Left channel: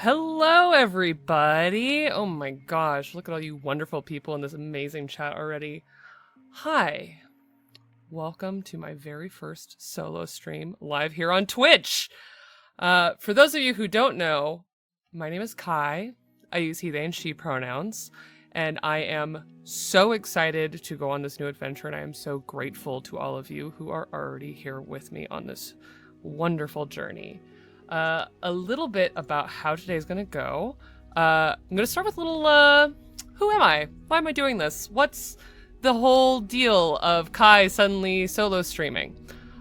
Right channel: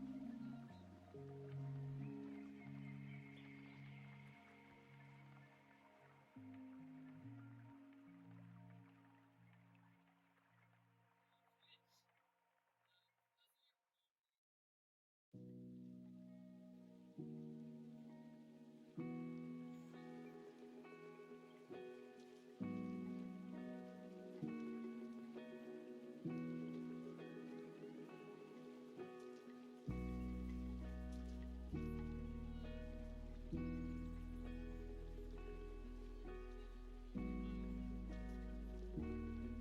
Hello, everybody. Oh my gosh, look at all you wonderful people in this amazing chat already. Hi. Welcome to my very first solo stream live here on Twitch. For those of you who don't know, my name is Kai. I use he, they, and she pronouns, and I am so excited to go on this new adventure, and I am so grateful to all of you who are already here with me on this wonderful journey. A little bit about how today's gonna go. I'm gonna start with a little, who am I? Why am I doing this? What's the whole deal of Kai suddenly solo streaming?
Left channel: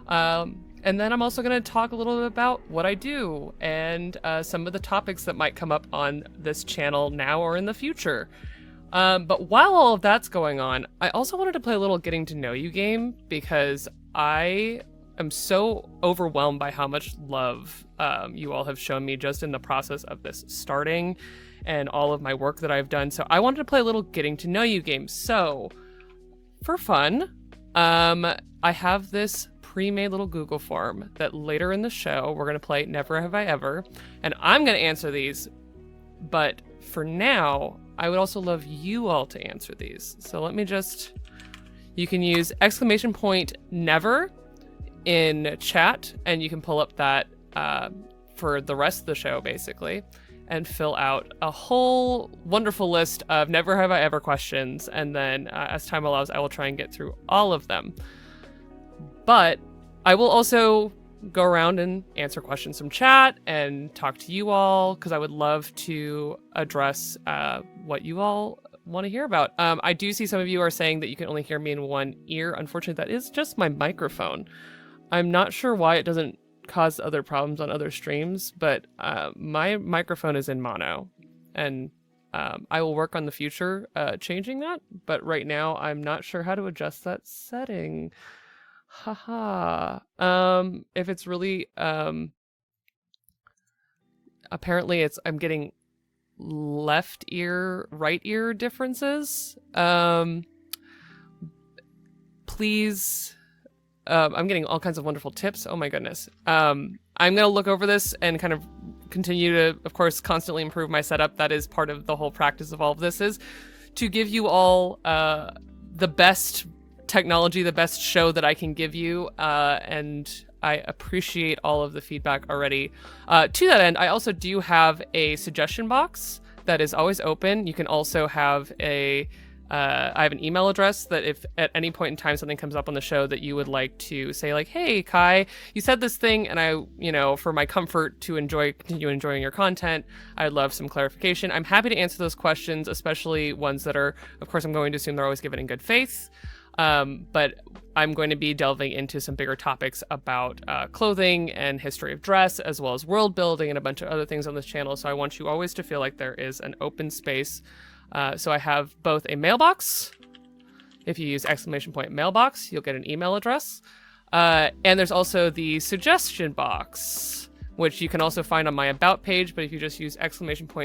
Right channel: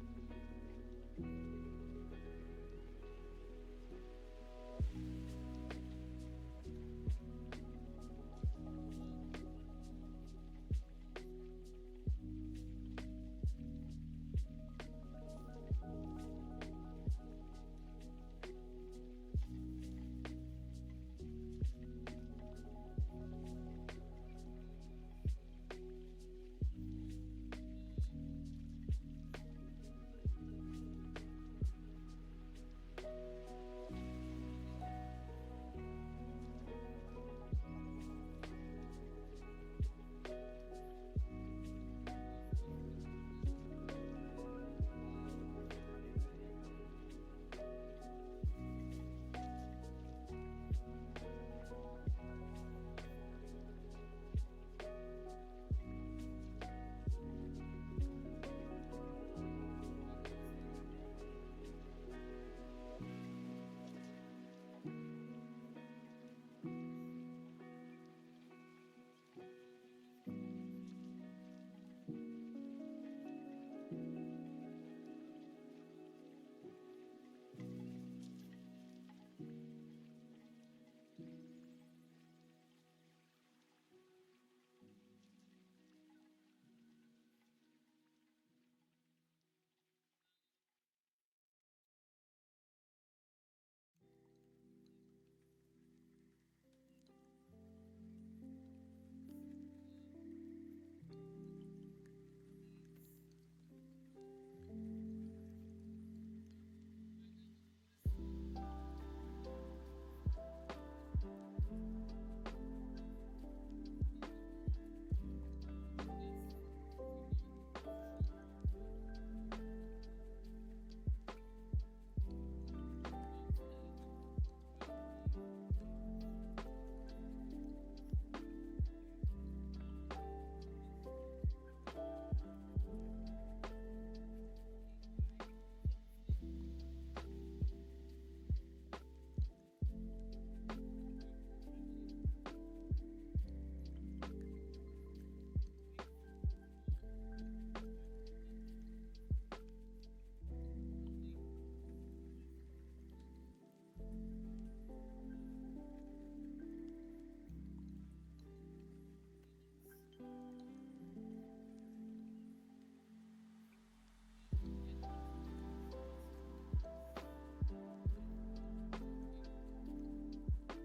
And then I'm also gonna talk a little bit about what I do and some of the topics that might come up on this channel now or in the future. But while all of that's going on, I also wanted to play a little getting to know you game because I'm so overwhelmed by how much love you all have shown me just in the process of this starting and all of my work that I've done. So I wanted to play a little getting to know you game. So for fun, I have this pre-made little Google form that later in the show we're going to play Never Have I Ever, and I'm going to answer these. But for now, I would also love you all to answer these. So let me you can use !never in chat, and you can pull up that for the rest of the show basically and fill out a whole wonderful list of never have I ever questions, and then as time allows I will try and get through all of them. But I will also go around and answer questions from chat and talk to you all because I would love to address what you all want to hear about. I do see some of you are saying that you can only hear me in one ear. Unfortunately, that is just my microphone. I'm not sure why it doesn't cause other problems on other streams, but my microphone is in mono, and I will work on the future changing that, but right now I'm not sure how to adjust that setting. Haha. If it's really apparently I'm getting left ear, right ear differences. Please, I'm getting all kinds of wonderful tips. Oh my goodness. I'm going to look over this and kind of continue to, of course, constantly improve my setup. That is part of the whole practice of all of this, is to give you all the best technology, the best show that I can give you. And I appreciate all of the feedback already. To that end, I also do have a suggestion box that is always open. You can also have I have an email address that if at any point in time something comes up on the show that you would like to say, like, hey, Kai, you said this thing, and I, for my comfort to continue enjoying your content, I'd love some clarification. I'm happy to answer those questions, especially ones that are, of course, I'm going to assume they're always given in good faith. But I'm going to be delving into some bigger topics about clothing and history of dress, as well as world building and a bunch of other things on this channel. So I want you always to feel like there is an open space. So I have both a mailbox. If you use !mailbox, you'll get an email address. And there's also the suggestion box, which you can also find on my about page. But if you just use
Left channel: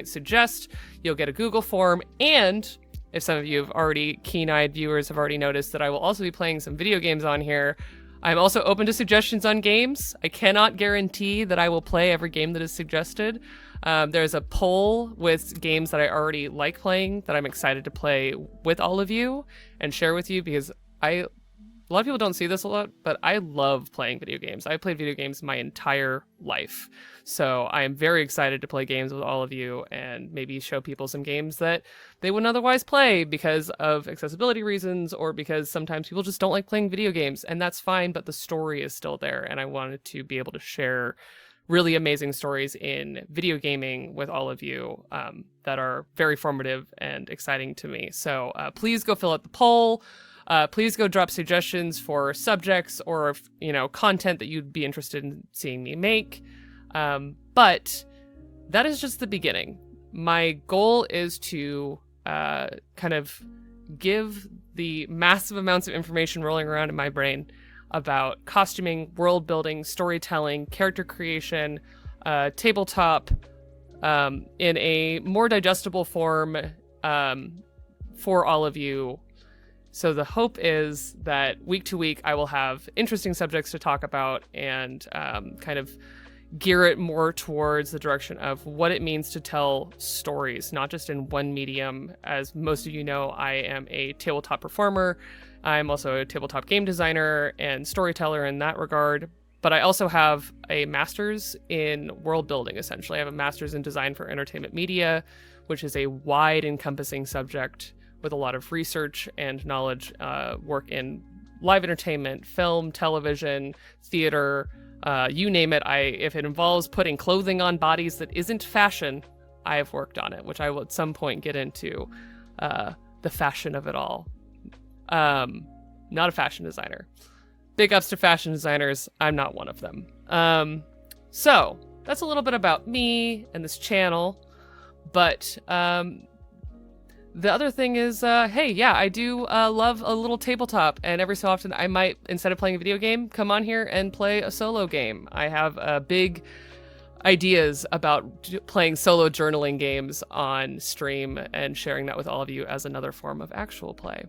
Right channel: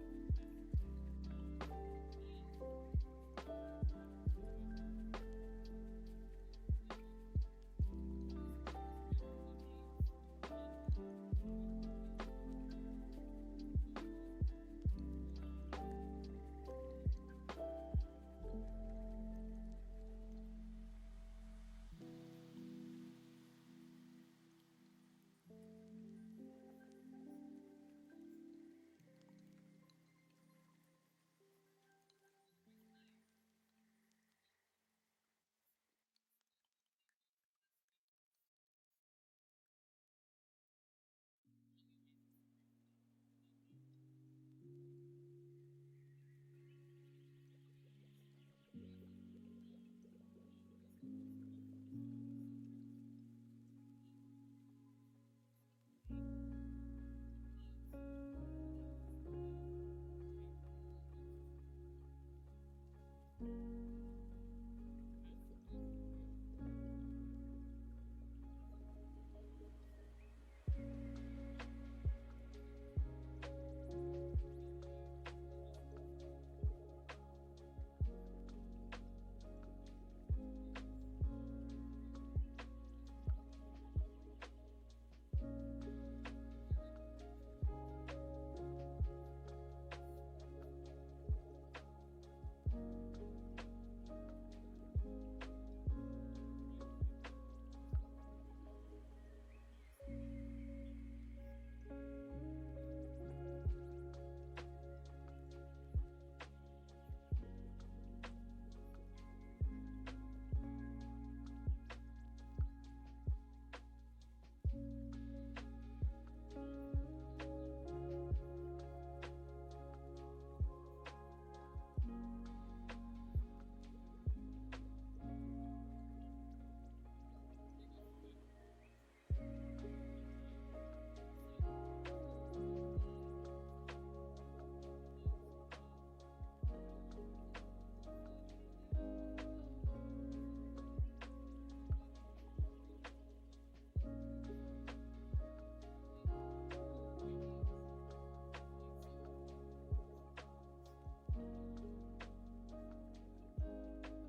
!suggest, you'll get a Google form. And if some of you have already, keen-eyed viewers have already noticed that I will also be playing some video games on here. I'm also open to suggestions on games. I cannot guarantee that I will play every game that is suggested. There's a poll with games that I already like playing that I'm excited to play with all of you and share with you, because a lot of people don't see this a lot, but I love playing video games. I've played video games my entire life. So I am very excited to play games with all of you and maybe show people some games that they wouldn't otherwise play because of accessibility reasons, or because sometimes people just don't like playing video games, and that's fine, but the story is still there. And I wanted to be able to share really amazing stories in video gaming with all of you that are very formative and exciting to me. So please go fill out the poll. Please go drop suggestions for subjects or content that you'd be interested in seeing me make. But that is just the beginning. My goal is to kind of give the massive amounts of information rolling around in my brain about costuming, world building, storytelling, character creation, tabletop, in a more digestible form for all of you. So the hope is that week to week I will have interesting subjects to talk about and kind of gear it more towards the direction of what it means to tell stories, not just in one medium. As most of you know, I am a tabletop performer. I'm also a tabletop game designer and storyteller in that regard. But I also have a master's in world building, essentially. I have a master's in design for entertainment media, which is a wide encompassing subject with a lot of research and knowledge, work in live entertainment, film, television, theater, you name it. If it involves putting clothing on bodies that isn't fashion, I have worked on it, which I will at some point get into the fashion of it all. Not a fashion designer. Big ups to fashion designers. I'm not one of them. So that's a little bit about me and this channel. But the other thing is, hey, yeah, I do love a little tabletop, and every so often I might, instead of playing a video game, come on here and play a solo game. I have big ideas about playing solo journaling games on stream and sharing that with all of you as another form of actual play.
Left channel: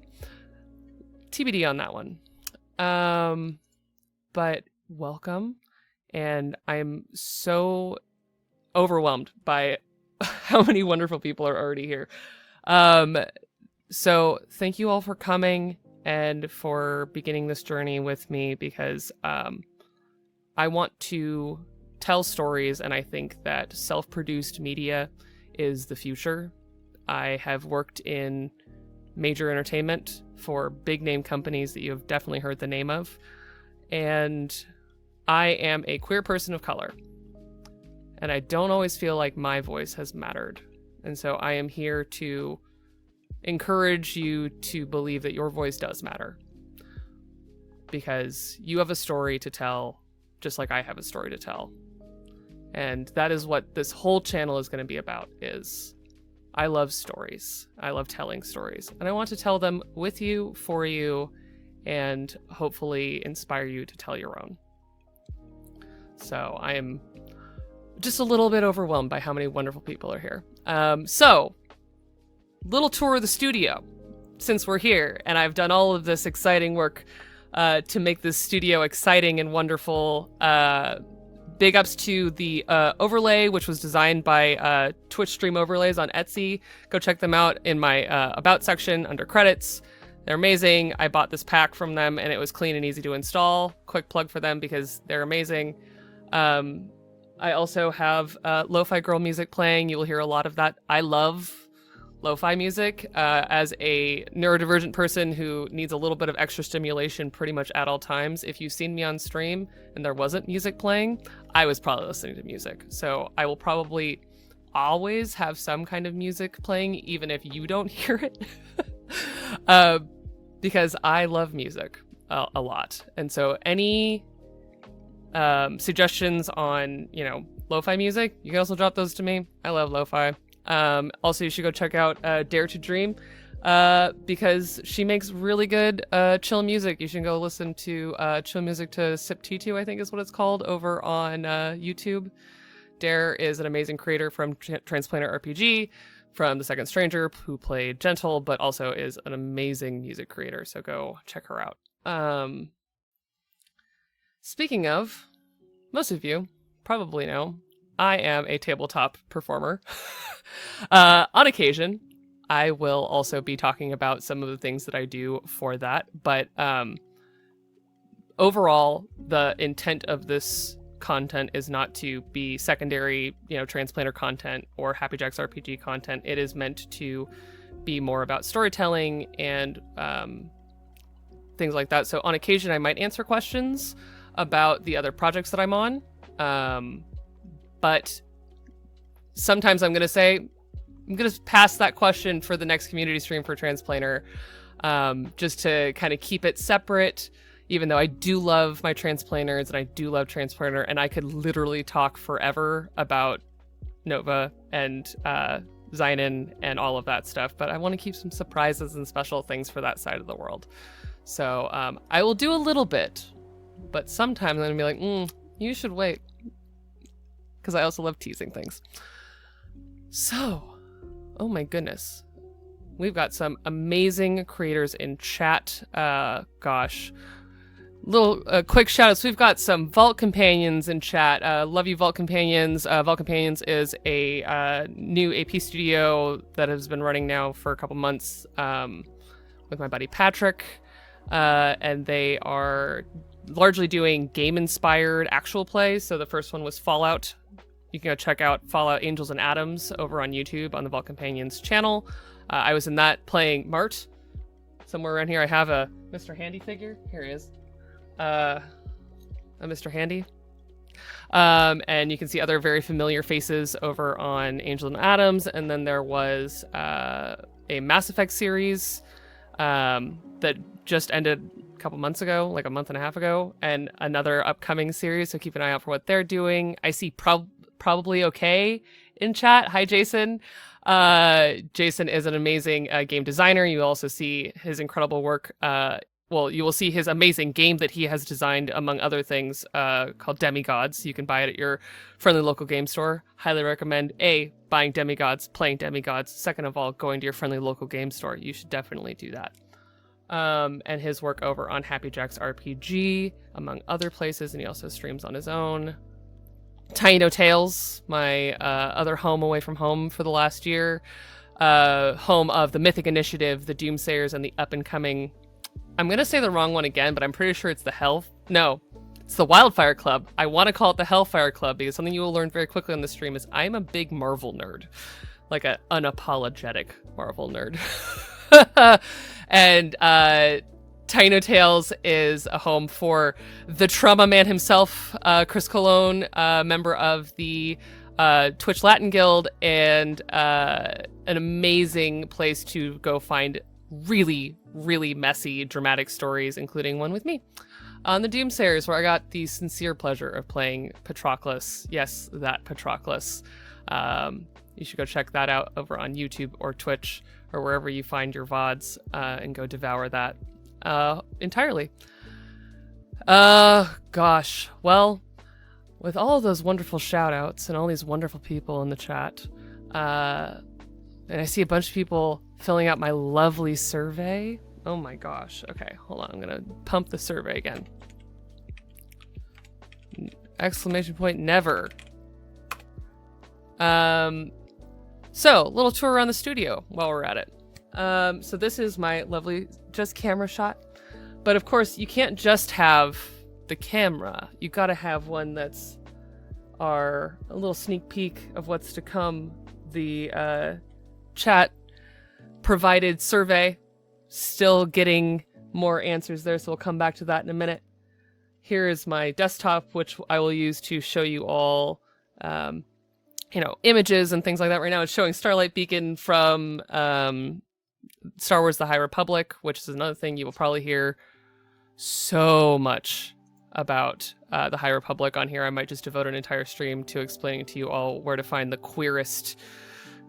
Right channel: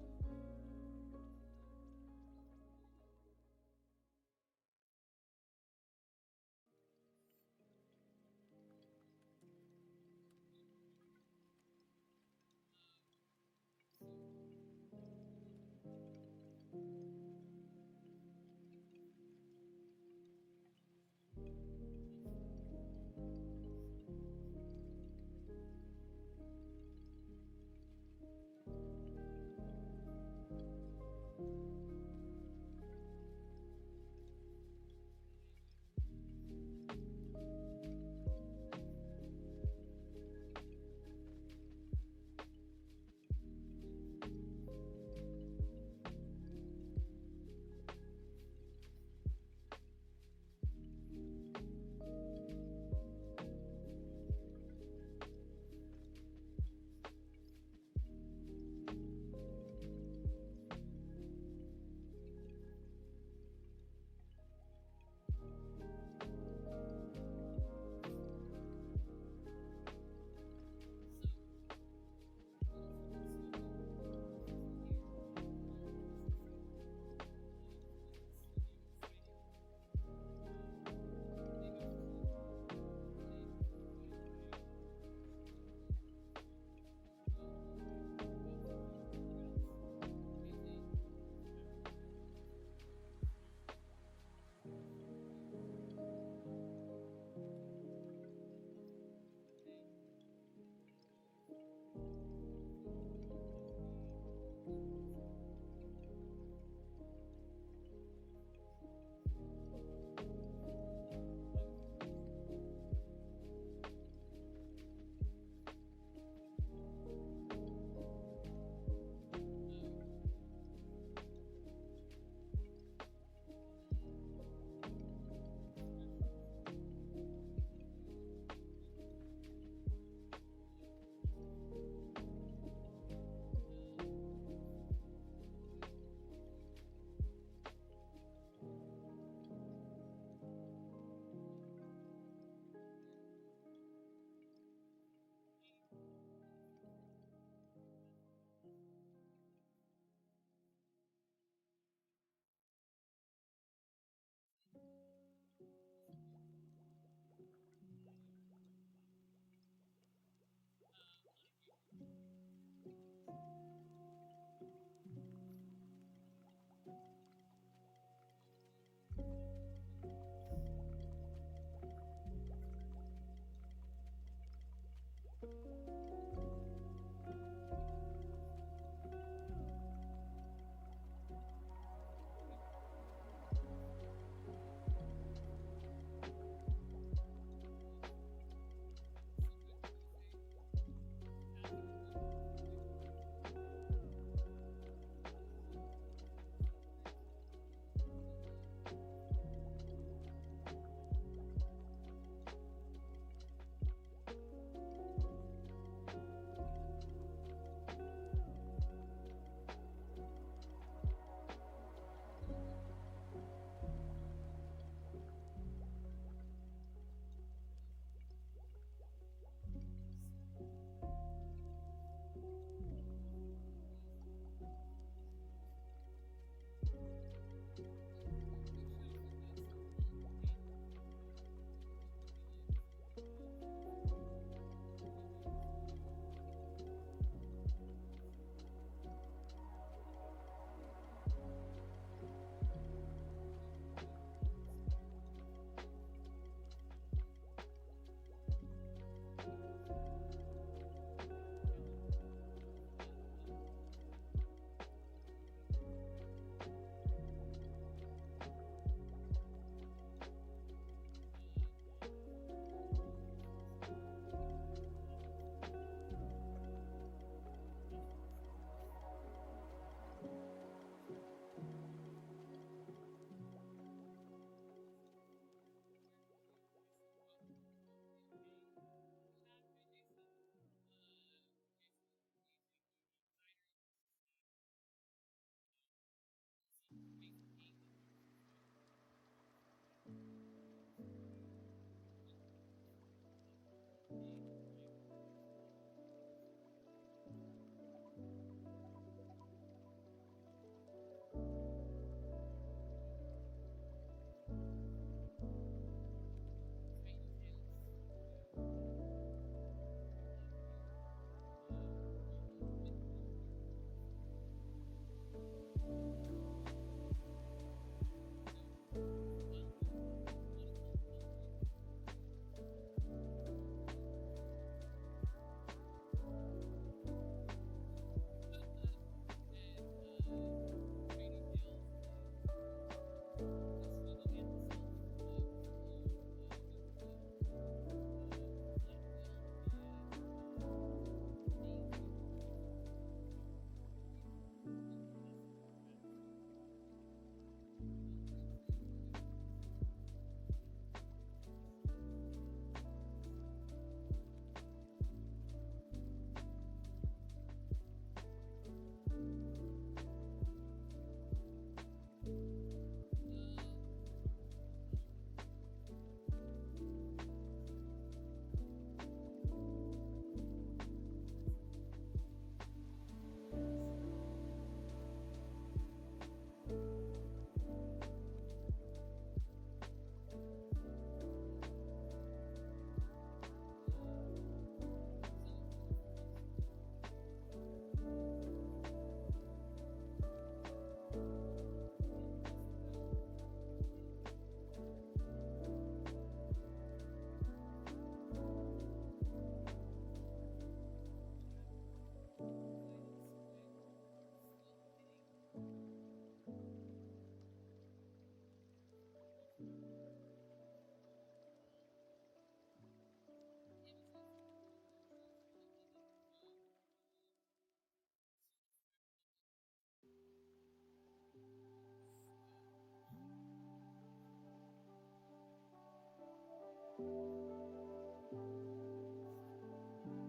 TBD on that one. But welcome, and I'm so overwhelmed by how many wonderful people are already here. So thank you all for coming and for beginning this journey with me, because I want to tell stories, and I think that self-produced media is the future. I have worked in major entertainment for big name companies that you have definitely heard the name of, and I am a queer person of color, and I don't always feel like my voice has mattered. And so I am here to encourage you to believe that your voice does matter, because you have a story to tell, just like I have a story to tell. And that is what this whole channel is going to be about. Is I love stories. I love telling stories, and I want to tell them with you, for you, and hopefully inspire you to tell your own. So I am just a little bit overwhelmed by how many wonderful people are here. So, little tour of the studio, since we're here, and I've done all of this exciting work to make this studio exciting and wonderful. Big ups to the overlay, which was designed by Twitch Stream Overlays on Etsy. Go check them out in my About section under credits. They're amazing. I bought this pack from them, and it was clean and easy to install. Quick plug for them because they're amazing. I also have Lo-Fi girl music playing. You will hear a lot of that. I love lo-fi music. As a neurodivergent person who needs a little bit of extra stimulation pretty much at all times, if you've seen me on stream and there wasn't music playing, I was probably listening to music. So I will probably always have some kind of music playing, even if you don't hear it. Because I love music a lot. And so any suggestions on, lo-fi music, you can also drop those to me. I love lo-fi. Also, you should go check out Dare to Dream, because she makes really good chill music. You should go listen to chill music to Sip T2, I think is what it's called, over on YouTube. Dare is an amazing creator from Transplanter RPG, from The Second Stranger, who played Gentle, but also is an amazing music creator, so go check her out. Speaking of, most of you probably know, I am a tabletop performer. On occasion, I will also be talking about some of the things that I do for that, but overall, the intent of this content is not to be secondary, Transplanter content or Happy Jacks RPG content. It is meant to be more about storytelling and things like that. So on occasion, I might answer questions about the other projects that I'm on, but sometimes I'm going to pass that question for the next community stream for Transplanter, just to kind of keep it separate, even though I do love my Transplanters and I do love Transplanter, and I could literally talk forever about Nova and Zynon and all of that stuff, but I want to keep some surprises and special things for that side of the world. So I will do a little bit, but sometimes I'm going to be like, you should wait, because I also love teasing things. So, oh my goodness. We've got some amazing creators in chat. Gosh. little quick shout outs. We've got some Vault Companions in chat. Love you, Vault Companions. Vault Companions is a new AP studio that has been running now for a couple months with my buddy Patrick. And they are largely doing game-inspired actual plays. So the first one was Fallout. You can go check out Fallout Angels and Atoms over on YouTube on the Vault Companions channel. I was in that playing Mart. Somewhere around here I have a Mr. Handy figure. Here he is. A Mr. Handy. And you can see other very familiar faces over on Angels and Atoms. And then there was a Mass Effect series that just ended a couple months ago, like a month and a half ago, and another upcoming series, so keep an eye out for what they're doing. I see probably okay in chat. Hi, Jason. Jason is an amazing game designer. You also see his incredible work. Well, you will see his amazing game that he has designed, among other things, called Demigods. You can buy it at your friendly local game store. Highly recommend, A, buying Demigods, playing Demigods. Second of all, going to your friendly local game store. You should definitely do that. And his work over on Happy Jack's RPG, among other places, and he also streams on his own. Tiny No Tales, my other home away from home for the last year. Home of the Mythic Initiative, the Doomsayers, and the up-and-coming... I'm going to say the wrong one again, but I'm pretty sure it's it's the Wildfire Club. I want to call it the Hellfire Club because something you will learn very quickly on the stream is I'm a big Marvel nerd. Like an unapologetic Marvel nerd. And Tiny No Tales is a home for the Trauma Man himself, Chris Colon, member of the Twitch Latin Guild, and an amazing place to go find really, really messy, dramatic stories, including one with me on the Doomsayers, where I got the sincere pleasure of playing Patroclus. Yes, that Patroclus. You should go check that out over on YouTube or Twitch or wherever you find your VODs, and go devour that entirely. Gosh. Well, with all of those wonderful shout outs and all these wonderful people in the chat, and I see a bunch of people filling out my lovely survey. Oh my gosh. Okay, hold on. I'm going to pump the survey again. Exclamation point never. So, little tour around the studio while we're at it. So this is my lovely just camera shot. But of course, you can't just have the camera. You gotta have one that's a little sneak peek of what's to come. The chat provided survey. Still getting more answers there, so we'll come back to that in a minute. Here is my desktop, which I will use to show you all images and things like that. Right now it's showing Starlight Beacon from Star Wars The High Republic, which is another thing you will probably hear so much about The High Republic on here. I might just devote an entire stream to explaining to you all where to find the queerest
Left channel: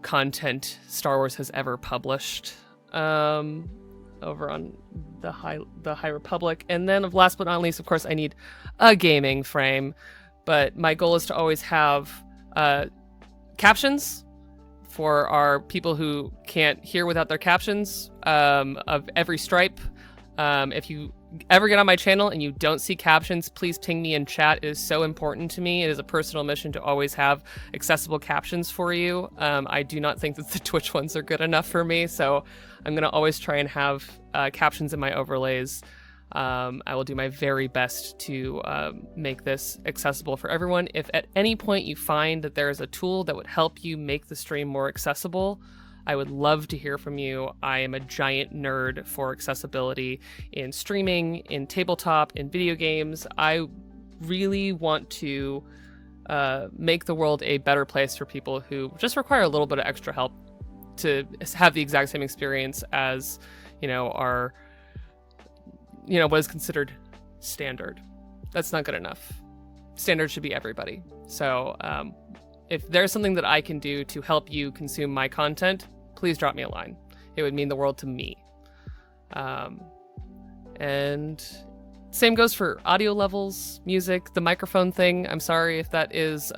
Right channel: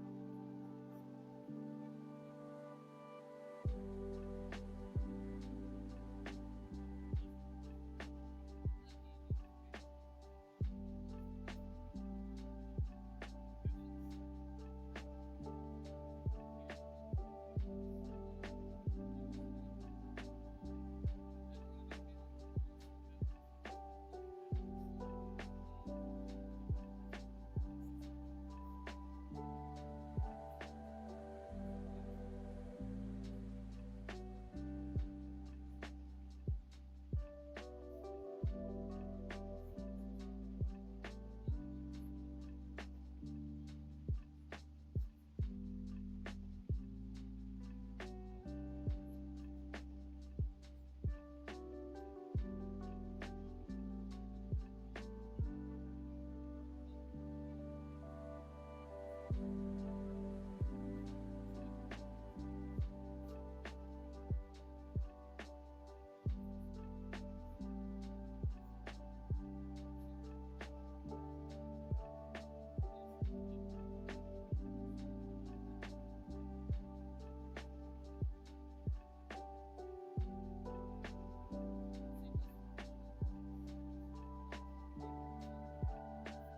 content Star Wars has ever published over on the High Republic. And then last but not least, of course, I need a gaming frame, but my goal is to always have captions for our people who can't hear without their captions, of every stripe. If you ever get on my channel and you don't see captions, please ping me in chat. It is so important to me. It is a personal mission to always have accessible captions for you. I do not think that the Twitch ones are good enough for me, so I'm going to always try and have captions in my overlays. I will do my very best to make this accessible for everyone. If at any point you find that there is a tool that would help you make the stream more accessible, I would love to hear from you. I am a giant nerd for accessibility in streaming, in tabletop, in video games. I really want to make the world a better place for people who just require a little bit of extra help to have the exact same experience as, our what is considered standard. That's not good enough. Standard should be everybody. So if there's something that I can do to help you consume my content, please drop me a line. It would mean the world to me. And same goes for audio levels, music, the microphone thing. I'm sorry if that is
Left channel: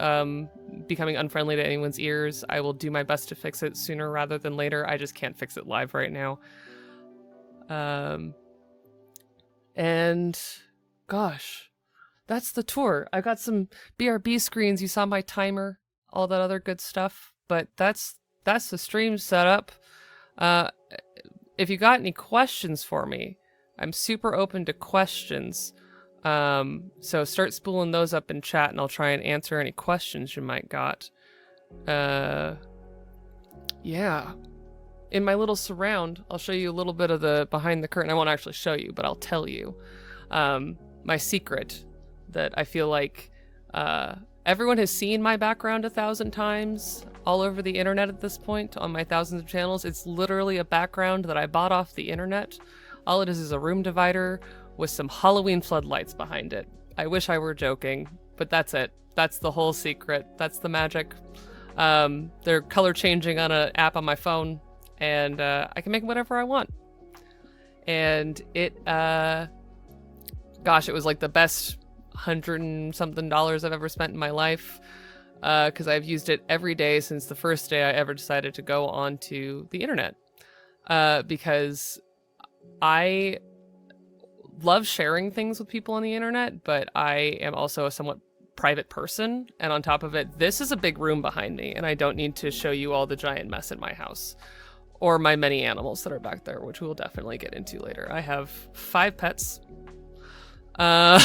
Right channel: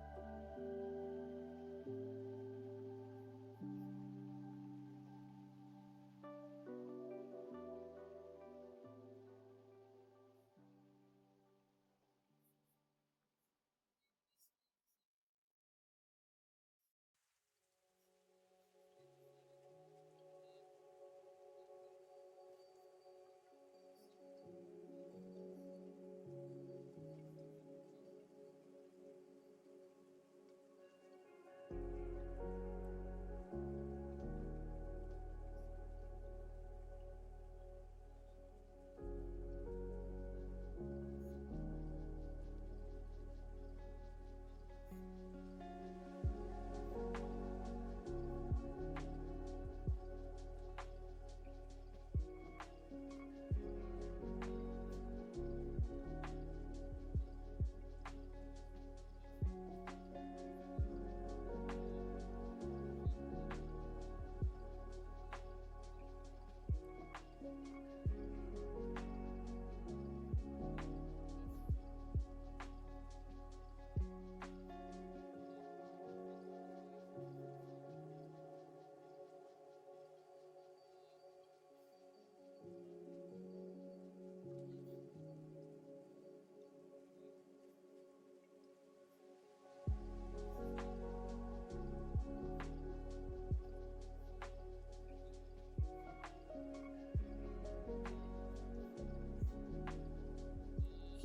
becoming unfriendly to anyone's ears. I will do my best to fix it sooner rather than later. I just can't fix it live right now. And gosh, that's the tour. I got some BRB screens. You saw my timer, all that other good stuff. But that's the stream setup. If you got any questions for me, I'm super open to questions. So start spooling those up in chat, and I'll try and answer any questions you might got. Yeah. In my little surround, I'll show you a little bit of the behind the curtain. I won't actually show you, but I'll tell you. My secret that I feel like everyone has seen my background 1,000 times all over the internet at this point on my thousands of channels. It's literally a background that I bought off the internet. All it is a room divider with some Halloween floodlights behind it. I wish I were joking, but that's it. That's the whole secret. That's the magic. They're color changing on an app on my phone, and I can make whatever I want. And it, gosh, it was like the best $100 and something I've ever spent in my life, because I've used it every day since the first day I ever decided to go onto the internet, because I love sharing things with people on the internet, but I am also a somewhat private person, and on top of it, this is a big room behind me, and I don't need to show you all the giant mess in my house or my many animals that are back there, which we will definitely get into later. I have 5 pets, and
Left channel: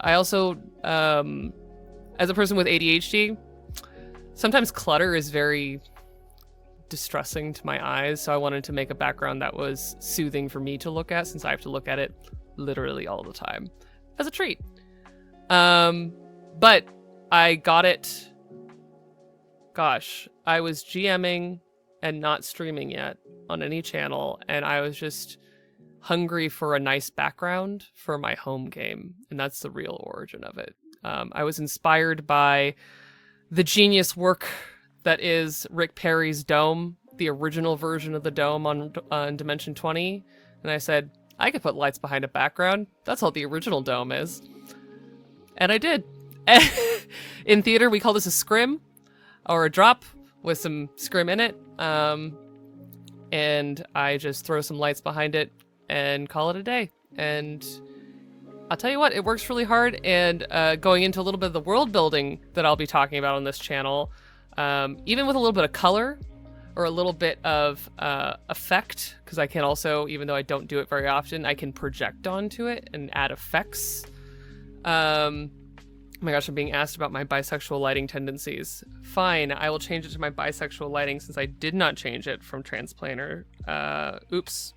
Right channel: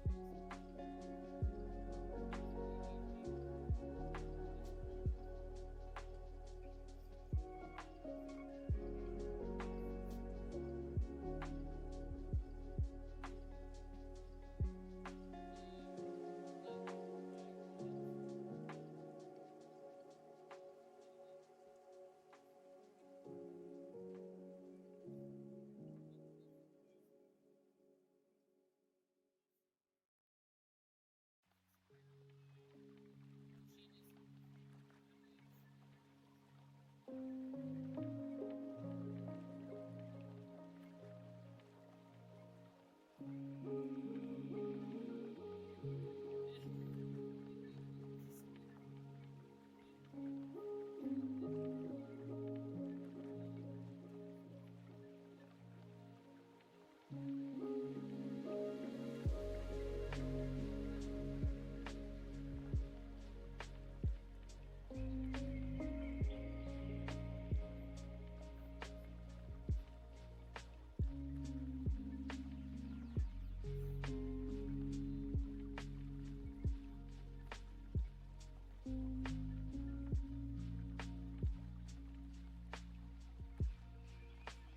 I also, as a person with ADHD, sometimes clutter is very distressing to my eyes, so I wanted to make a background that was soothing for me to look at, since I have to look at it literally all the time as a treat. But I got it, gosh, I was GMing and not streaming yet on any channel, and I was just hungry for a nice background for my home game, and that's the real origin of it. I was inspired by the genius work that is Rick Perry's Dome, the original version of the Dome on Dimension 20, and I said, I could put lights behind a background. That's all the original Dome is. And I did. In theater, we call this a scrim, or a drop with some scrim in it, and I just throw some lights behind it and call it a day. And I'll tell you what, it works really hard, and going into a little bit of the world building that I'll be talking about on this channel, even with a little bit of color or a little bit of effect, because I can also, even though I don't do it very often, I can project onto it and add effects. Oh my gosh, I'm being asked about my bisexual lighting tendencies. Fine, I will change it to my bisexual lighting, since I did not change it from Transplanter. Oops.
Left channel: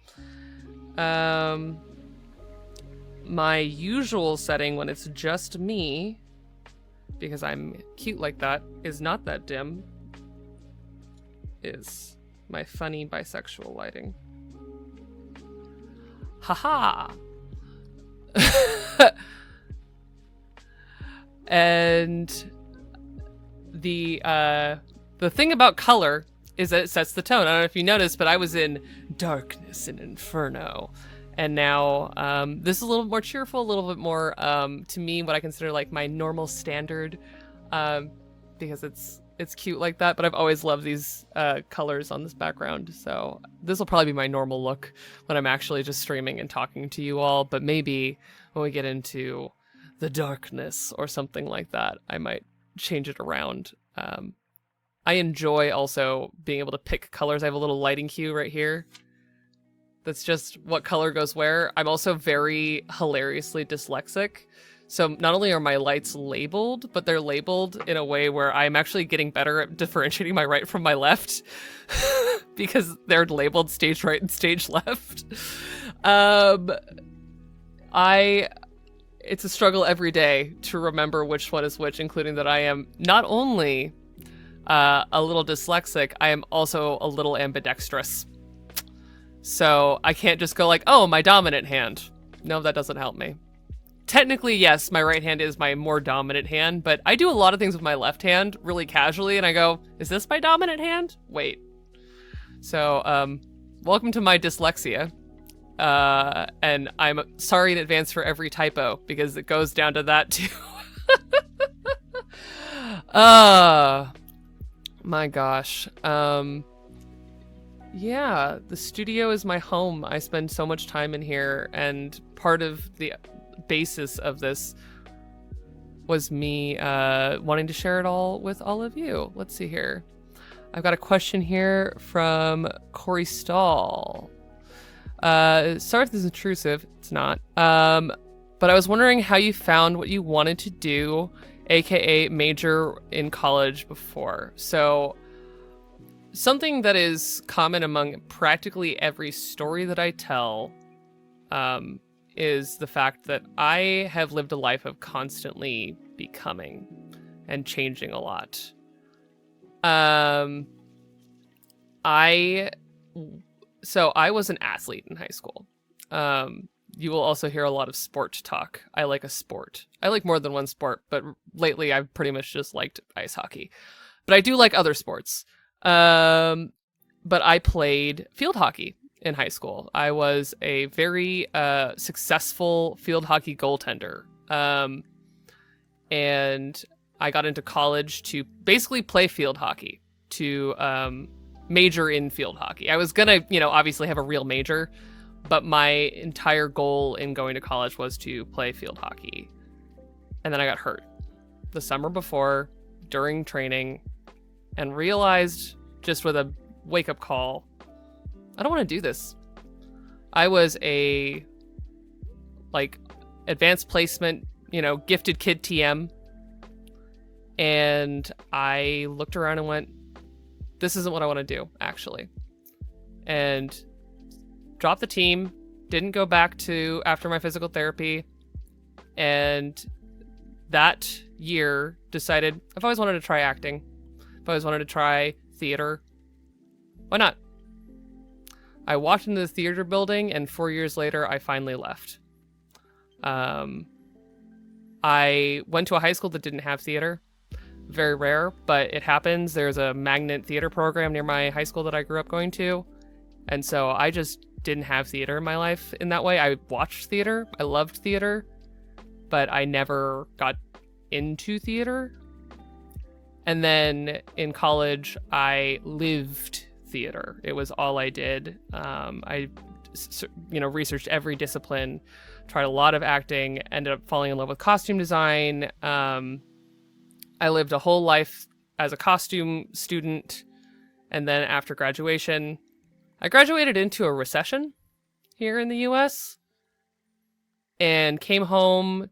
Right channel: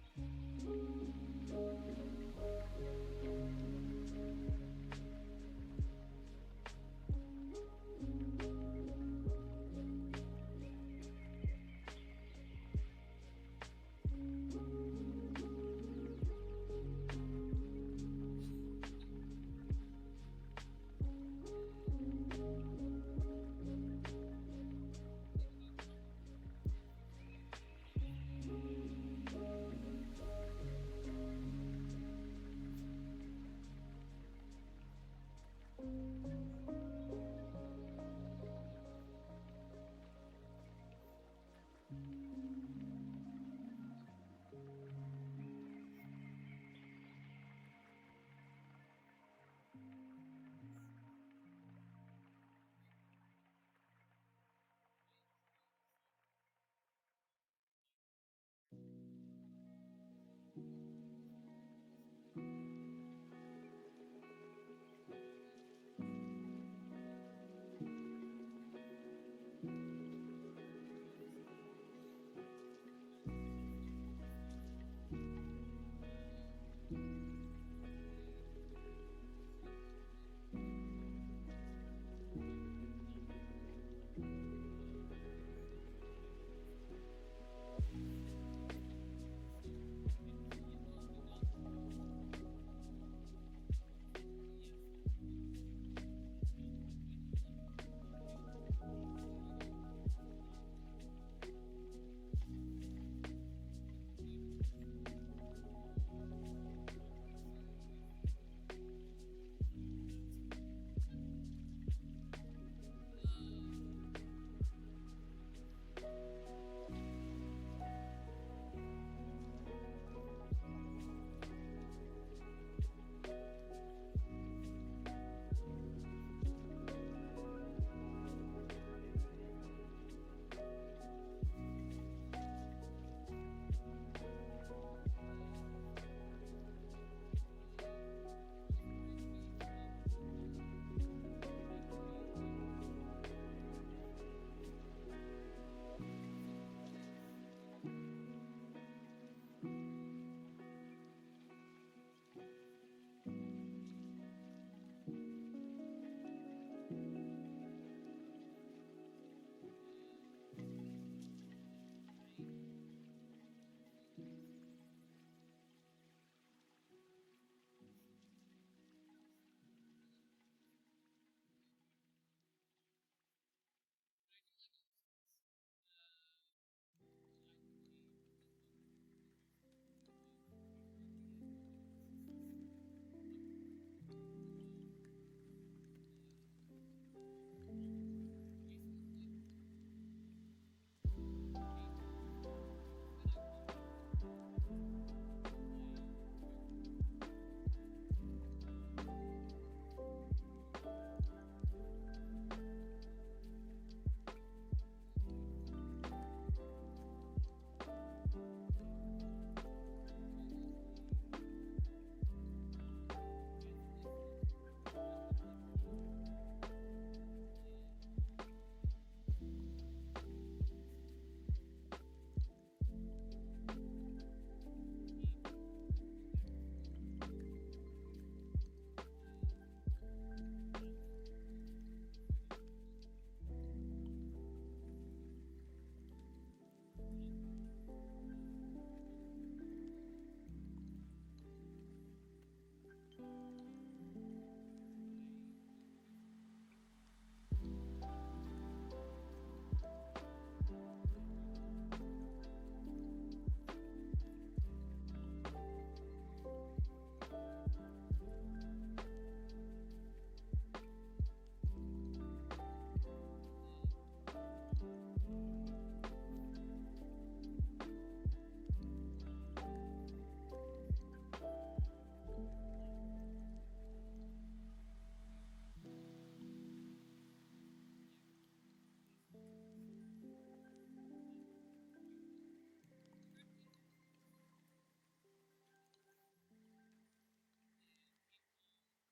My usual setting when it's just me, because I'm cute like that, is not that dim, is my funny bisexual lighting. Haha! And the thing about color is that it sets the tone. I don't know if you noticed, but I was in darkness and inferno, and now this is a little bit more cheerful, a little bit more to me what I consider like my normal standard, because it's cute like that. But I've always loved these colors on this background, so this will probably be my normal look when I'm actually just streaming and talking to you all. But maybe when we get into the darkness or something like that, I might change it around. I enjoy also being able to pick colors. I have a little lighting cue right here that's just what color goes where. I'm also very hilariously dyslexic, so not only are my lights labeled, but they're labeled in a way where I'm actually getting better at differentiating my right from my left because they're labeled stage right and stage left. It's a struggle every day to remember which one is which, including that I am not only a little dyslexic, I am also a little ambidextrous. So I can't just go like, oh, my dominant hand. No, that doesn't help me. Technically, yes, my right hand is my more dominant hand, but I do a lot of things with my left hand really casually, and I go, is this my dominant hand? Wait. So, welcome to my dyslexia. And I'm sorry in advance for every typo, because it goes down to that too. My gosh. Yeah, the studio is my home. I spend so much time in here, and part of the basis of this was me wanting to share it all with all of you. Let's see here. I've got a question here from Corey Stahl. Sorry if this is intrusive. It's not. But I was wondering how you found what you wanted to do, aka major in college before. So something that is common among practically every story that I tell is the fact that I have lived a life of constantly becoming and changing a lot. I was an athlete in high school. You will also hear a lot of sport talk. I like a sport. I like more than one sport, but lately I've pretty much just liked ice hockey. But I do like other sports. But I played field hockey in high school. I was a very successful field hockey goaltender. And I got into college to basically play field hockey, to major in field hockey. I was gonna, obviously have a real major, but my entire goal in going to college was to play field hockey. And then I got hurt the summer before during training and realized, just with a wake-up call, I don't want to do this. I was a advanced placement, gifted kid TM, and I looked around and went, this isn't what I want to do, actually. And dropped the team, didn't go back to after my physical therapy, and that year decided I've always wanted to try acting. I've always wanted to try theater. Why not? I walked into the theater building, and 4 years later, I finally left. I went to a high school that didn't have theater. Very rare, but it happens. There's a magnet theater program near my high school that I grew up going to. And so I just didn't have theater in my life in that way. I watched theater. I loved theater, but I never got into theater. And then in college, I lived theater. It was all I did. I researched every discipline, tried a lot of acting, ended up falling in love with costume design. I lived a whole life as a costume student, and then after graduation, I graduated into a recession here in the US and came home.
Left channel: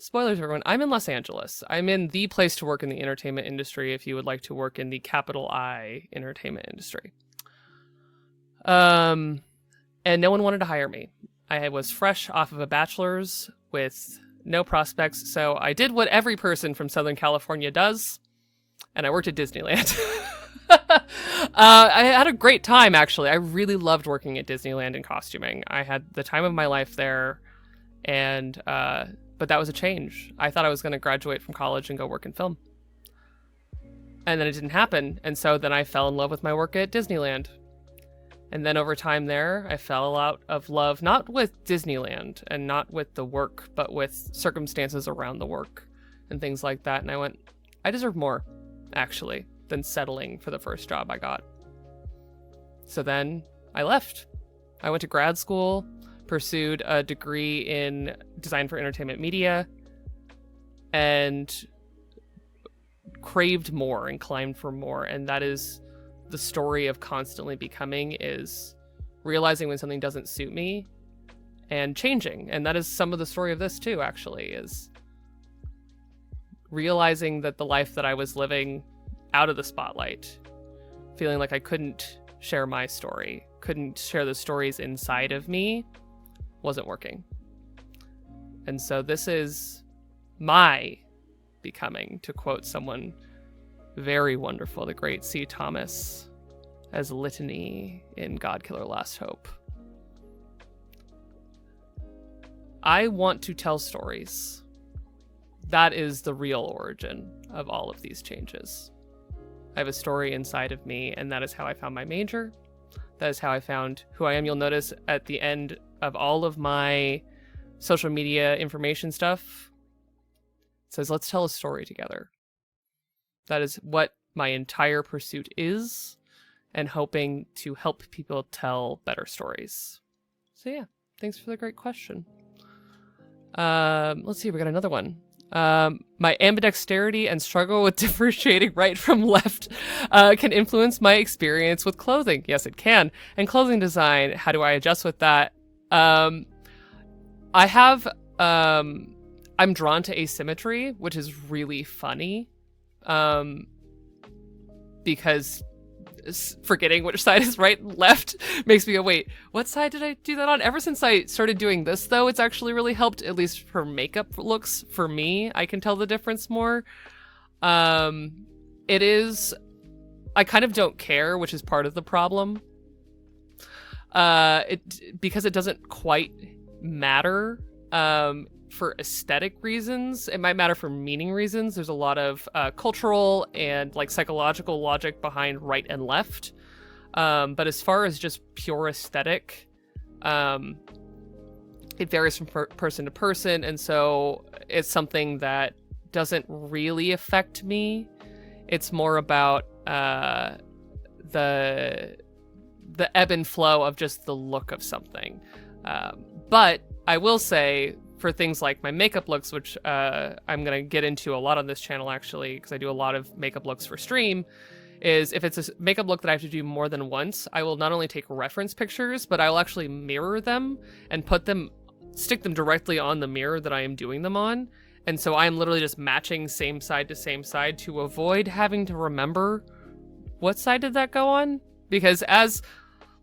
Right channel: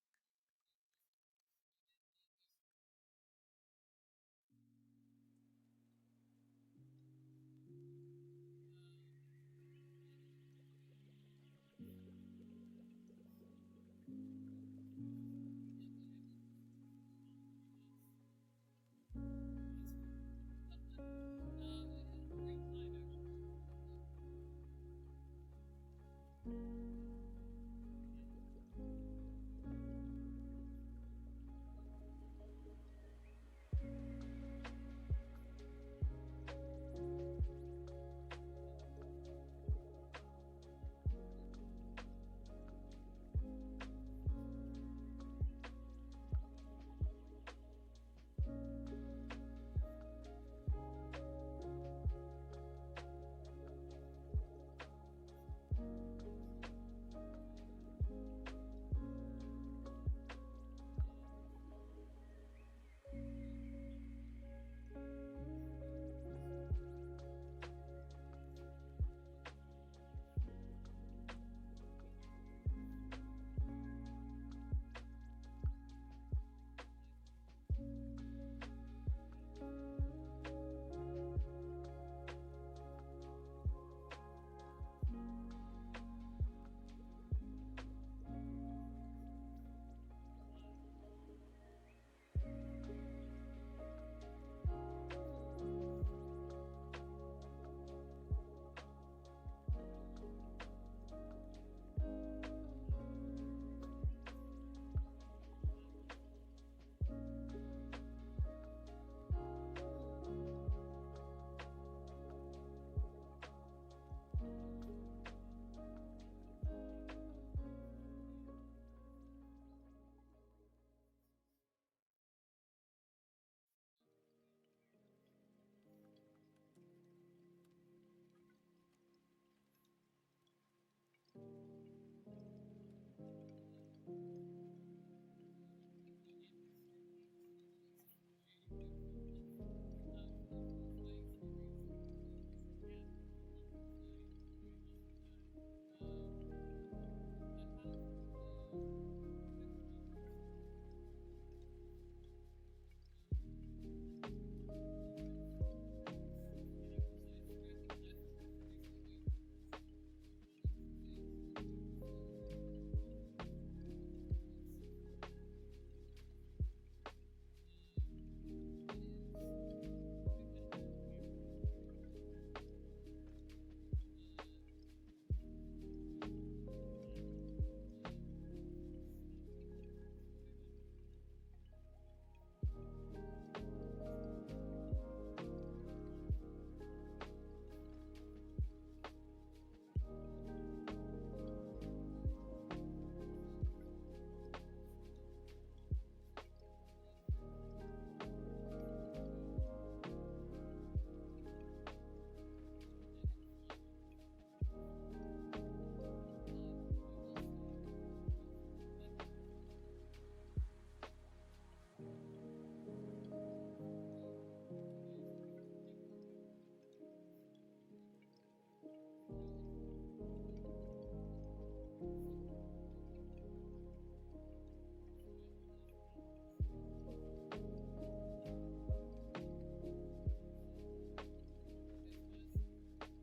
Spoilers, everyone. I'm in Los Angeles. I'm in the place to work in the entertainment industry if you would like to work in the capital I entertainment industry. And no one wanted to hire me. I was fresh off of a bachelor's with no prospects, so I did what every person from Southern California does, and I worked at Disneyland. I had a great time, actually. I really loved working at Disneyland in costuming. I had the time of my life there, and but that was a change. I thought I was going to graduate from college and go work in film. And then it didn't happen, and so then I fell in love with my work at Disneyland. And then over time there, I fell out of love, not with Disneyland and not with the work, but with circumstances around the work and things like that. And I went, I deserve more, actually, than settling for the first job I got. So then I left. I went to grad school, pursued a degree in design for entertainment media, and craved more and climbed for more. And that is the story of constantly becoming, is realizing when something doesn't suit me and changing. And that is some of the story of this too, actually, is realizing that the life that I was living out of the spotlight, feeling like I couldn't share my story, couldn't share the stories inside of me, wasn't working. And so this is my becoming, to quote someone very wonderful, the great C. Thomas, as Litany in God Killer Last Hope. I want to tell stories. That is the real origin of all of these changes. I have a story inside of me, and that is how I found my major. That is how I found who I am. You'll notice at the end of all of my social media information stuff, it says, let's tell a story together. That is what my entire pursuit is, and hoping to help people tell better stories. So yeah, thanks for the great question. Let's see, we got another one. My ambidexterity and struggle with differentiating right from left can influence my experience with clothing. Yes, it can. And clothing design, how do I adjust with that? I'm drawn to asymmetry, which is really funny. Because forgetting which side is right and left makes me go, wait, what side did I do that on? Ever since I started doing this, though, it's actually really helped, at least for makeup looks. For me, I can tell the difference more. It is, I kind of don't care, which is part of the problem. Because it doesn't quite matter for aesthetic reasons. It might matter for meaning reasons. There's a lot of cultural and like psychological logic behind right and left. But as far as just pure aesthetic, it varies from person to person. And so it's something that doesn't really affect me. It's more about the ebb and flow of just the look of something. But I will say, for things like my makeup looks, which I'm going to get into a lot on this channel, actually, because I do a lot of makeup looks for stream, is if it's a makeup look that I have to do more than once, I will not only take reference pictures, but I will actually mirror them and stick them directly on the mirror that I am doing them on. And so I'm literally just matching same side to avoid having to remember what side did that go on. Because as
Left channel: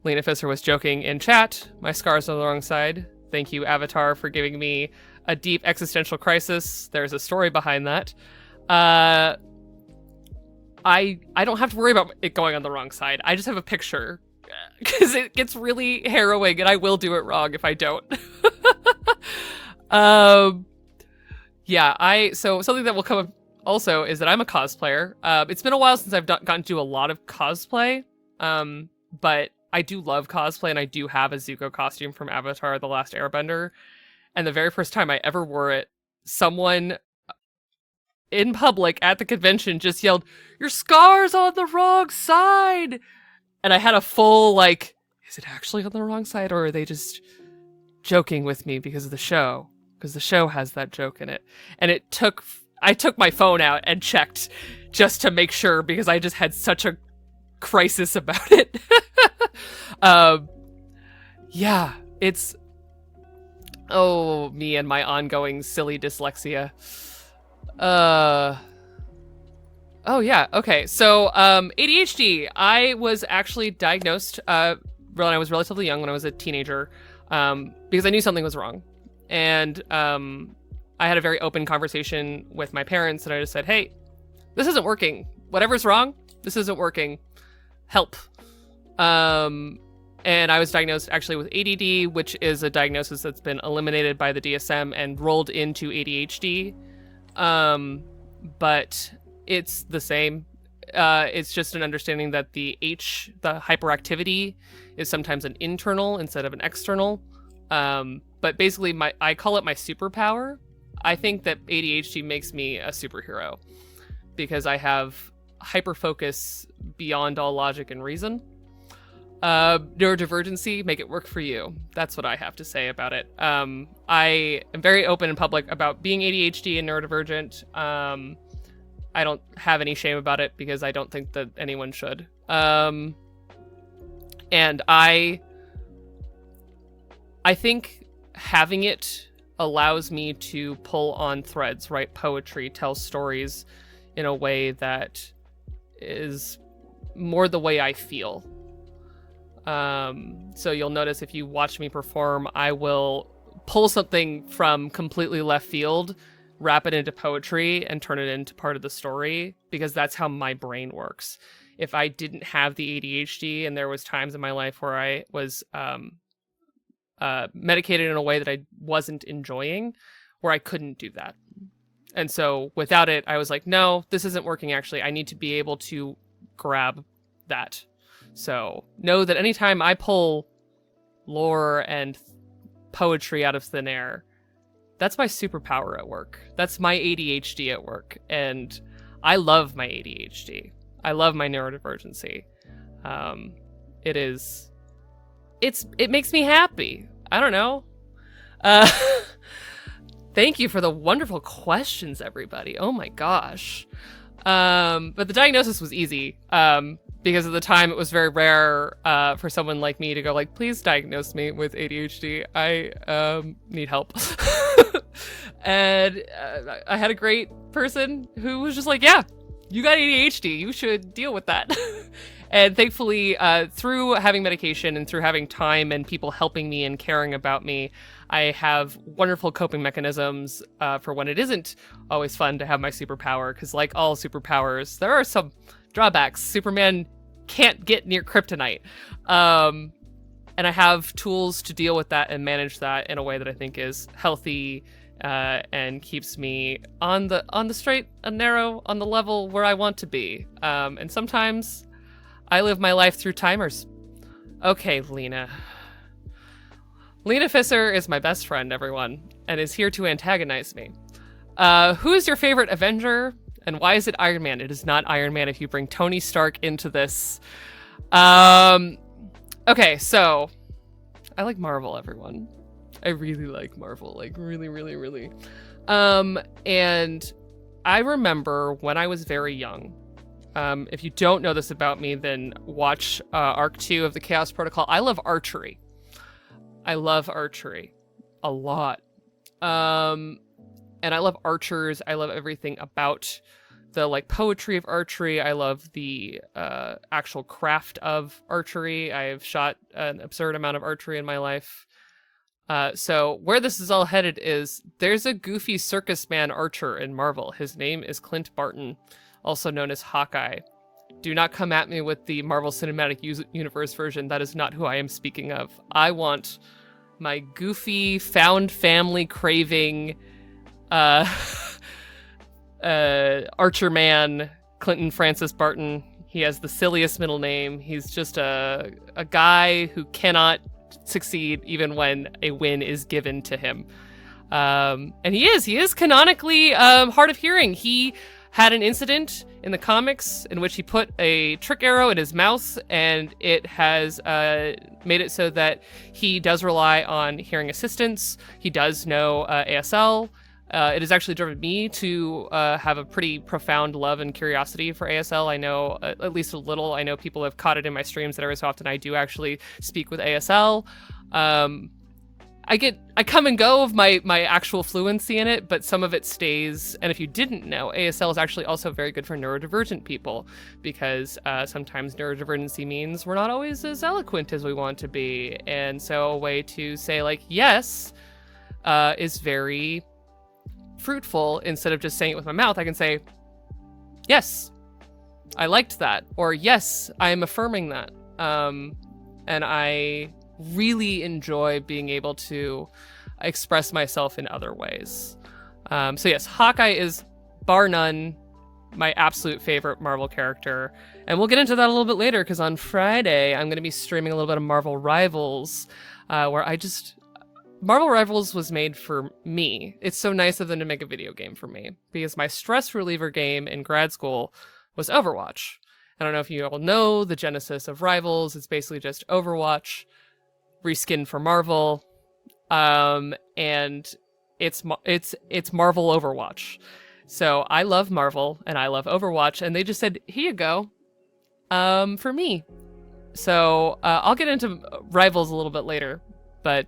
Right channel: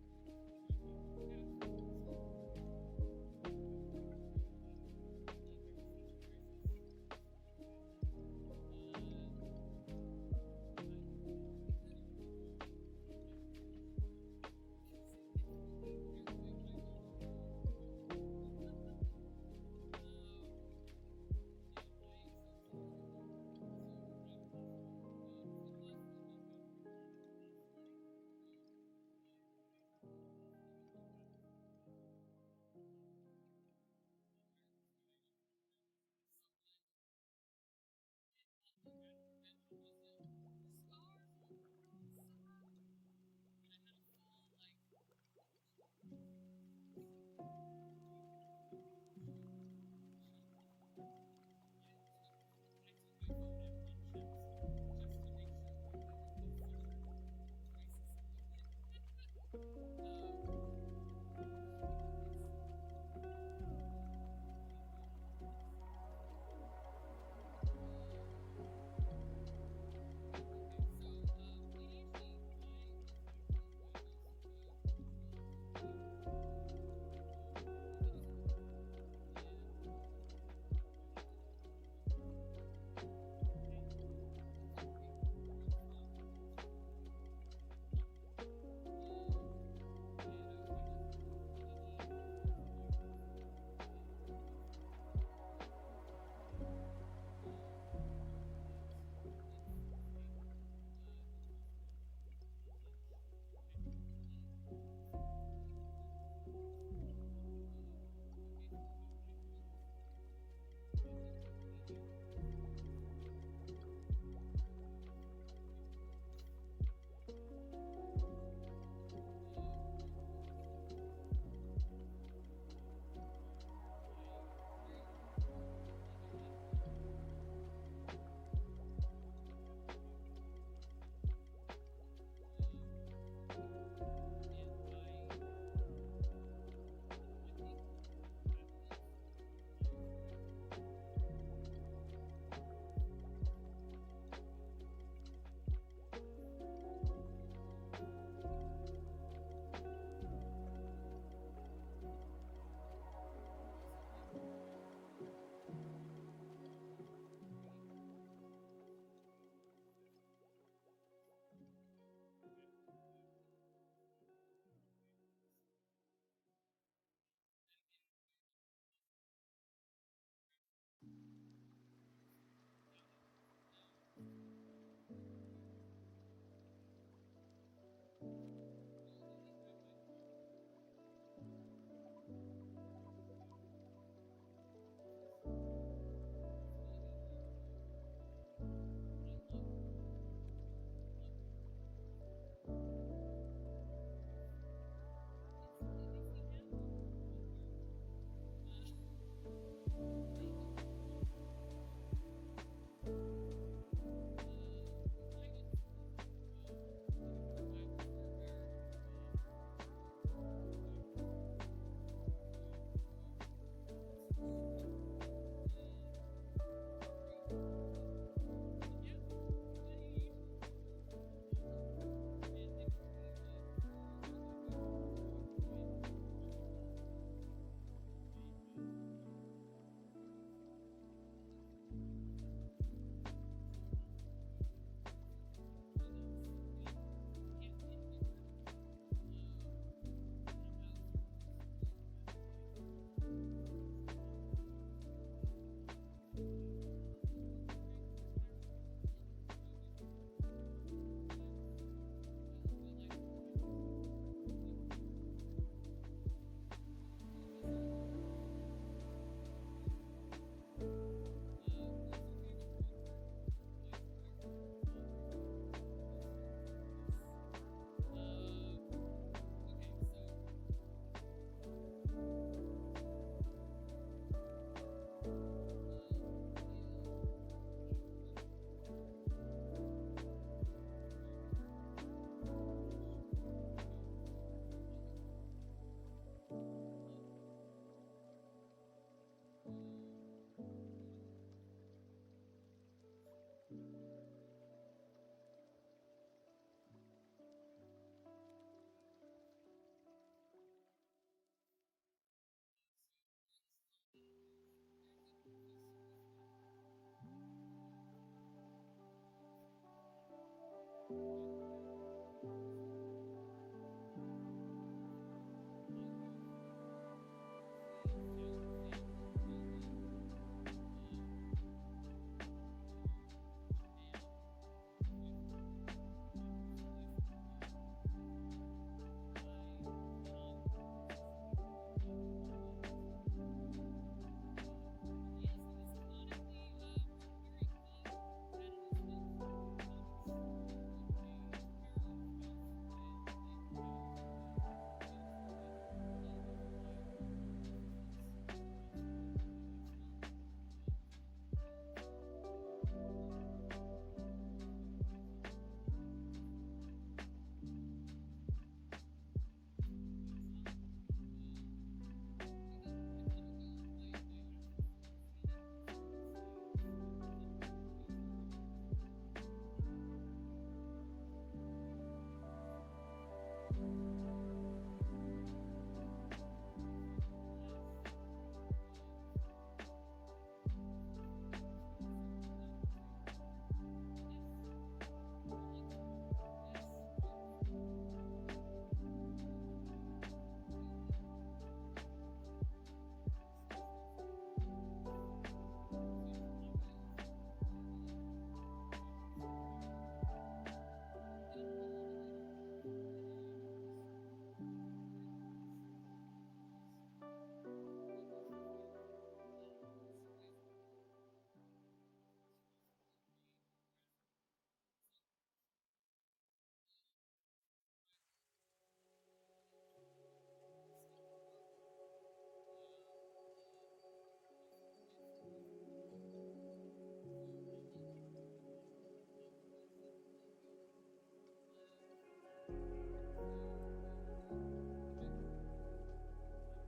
Lena Fisser was joking in chat, my scar's on the wrong side. Thank you, Avatar, for giving me a deep existential crisis. There's a story behind that. I don't have to worry about it going on the wrong side. I just have a picture, because it gets really harrowing, and I will do it wrong if I don't. So something that will come up also is that I'm a cosplayer. It's been a while since I've gotten to do a lot of cosplay, but I do love cosplay, and I do have a Zuko costume from Avatar: The Last Airbender. And the very first time I ever wore it, someone in public at the convention just yelled, "Your scar's on the wrong side!" And I had a full, like, is it actually on the wrong side, or are they just joking with me because of the show? Because the show has that joke in it. And I took my phone out and checked just to make sure, because I just had such a crisis about it. Yeah, it's me and my ongoing silly dyslexia. Okay, so ADHD, I was actually diagnosed when I was relatively young, when I was a teenager, because I knew something was wrong. And I had a very open conversation with my parents, and I just said, hey, this isn't working. Whatever's wrong, this isn't working. Help. And I was diagnosed actually with ADD, which is a diagnosis that's been eliminated by the DSM and rolled into ADHD. But it's the same. It's just an understanding that the hyperactivity, is sometimes an internal instead of an external. But basically, I call it my superpower. I think that ADHD makes me a superhero, because I have hyperfocus beyond all logic and reason. Neurodivergency, make it work for you. That's what I have to say about it. I am very open in public about being ADHD and neurodivergent. I don't have any shame about it, because I don't think that anyone should. And I think having it allows me to pull on threads, write poetry, tell stories in a way that is more the way I feel. So you'll notice if you watch me perform, I will pull something from completely left field, wrap it into poetry, and turn it into part of the story, because that's how my brain works. If I didn't have the ADHD, and there was times in my life where I was medicated in a way that I wasn't enjoying, where I couldn't do that. And so without it, I was like, no, this isn't working. Actually, I need to be able to grab that. So know that anytime I pull lore and poetry out of thin air, that's my superpower at work. That's my ADHD at work. And I love my ADHD. I love my neurodivergency. It is, it makes me happy. I don't know. Uh, thank you for the wonderful questions, everybody. Oh my gosh. But the diagnosis was easy. Because at the time it was very rare for someone like me to go like, please diagnose me with ADHD. I need help. And I had a great person who was just like, yeah, you got ADHD. You should deal with that. And thankfully, through having medication and through having time and people helping me and caring about me, I have wonderful coping mechanisms for when it isn't always fun to have my superpower. Because like all superpowers, there are some drawbacks. Superman can't get near kryptonite. And I have tools to deal with that and manage that in a way that I think is healthy and keeps me on the straight and narrow, on the level where I want to be. And sometimes I live my life through timers. Okay, Lena. Lena Fisser is my best friend, everyone, and is here to antagonize me. Who is your favorite Avenger, and why is it Iron Man? It is not Iron Man if you bring Tony Stark into this. Okay, so I like Marvel, everyone. I really like Marvel, like really, really, really. And I remember when I was very young, if you don't know this about me, then watch Arc 2 of the Chaos Protocol. I love archery. I love archery a lot. And I love archers. I love everything about the like poetry of archery. I love the actual craft of archery. I have shot an absurd amount of archery in my life. So where this is all headed is there's a goofy circus man archer in Marvel. His name is Clint Barton, also known as Hawkeye. Do not come at me with the Marvel Cinematic Universe version. That is not who I am speaking of. I want my goofy, found family craving archer man, Clinton Francis Barton. He has the silliest middle name. He's just a guy who cannot succeed even when a win is given to him. And he is canonically hard of hearing. He had an incident in the comics in which he put a trick arrow in his mouth, and it has made it so that he does rely on hearing assistance. He does know ASL. It has actually driven me to have a pretty profound love and curiosity for ASL. I know at least a little. I know people have caught it in my streams that every so often I do actually speak with ASL. I come and go of my actual fluency in it, but some of it stays. And if you didn't know, ASL is actually also very good for neurodivergent people, because sometimes neurodivergency means we're not always as eloquent as we want to be. And so a way to say like, yes, is very fruitful. Instead of just saying it with my mouth, I can say, yes, I liked that. Or yes, I am affirming that. And I really enjoy being able to express myself in other ways. So yes, Hawkeye is bar none my absolute favorite Marvel character. And we'll get into that a little bit later, because on Friday, I'm going to be streaming a little bit of Marvel Rivals, where Marvel Rivals was made for me. It's so nice of them to make a video game for me, because my stress reliever game in grad school was Overwatch. I don't know if you all know the genesis of Rivals. It's basically just Overwatch reskinned for Marvel, and it's Marvel Overwatch. So I love Marvel and I love Overwatch, and they just said, here you go, for me. So I'll get into Rivals a little bit later, but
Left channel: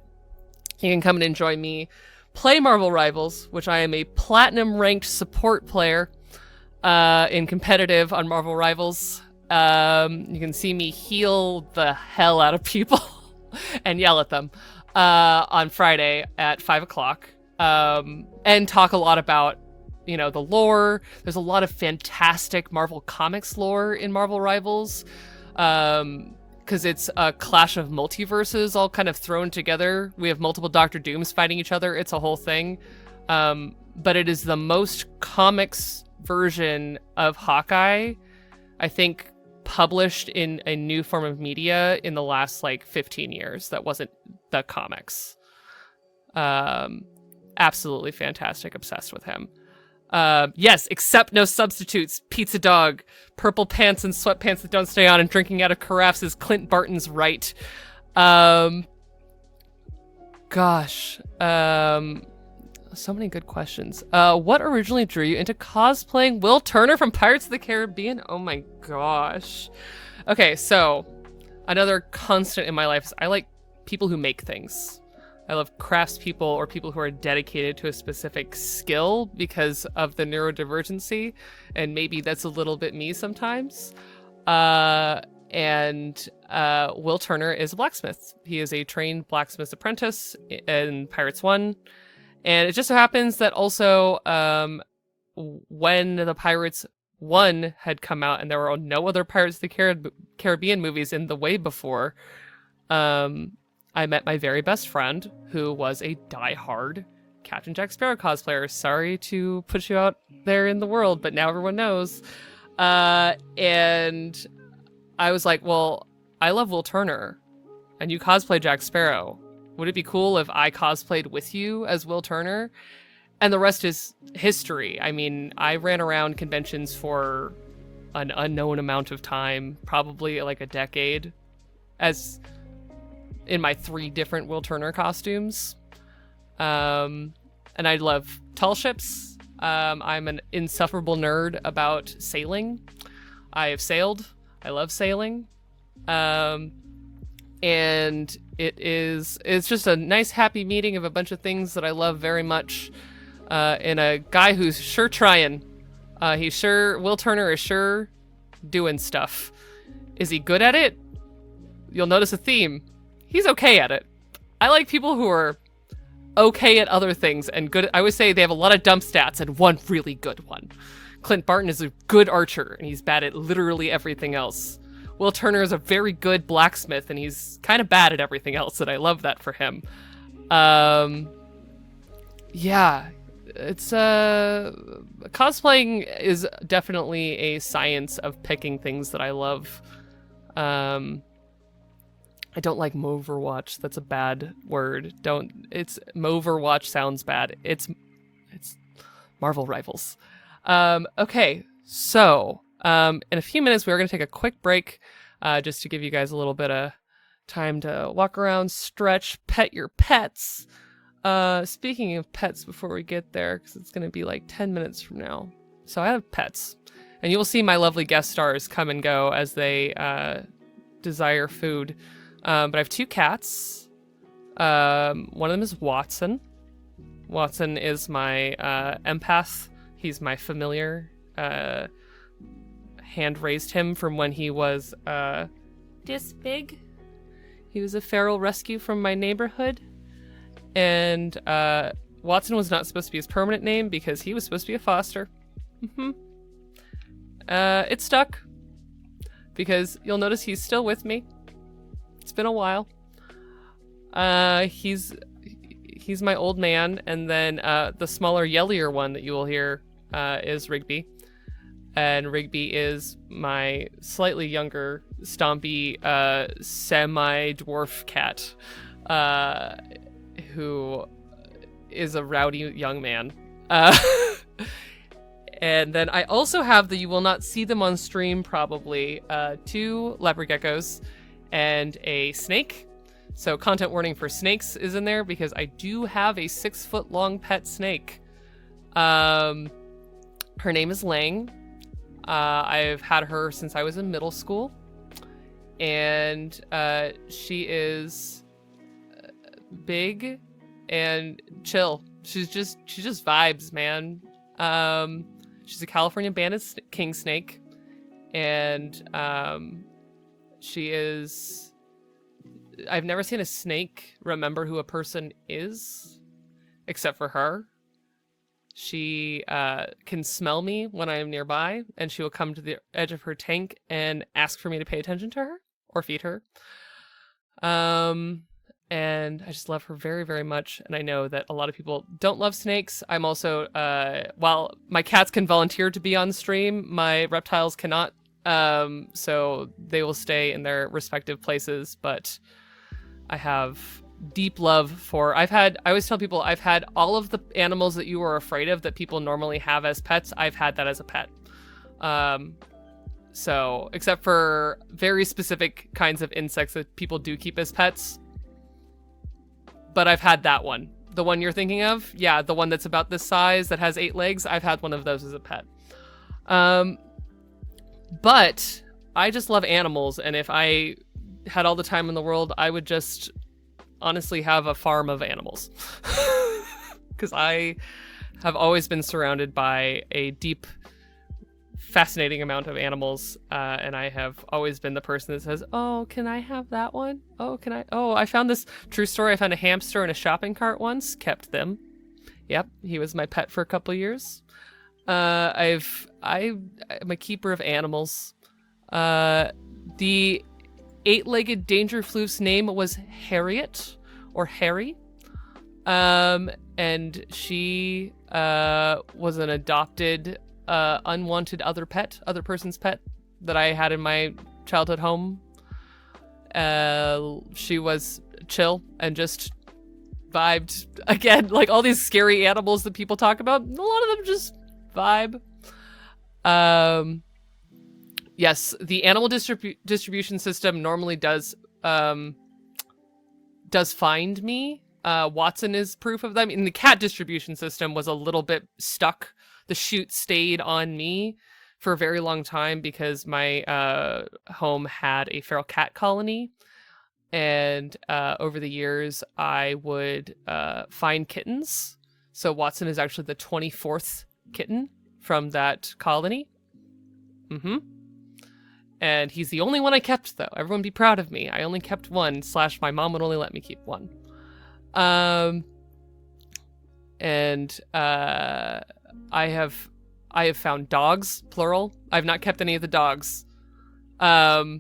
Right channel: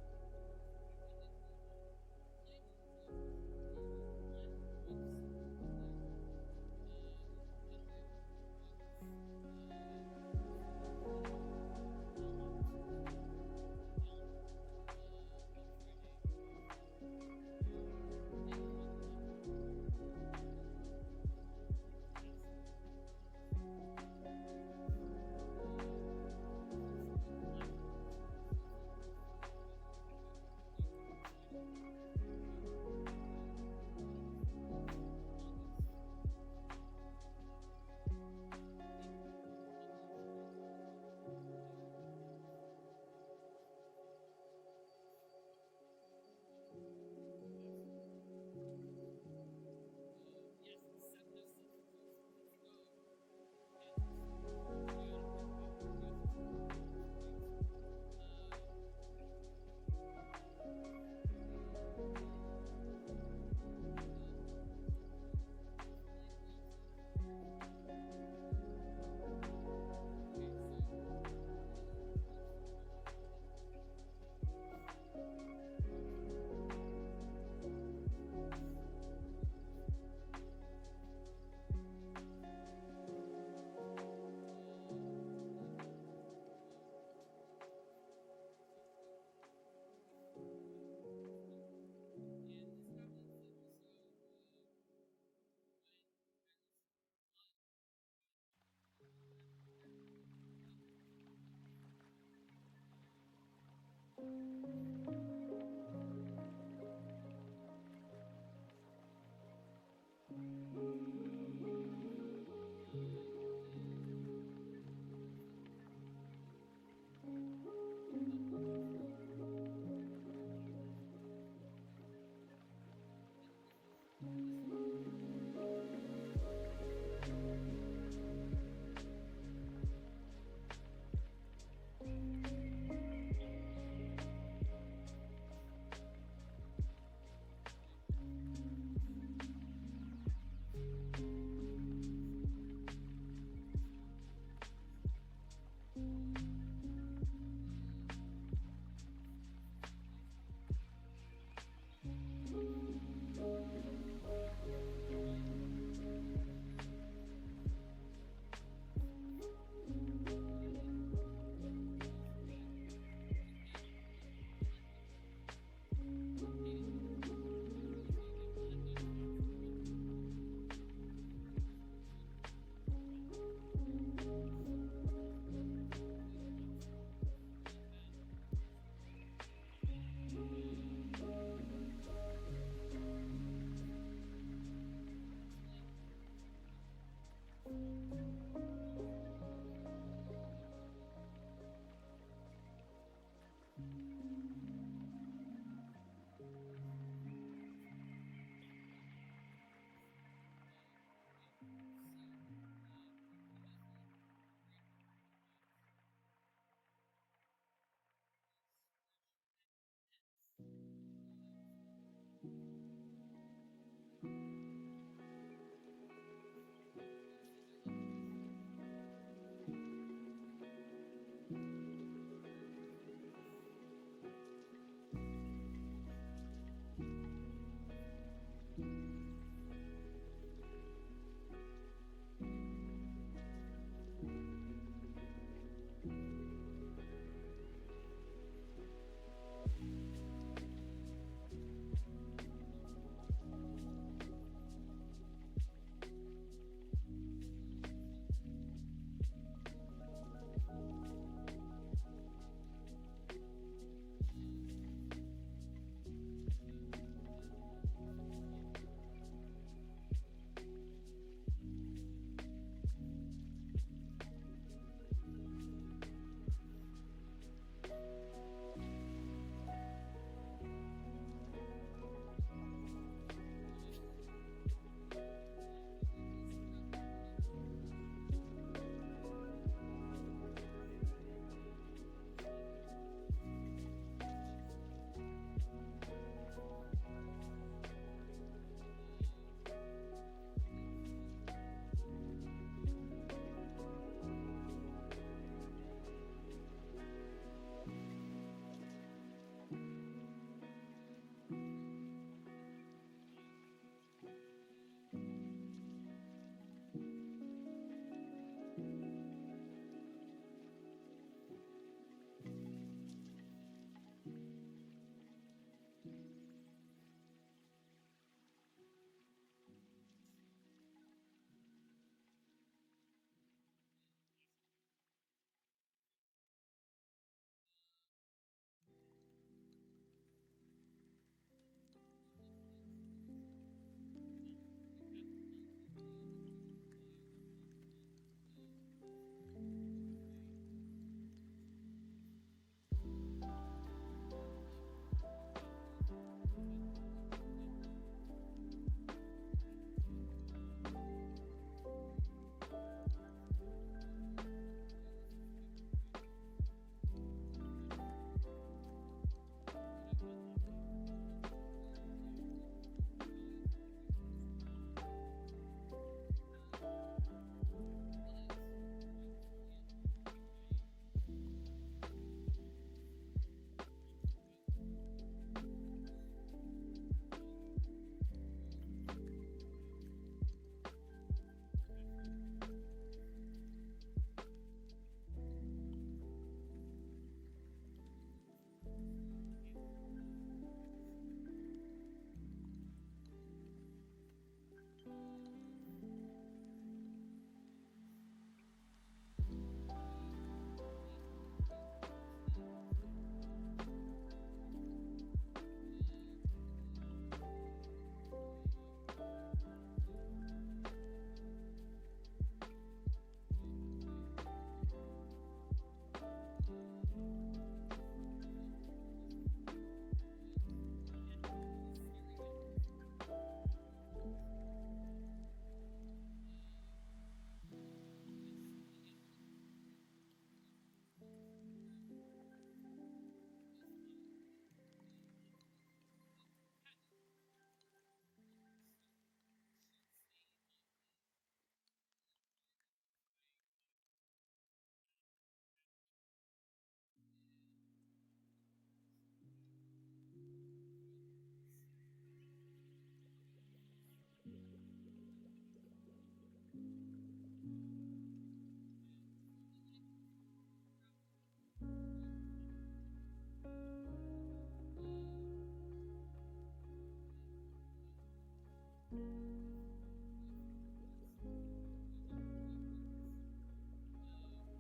you can come and enjoy me play Marvel Rivals, which I am a platinum ranked support player in competitive on Marvel Rivals. You can see me heal the hell out of people and yell at them on Friday at 5 o'clock, and talk a lot about, the lore. There's a lot of fantastic Marvel Comics lore in Marvel Rivals, because it's a clash of multiverses all kind of thrown together. We have multiple Doctor Dooms fighting each other. It's a whole thing. But it is the most comics version of Hawkeye, I think, published in a new form of media in the last 15 years that wasn't the comics. Absolutely fantastic. Obsessed with him. Yes, except no substitutes. Pizza dog, purple pants and sweatpants that don't stay on, and drinking out of carafes is Clint Barton's right. Gosh. So many good questions. What originally drew you into cosplaying Will Turner from Pirates of the Caribbean? Oh my gosh. Okay, so another constant in my life is I like people who make things. I love craftspeople or people who are dedicated to a specific skill because of the neurodivergency, and maybe that's a little bit me sometimes. And Will Turner is a blacksmith. He is a trained blacksmith apprentice in Pirates 1. And it just so happens that also when the Pirates 1 had come out and there were no other Pirates of the Caribbean movies in the way before, I met my very best friend, who was a diehard Captain Jack Sparrow cosplayer. Sorry to put you out there in the world, but now everyone knows. And I was like, well, I love Will Turner, and you cosplay Jack Sparrow. Would it be cool if I cosplayed with you as Will Turner? And the rest is history. I mean, I ran around conventions for an unknown amount of time, probably like a decade, as in my 3 different Will Turner costumes. And I love tall ships. I'm an insufferable nerd about sailing. I have sailed. I love sailing. And it's just a nice happy meeting of a bunch of things that I love very much. And a guy who's sure trying. Will Turner is sure doing stuff. Is he good at it? You'll notice a theme. He's okay at it. I like people who are okay at other things and good. I always say they have a lot of dump stats and one really good one. Clint Barton is a good archer and he's bad at literally everything else. Will Turner is a very good blacksmith and he's kind of bad at everything else, and I love that for him. Yeah, it's cosplaying is definitely a science of picking things that I love. I don't like Moverwatch. That's a bad word. Moverwatch sounds bad. It's Marvel Rivals. Okay, so in a few minutes we're going to take a quick break just to give you guys a little bit of time to walk around, stretch, pet your pets. Speaking of pets, before we get there, because it's going to be like 10 minutes from now. So I have pets, and you will see my lovely guest stars come and go as they desire food. But I have 2 cats. One of them is Watson. Watson is my empath. He's my familiar. Hand raised him from when he was this big. He was a feral rescue from my neighborhood. And Watson was not supposed to be his permanent name because he was supposed to be a foster. It stuck. Because you'll notice he's still with me. It's been a while. He's my old man, and then the smaller, yellier one that you will hear is Rigby. And Rigby is my slightly younger, stompy, semi-dwarf cat, who is a rowdy young man. And then I also have you will not see them on stream probably, 2 leopard geckos and a snake. So content warning for snakes is in there because I do have a 6-foot-long pet snake. Her name is Lang. I've had her since I was in middle school, and she is big and chill. She's just vibes, man. She's a California banded king snake, and she is. I've never seen a snake remember who a person is, except for her. She can smell me when I am nearby, and she will come to the edge of her tank and ask for me to pay attention to her or feed her. And I just love her very, very much. And I know that a lot of people don't love snakes. I'm also, while my cats can volunteer to be on stream, my reptiles cannot. So they will stay in their respective places, but I have deep love for. I always tell people I've had all of the animals that you were afraid of that people normally have as pets. I've had that as a pet. So except for very specific kinds of insects that people do keep as pets. But I've had that one. The one you're thinking of? Yeah, the one that's about this size that has 8 legs. I've had one of those as a pet. But I just love animals, and if I had all the time in the world, I would just honestly have a farm of animals. Because I have always been surrounded by a deep, fascinating amount of animals, and I have always been the person that says, oh, can I have that one? Oh, can I? Oh, I found this true story. I found a hamster in a shopping cart once, kept them. Yep, he was my pet for a couple years. I'm a keeper of animals. The 8-legged Dangerfloof's name was Harriet, or Harry. And she was an adopted, unwanted other person's pet that I had in my childhood home. She was chill and just vibed. Again, like all these scary animals that people talk about, a lot of them just vibe. Yes, the animal distribution system normally does find me. Watson is proof of that. I mean, the cat distribution system was a little bit stuck. The chute stayed on me for a very long time because my home had a feral cat colony. And over the years, I would find kittens. So Watson is actually the 24th kitten from that colony. Mm-hmm. And he's the only one I kept, though. Everyone be proud of me. I only kept one, / my mom would only let me keep one. And I have found dogs, plural. I've not kept any of the dogs. But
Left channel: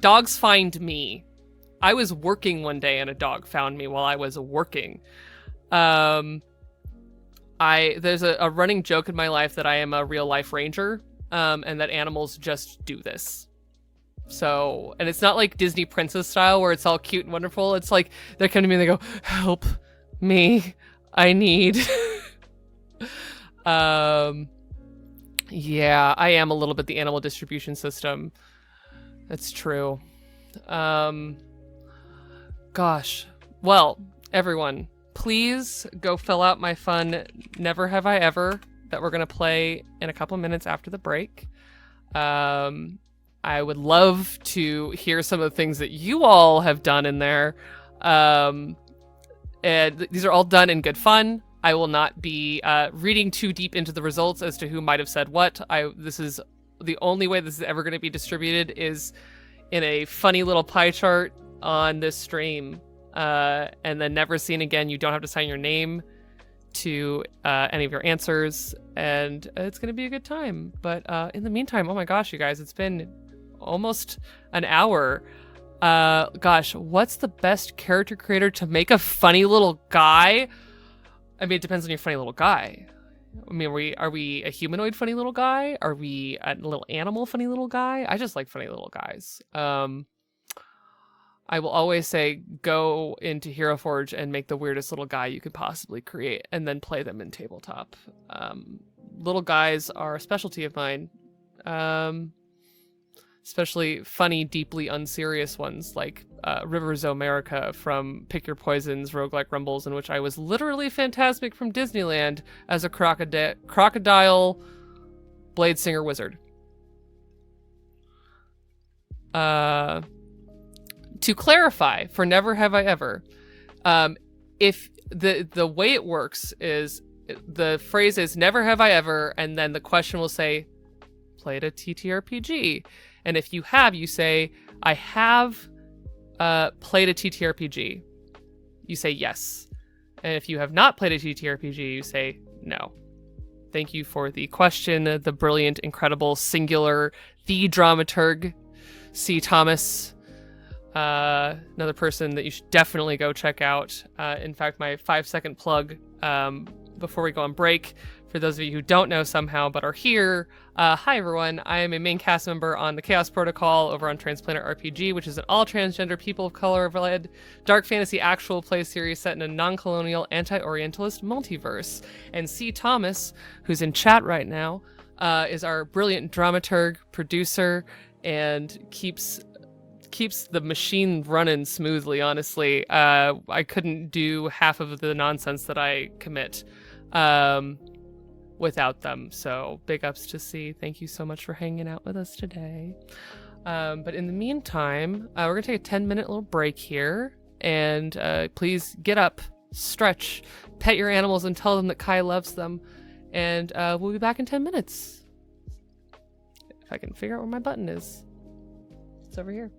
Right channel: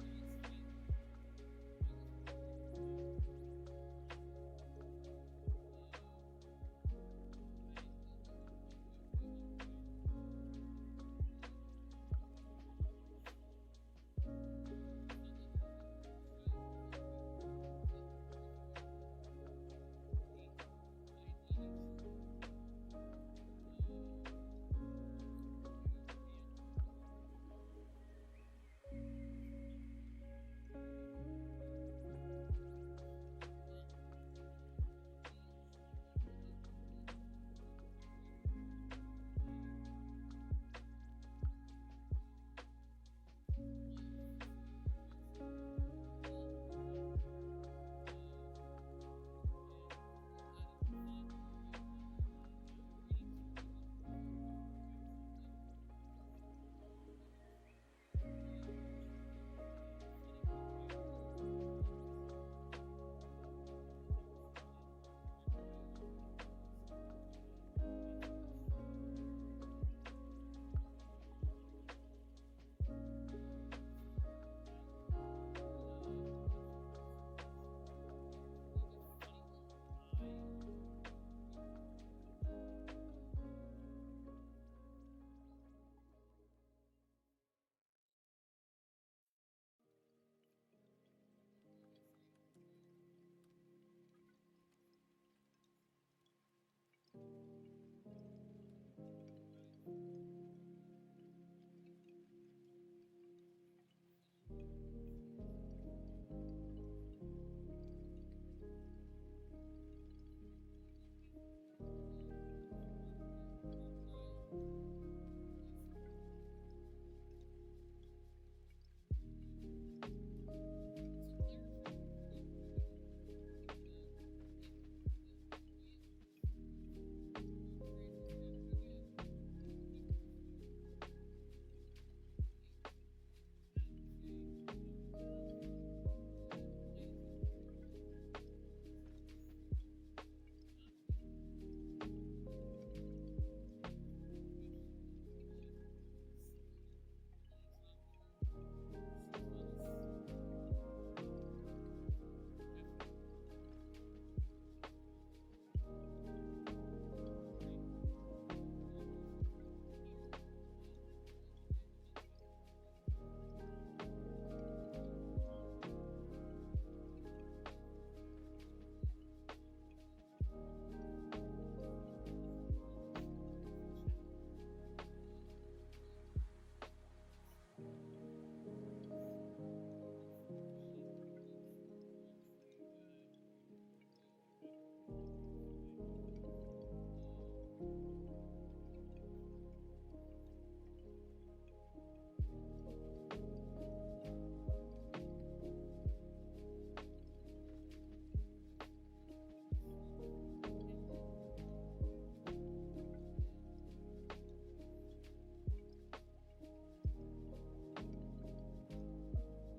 dogs find me. I was working one day and a dog found me while I was working. There's a running joke in my life that I am a real life ranger, and that animals just do this. So, and it's not like Disney princess style where it's all cute and wonderful. It's like they come to me and they go, help me, I need. Yeah, I am a little bit the animal distribution system. That's true. Gosh. Well, everyone, please go fill out my fun Never Have I Ever that we're going to play in a couple minutes after the break. I would love to hear some of the things that you all have done in there. And these are all done in good fun. I will not be reading too deep into the results as to who might have said what. This is the only way this is ever going to be distributed is in a funny little pie chart on this stream. And then never seen again. You don't have to sign your name to any of your answers, and it's going to be a good time. But in the meantime, oh my gosh, you guys, it's been almost an hour. Gosh, what's the best character creator to make a funny little guy? I mean, it depends on your funny little guy. I mean, are we a humanoid funny little guy? Are we a little animal funny little guy? I just like funny little guys. I will always say go into Hero Forge and make the weirdest little guy you could possibly create and then play them in tabletop. Little guys are a specialty of mine. Especially funny, deeply unserious ones like Rivers Omerica from Pick Your Poisons, Roguelike Rumbles, in which I was literally Phantasmic from Disneyland as a crocodile blade singer wizard. To clarify, for Never Have I Ever, if the way it works is the phrase is Never Have I Ever, and then the question will say, played a TTRPG. And if you have, you say, I have played a TTRPG. You say yes. And if you have not played a TTRPG, you say no. Thank you for the question, the brilliant, incredible, singular, the dramaturg, C. Thomas. Another person that you should definitely go check out. In fact, my 5-second plug before we go on break for those of you who don't know somehow but are here, hi everyone. I am a main cast member on the Chaos Protocol over on Transplanet RPG, which is an all transgender, people of color-led dark fantasy actual play series set in a non-colonial, anti-Orientalist multiverse. And C. Thomas, who's in chat right now, is our brilliant dramaturg, producer, and keeps the machine running smoothly. Honestly, I couldn't do half of the nonsense that I commit without them. So big ups to C. Thank you so much for hanging out with us today. But in the meantime, we're gonna take a 10-minute little break here, and please get up, stretch, pet your animals, and tell them that Kai loves them. And we'll be back in 10 minutes. If I can figure out where my button is. It's over here.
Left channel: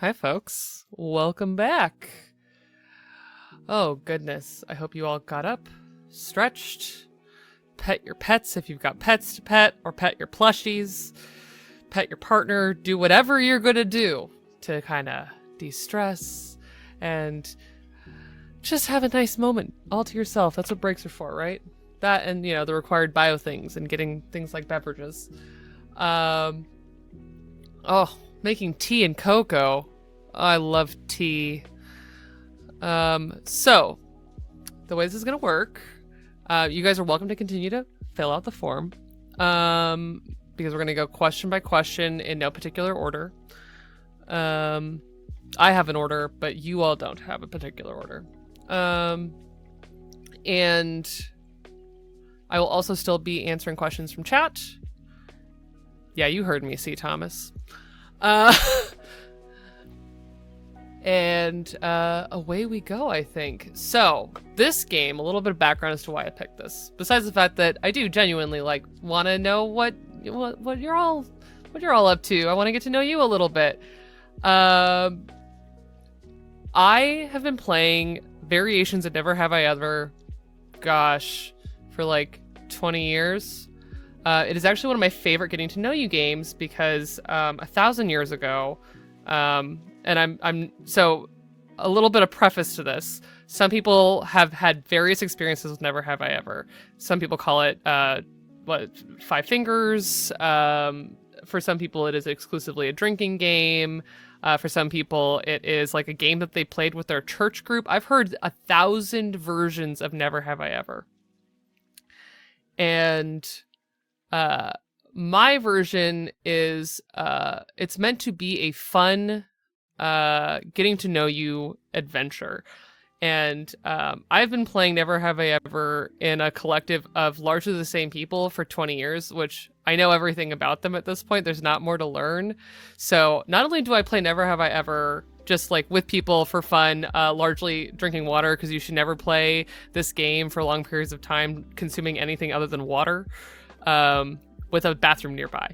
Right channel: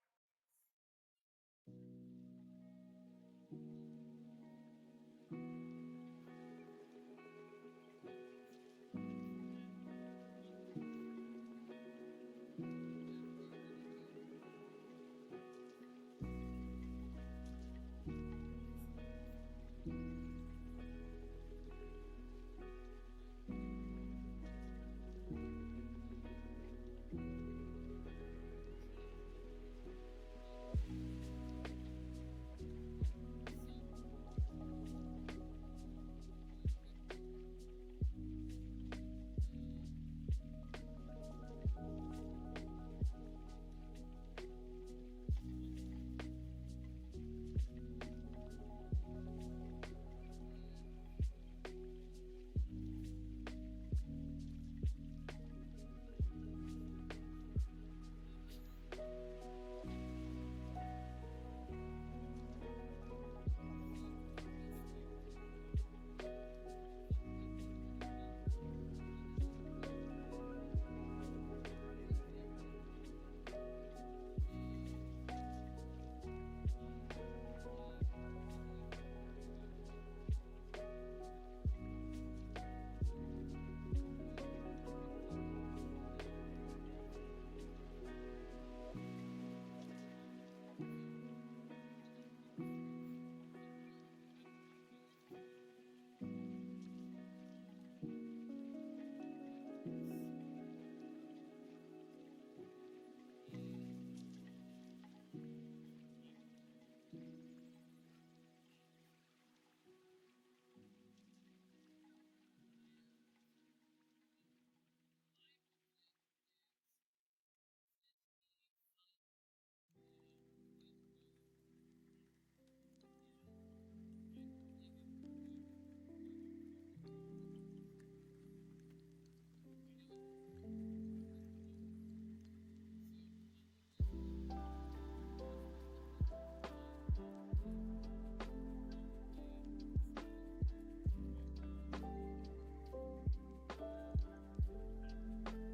Hi folks, welcome back. Oh goodness, I hope you all got up, stretched, pet your pets if you've got pets to pet, or pet your plushies, pet your partner, do whatever you're gonna do to kind of de-stress and just have a nice moment all to yourself. That's what breaks are for, right? That and, you know, the required bio things and getting things like beverages. Oh, making tea and cocoa. I love tea. So the way this is gonna work, you guys are welcome to continue to fill out the form, because we're gonna go question by question in no particular order. I have an order, but you all don't have a particular order. And I will also still be answering questions from chat. Yeah, you heard me, C. Thomas. And away we go, I think. So this game, a little bit of background as to why I picked this. Besides the fact that I do genuinely want to know what you're all up to. I want to get to know you a little bit. I have been playing variations of Never Have I Ever, gosh, for like 20 years. It is actually one of my favorite getting to know you games because 1,000 years ago, and I'm so a little bit of preface to this. Some people have had various experiences with Never Have I Ever. Some people call it Five Fingers. For some people, it is exclusively a drinking game. For some people, it is like a game that they played with their church group. I've heard 1,000 versions of Never Have I Ever. And my version is it's meant to be a fun getting to know you adventure. And I've been playing Never Have I Ever in a collective of largely the same people for 20 years, which I know everything about them at this point. There's not more to learn. So not only do I play Never Have I Ever just like with people for fun, largely drinking water, because you should never play this game for long periods of time consuming anything other than water, with a bathroom nearby.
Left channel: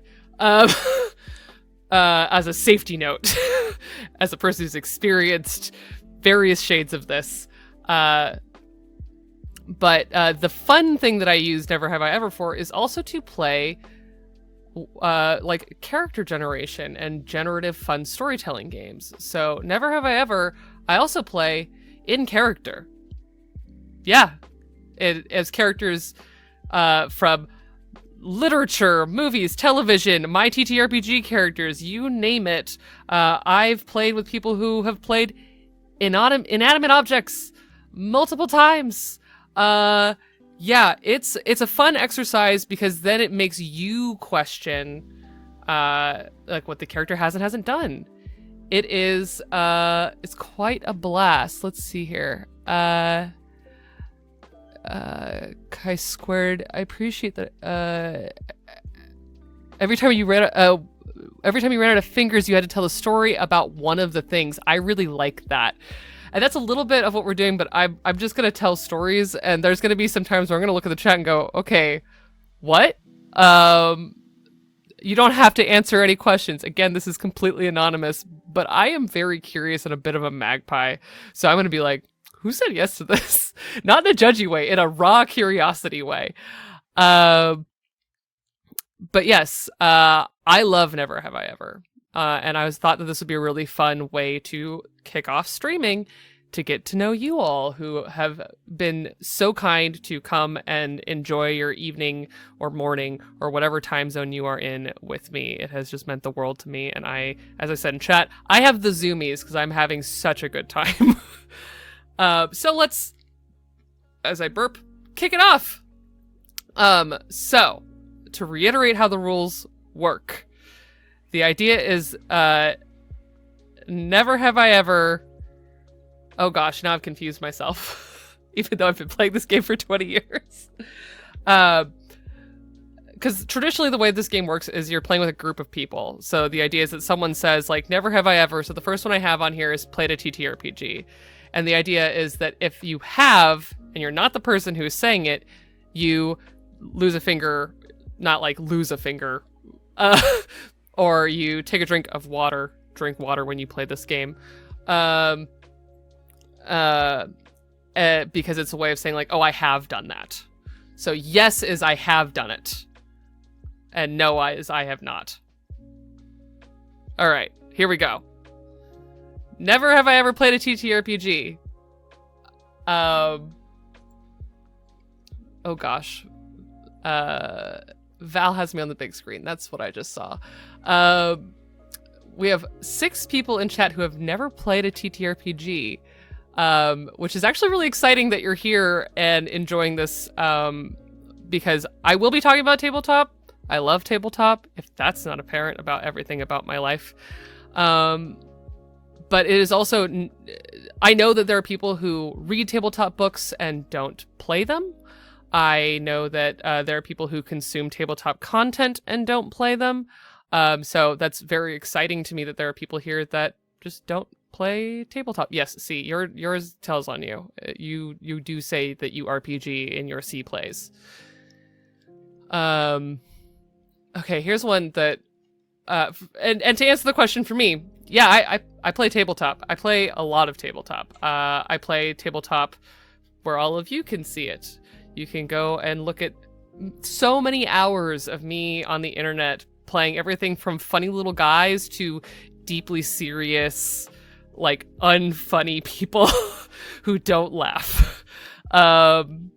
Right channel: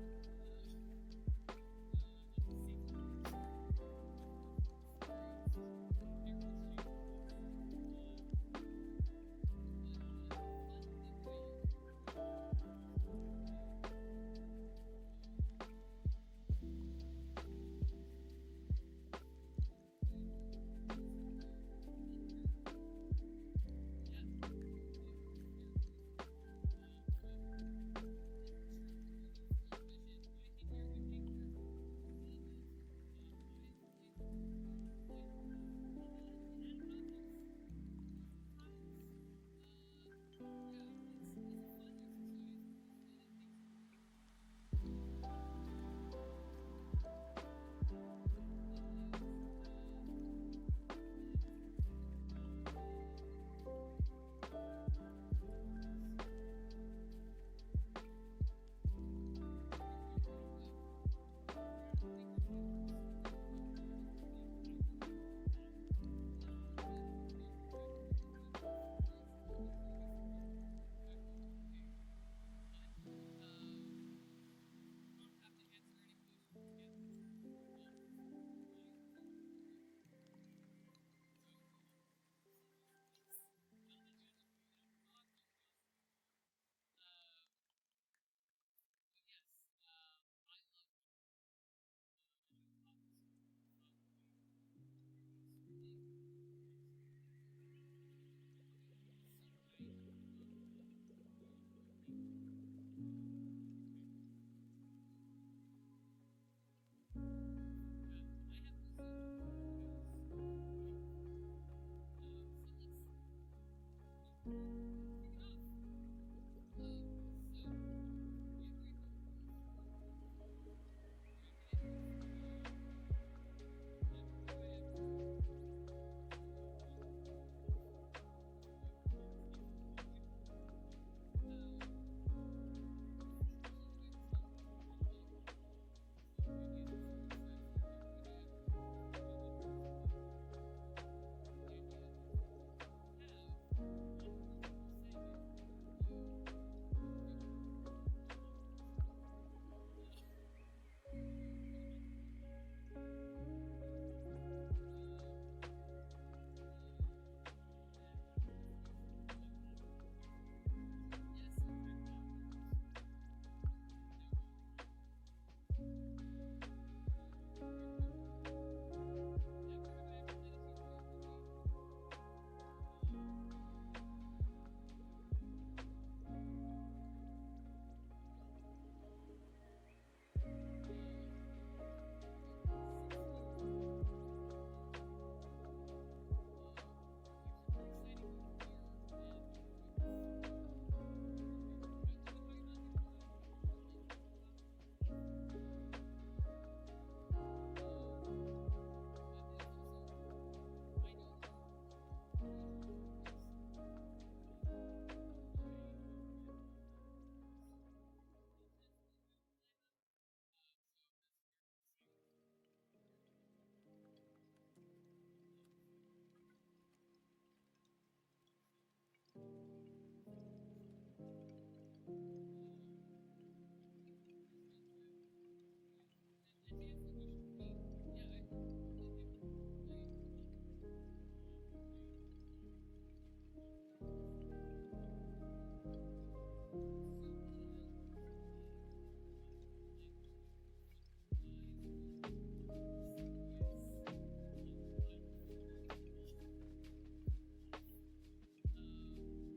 As a safety note, as a person who's experienced various shades of this. But the fun thing that I use Never Have I Ever for is also to play like character generation and generative fun storytelling games. So Never Have I Ever, I also play in character. Yeah, as characters from literature, movies, television, my TTRPG characters, you name it. I've played with people who have played inanimate objects multiple times. Yeah, it's a fun exercise because then it makes you question like what the character has and hasn't done. It is it's quite a blast. Let's see here. Chi Squared, I appreciate that. Every time you ran out of fingers, you had to tell a story about one of the things. I really like that. And that's a little bit of what we're doing, but I'm just gonna tell stories, and there's gonna be some times where I'm gonna look at the chat and go, okay, what? You don't have to answer any questions. Again, this is completely anonymous, but I am very curious and a bit of a magpie. So I'm gonna be like, who said yes to this? Not in a judgy way, in a raw curiosity way. But yes, I love Never Have I Ever. And I thought that this would be a really fun way to kick off streaming, to get to know you all who have been so kind to come and enjoy your evening or morning or whatever time zone you are in with me. It has just meant the world to me. And as I said in chat, I have the zoomies because I'm having such a good time. So let's, as I burp, kick it off. So to reiterate how the rules work, the idea is, never have I ever... Oh gosh, now I've confused myself. Even though I've been playing this game for 20 years. Because traditionally the way this game works is you're playing with a group of people. So the idea is that someone says, like, never have I ever. So the first one I have on here is played a TTRPG. And the idea is that if you have, and you're not the person who is saying it, you lose a finger, not like lose a finger, or you take a drink water when you play this game. Because it's a way of saying like, oh, I have done that. So yes is I have done it. And no is I have not. All right, here we go. Never have I ever played a TTRPG. Oh gosh. Val has me on the big screen. That's what I just saw. We have 6 people in chat who have never played a TTRPG. Which is actually really exciting that you're here and enjoying this, because I will be talking about tabletop. I love tabletop, if that's not apparent about everything about my life. But it is also, I know that there are people who read tabletop books and don't play them. I know that there are people who consume tabletop content and don't play them. So that's very exciting to me that there are people here that just don't play tabletop. Yes, see, yours tells on you. You do say that you RPG in your C plays. Okay, here's one that and to answer the question for me, yeah, I play tabletop. I play a lot of tabletop. I play tabletop where all of you can see it. You can go and look at so many hours of me on the internet playing everything from funny little guys to deeply serious, like, unfunny people who don't laugh. And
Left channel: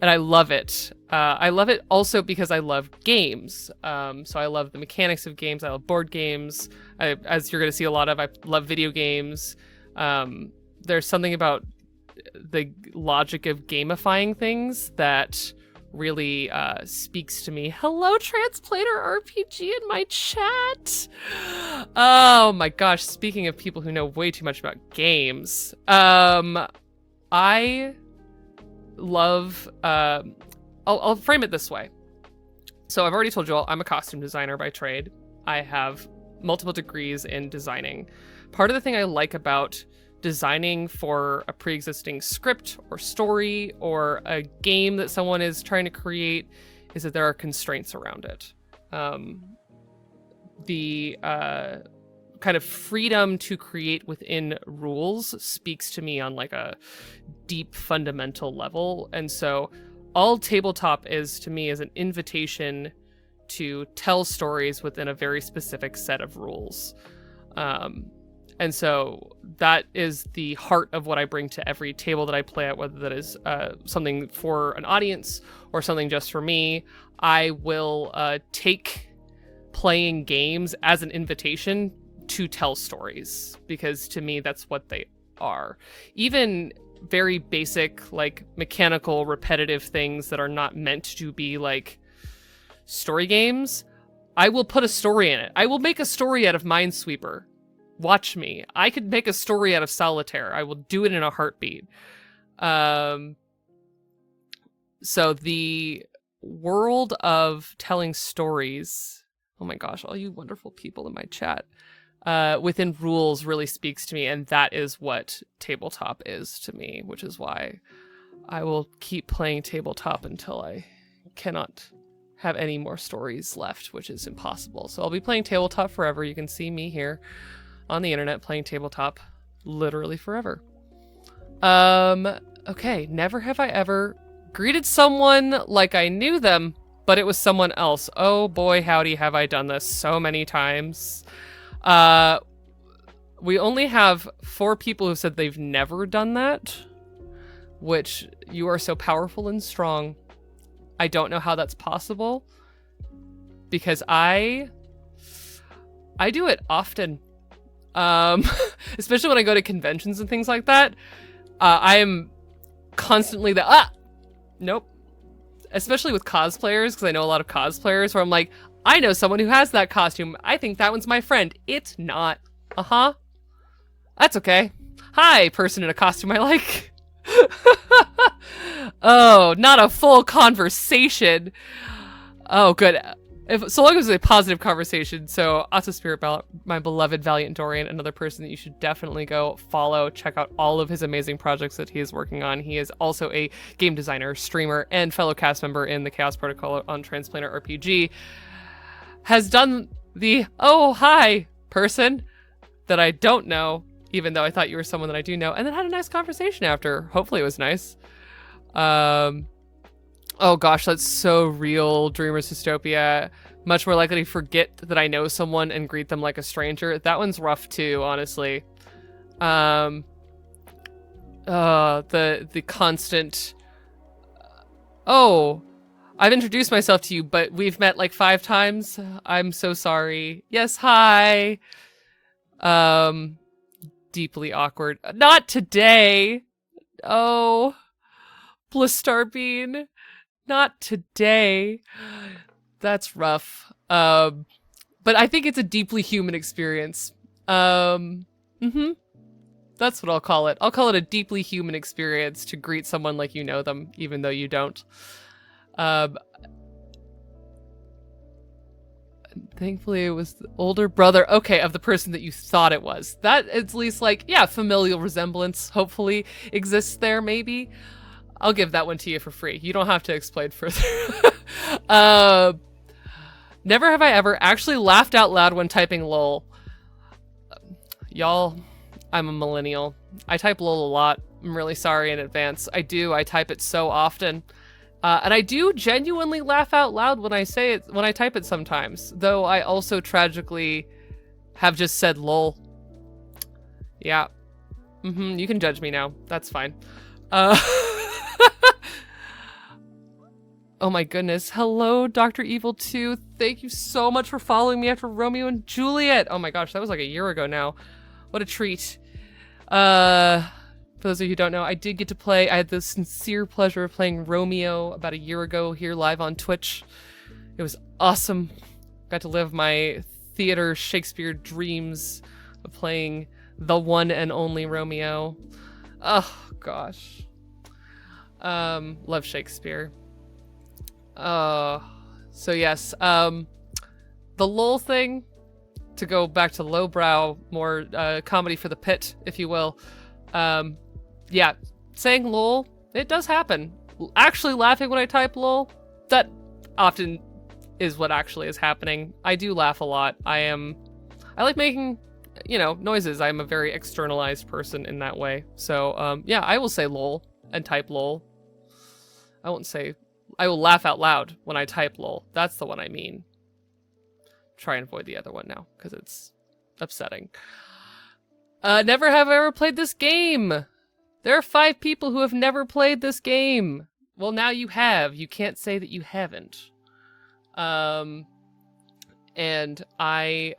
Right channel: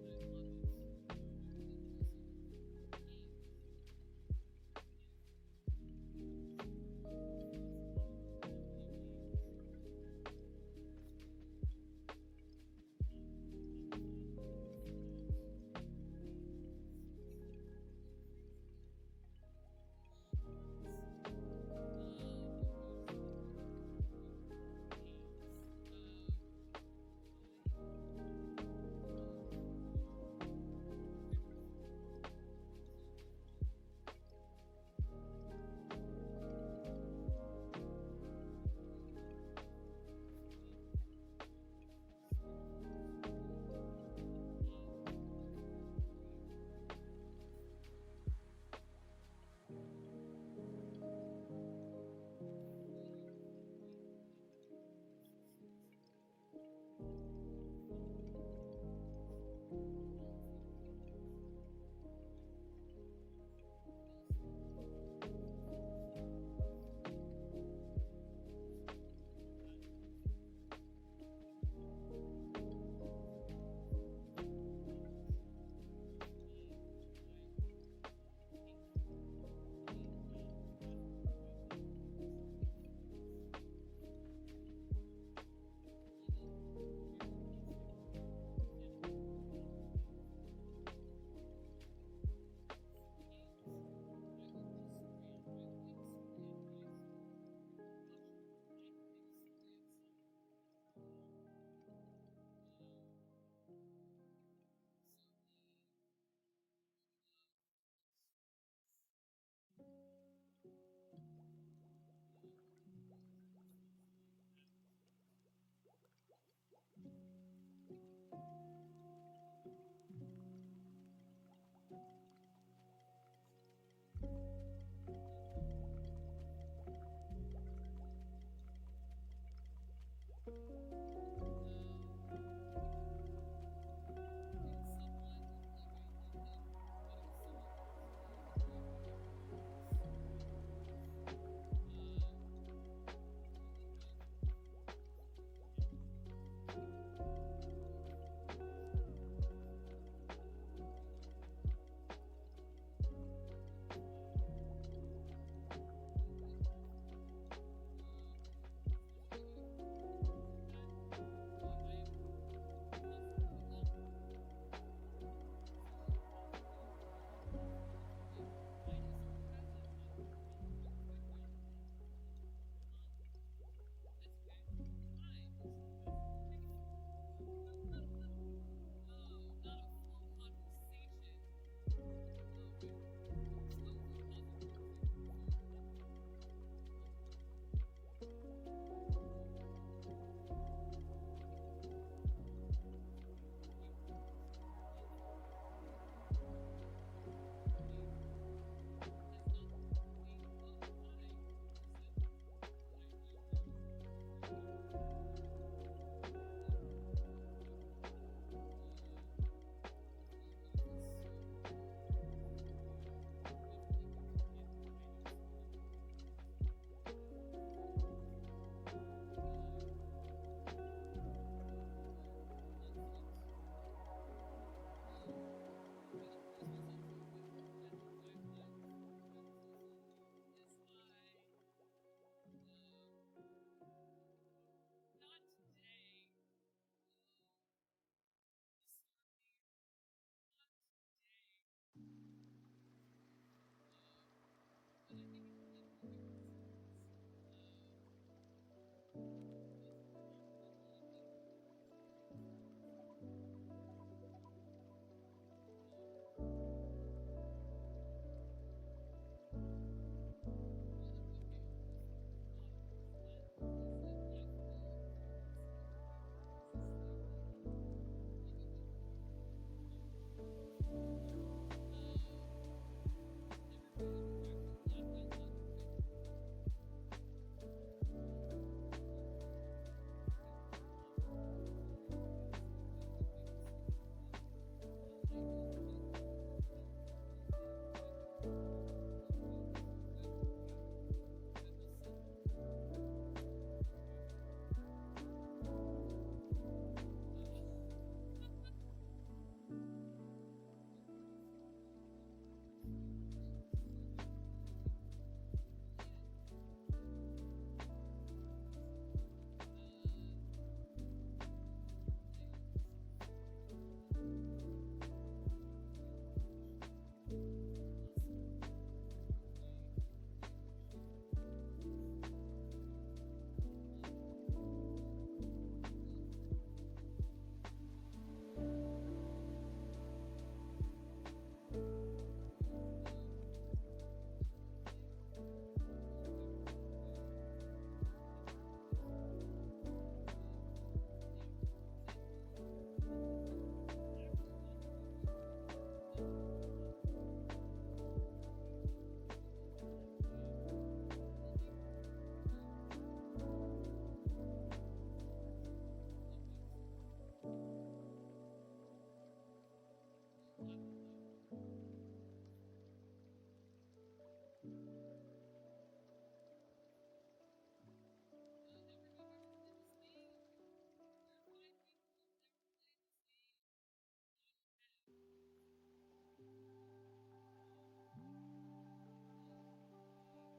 I love it. I love it also because I love games. So I love the mechanics of games. I love board games. As you're going to see a lot of, I love video games. There's something about the logic of gamifying things that really speaks to me. Hello, Translator RPG in my chat. Oh my gosh, speaking of people who know way too much about games, I love, I'll frame it this way. So I've already told you all, I'm a costume designer by trade. I have multiple degrees in designing. Part of the thing I like about designing for a pre-existing script or story or a game that someone is trying to create is that there are constraints around it. The kind of freedom to create within rules speaks to me on like a deep fundamental level. And so all tabletop is to me is an invitation to tell stories within a very specific set of rules. And so that is the heart of what I bring to every table that I play at, whether that is something for an audience or something just for me. I will take playing games as an invitation to tell stories, because to me, that's what they are. Even very basic, like mechanical, repetitive things that are not meant to be like story games, I will put a story in it. I will make a story out of Minesweeper. Watch me. I could make a story out of Solitaire. I will do it in a heartbeat. So the world of telling stories, oh my gosh, all you wonderful people in my chat, within rules really speaks to me, and that is what tabletop is to me, which is why I will keep playing tabletop until I cannot have any more stories left, which is impossible. So I'll be playing tabletop forever. You can see me here on the internet playing tabletop literally forever. Okay, never have I ever greeted someone like I knew them, but it was someone else. Oh boy, howdy, have I done this so many times. We only have 4 people who said they've never done that, which you are so powerful and strong. I don't know how that's possible because I do it often. Especially when I go to conventions and things like that. I am constantly nope. Especially with cosplayers, because I know a lot of cosplayers where I'm like, I know someone who has that costume. I think that one's my friend. It's not. Uh-huh. That's okay. Hi, person in a costume I like. Oh, not a full conversation. Oh, good. So long as it's a positive conversation. So, Asa Spirit, my beloved Valiant Dorian, another person that you should definitely go follow, check out all of his amazing projects that he is working on. He is also a game designer, streamer, and fellow cast member in the Chaos Protocol on Transplanar RPG. Has done the, oh, hi, person that I don't know, even though I thought you were someone that I do know, and then had a nice conversation after. Hopefully it was nice. Oh gosh, that's so real. Dreamer's Dystopia. Much more likely to forget that I know someone and greet them like a stranger. That one's rough too, honestly. The constant. Oh, I've introduced myself to you, but we've met like 5 times. I'm so sorry. Yes, hi. Deeply awkward. Not today. Oh, Blistarbean. Not today. That's rough. But I think it's a deeply human experience. That's what I'll call it. I'll call it a deeply human experience to greet someone like you know them, even though you don't. Thankfully it was the older brother, okay, of the person that you thought it was. That at least, like, yeah, familial resemblance hopefully exists there, maybe. I'll give that one to you for free. You don't have to explain further. Never have I ever actually laughed out loud when typing lol. Y'all, I'm a millennial. I type lol a lot. I'm really sorry in advance. I type it so often. And I do genuinely laugh out loud when I say it, when I type it sometimes. Though I also tragically have just said lol. Yeah. You can judge me now. That's fine. Oh my goodness. Hello, Dr. Evil 2. Thank you so much for following me after Romeo and Juliet. Oh my gosh, that was like a year ago now. What a treat. For those of you who don't know, I did get to play. I had the sincere pleasure of playing Romeo about a year ago here live on Twitch. It was awesome. Got to live my theater Shakespeare dreams of playing the one and only Romeo. Oh gosh. Love Shakespeare. So yes, the lol thing, to go back to lowbrow, more comedy for the pit, if you will. Yeah, saying lol, it does happen. Actually laughing when I type lol, that often is what actually is happening. I do laugh a lot. I like making, noises. I'm a very externalized person in that way. So, yeah, I will say lol and type lol. I will laugh out loud when I type lol. That's the one I mean. Try and avoid the other one now, because it's upsetting. Never have I ever played this game. There are 5 people who have never played this game. Well, now you have. You can't say that you haven't. And I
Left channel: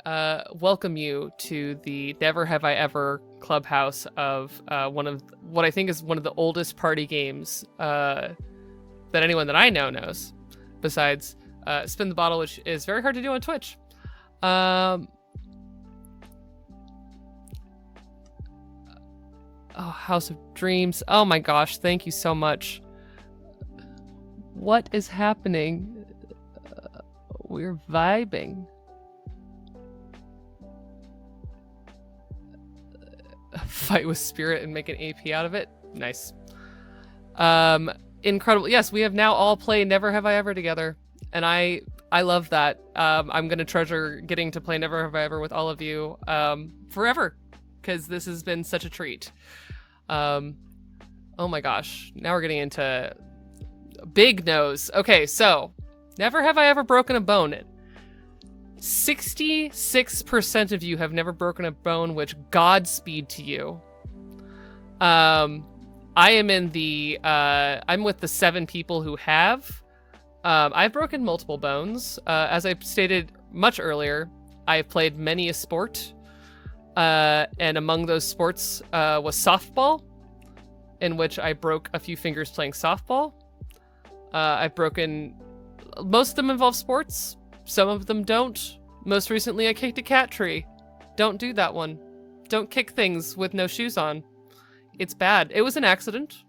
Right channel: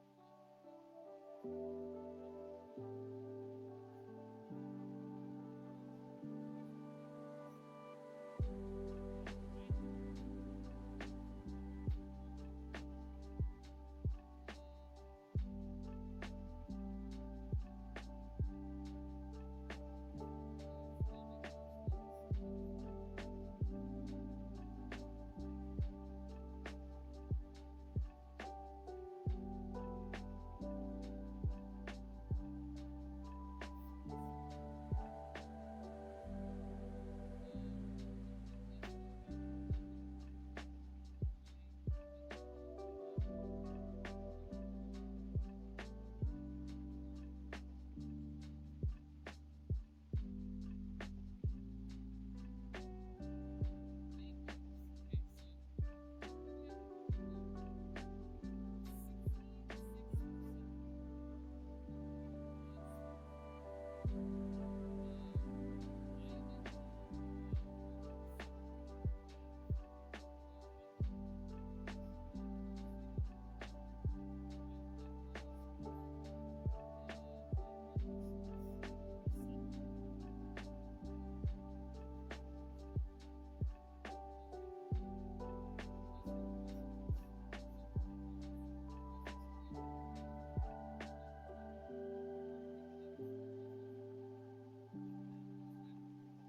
welcome you to the Never Have I Ever clubhouse of one of what I think is one of the oldest party games that anyone that I know knows, besides Spin the Bottle, which is very hard to do on Twitch. Oh, House of Dreams. Oh my gosh, thank you so much. What is happening? We're vibing. Fight with spirit and make an AP out of it. Nice. Incredible. Yes, we have now all played Never Have I Ever together, and I love that. I'm gonna treasure getting to play Never Have I Ever with all of you forever, because this has been such a treat. Oh my gosh, now we're getting into big nose. Okay, so Never have I ever broken a bone. 66% of you have never broken a bone, which Godspeed to you. I am in the, I'm with the 7 people who have. I've broken multiple bones. As I stated much earlier, I've played many a sport. And among those sports was softball, in which I broke a few fingers playing softball. I've broken, most of them involve sports. Some of them don't. Most recently, I kicked a cat tree. Don't do that one. Don't kick things with no shoes on. It's bad. It was an accident.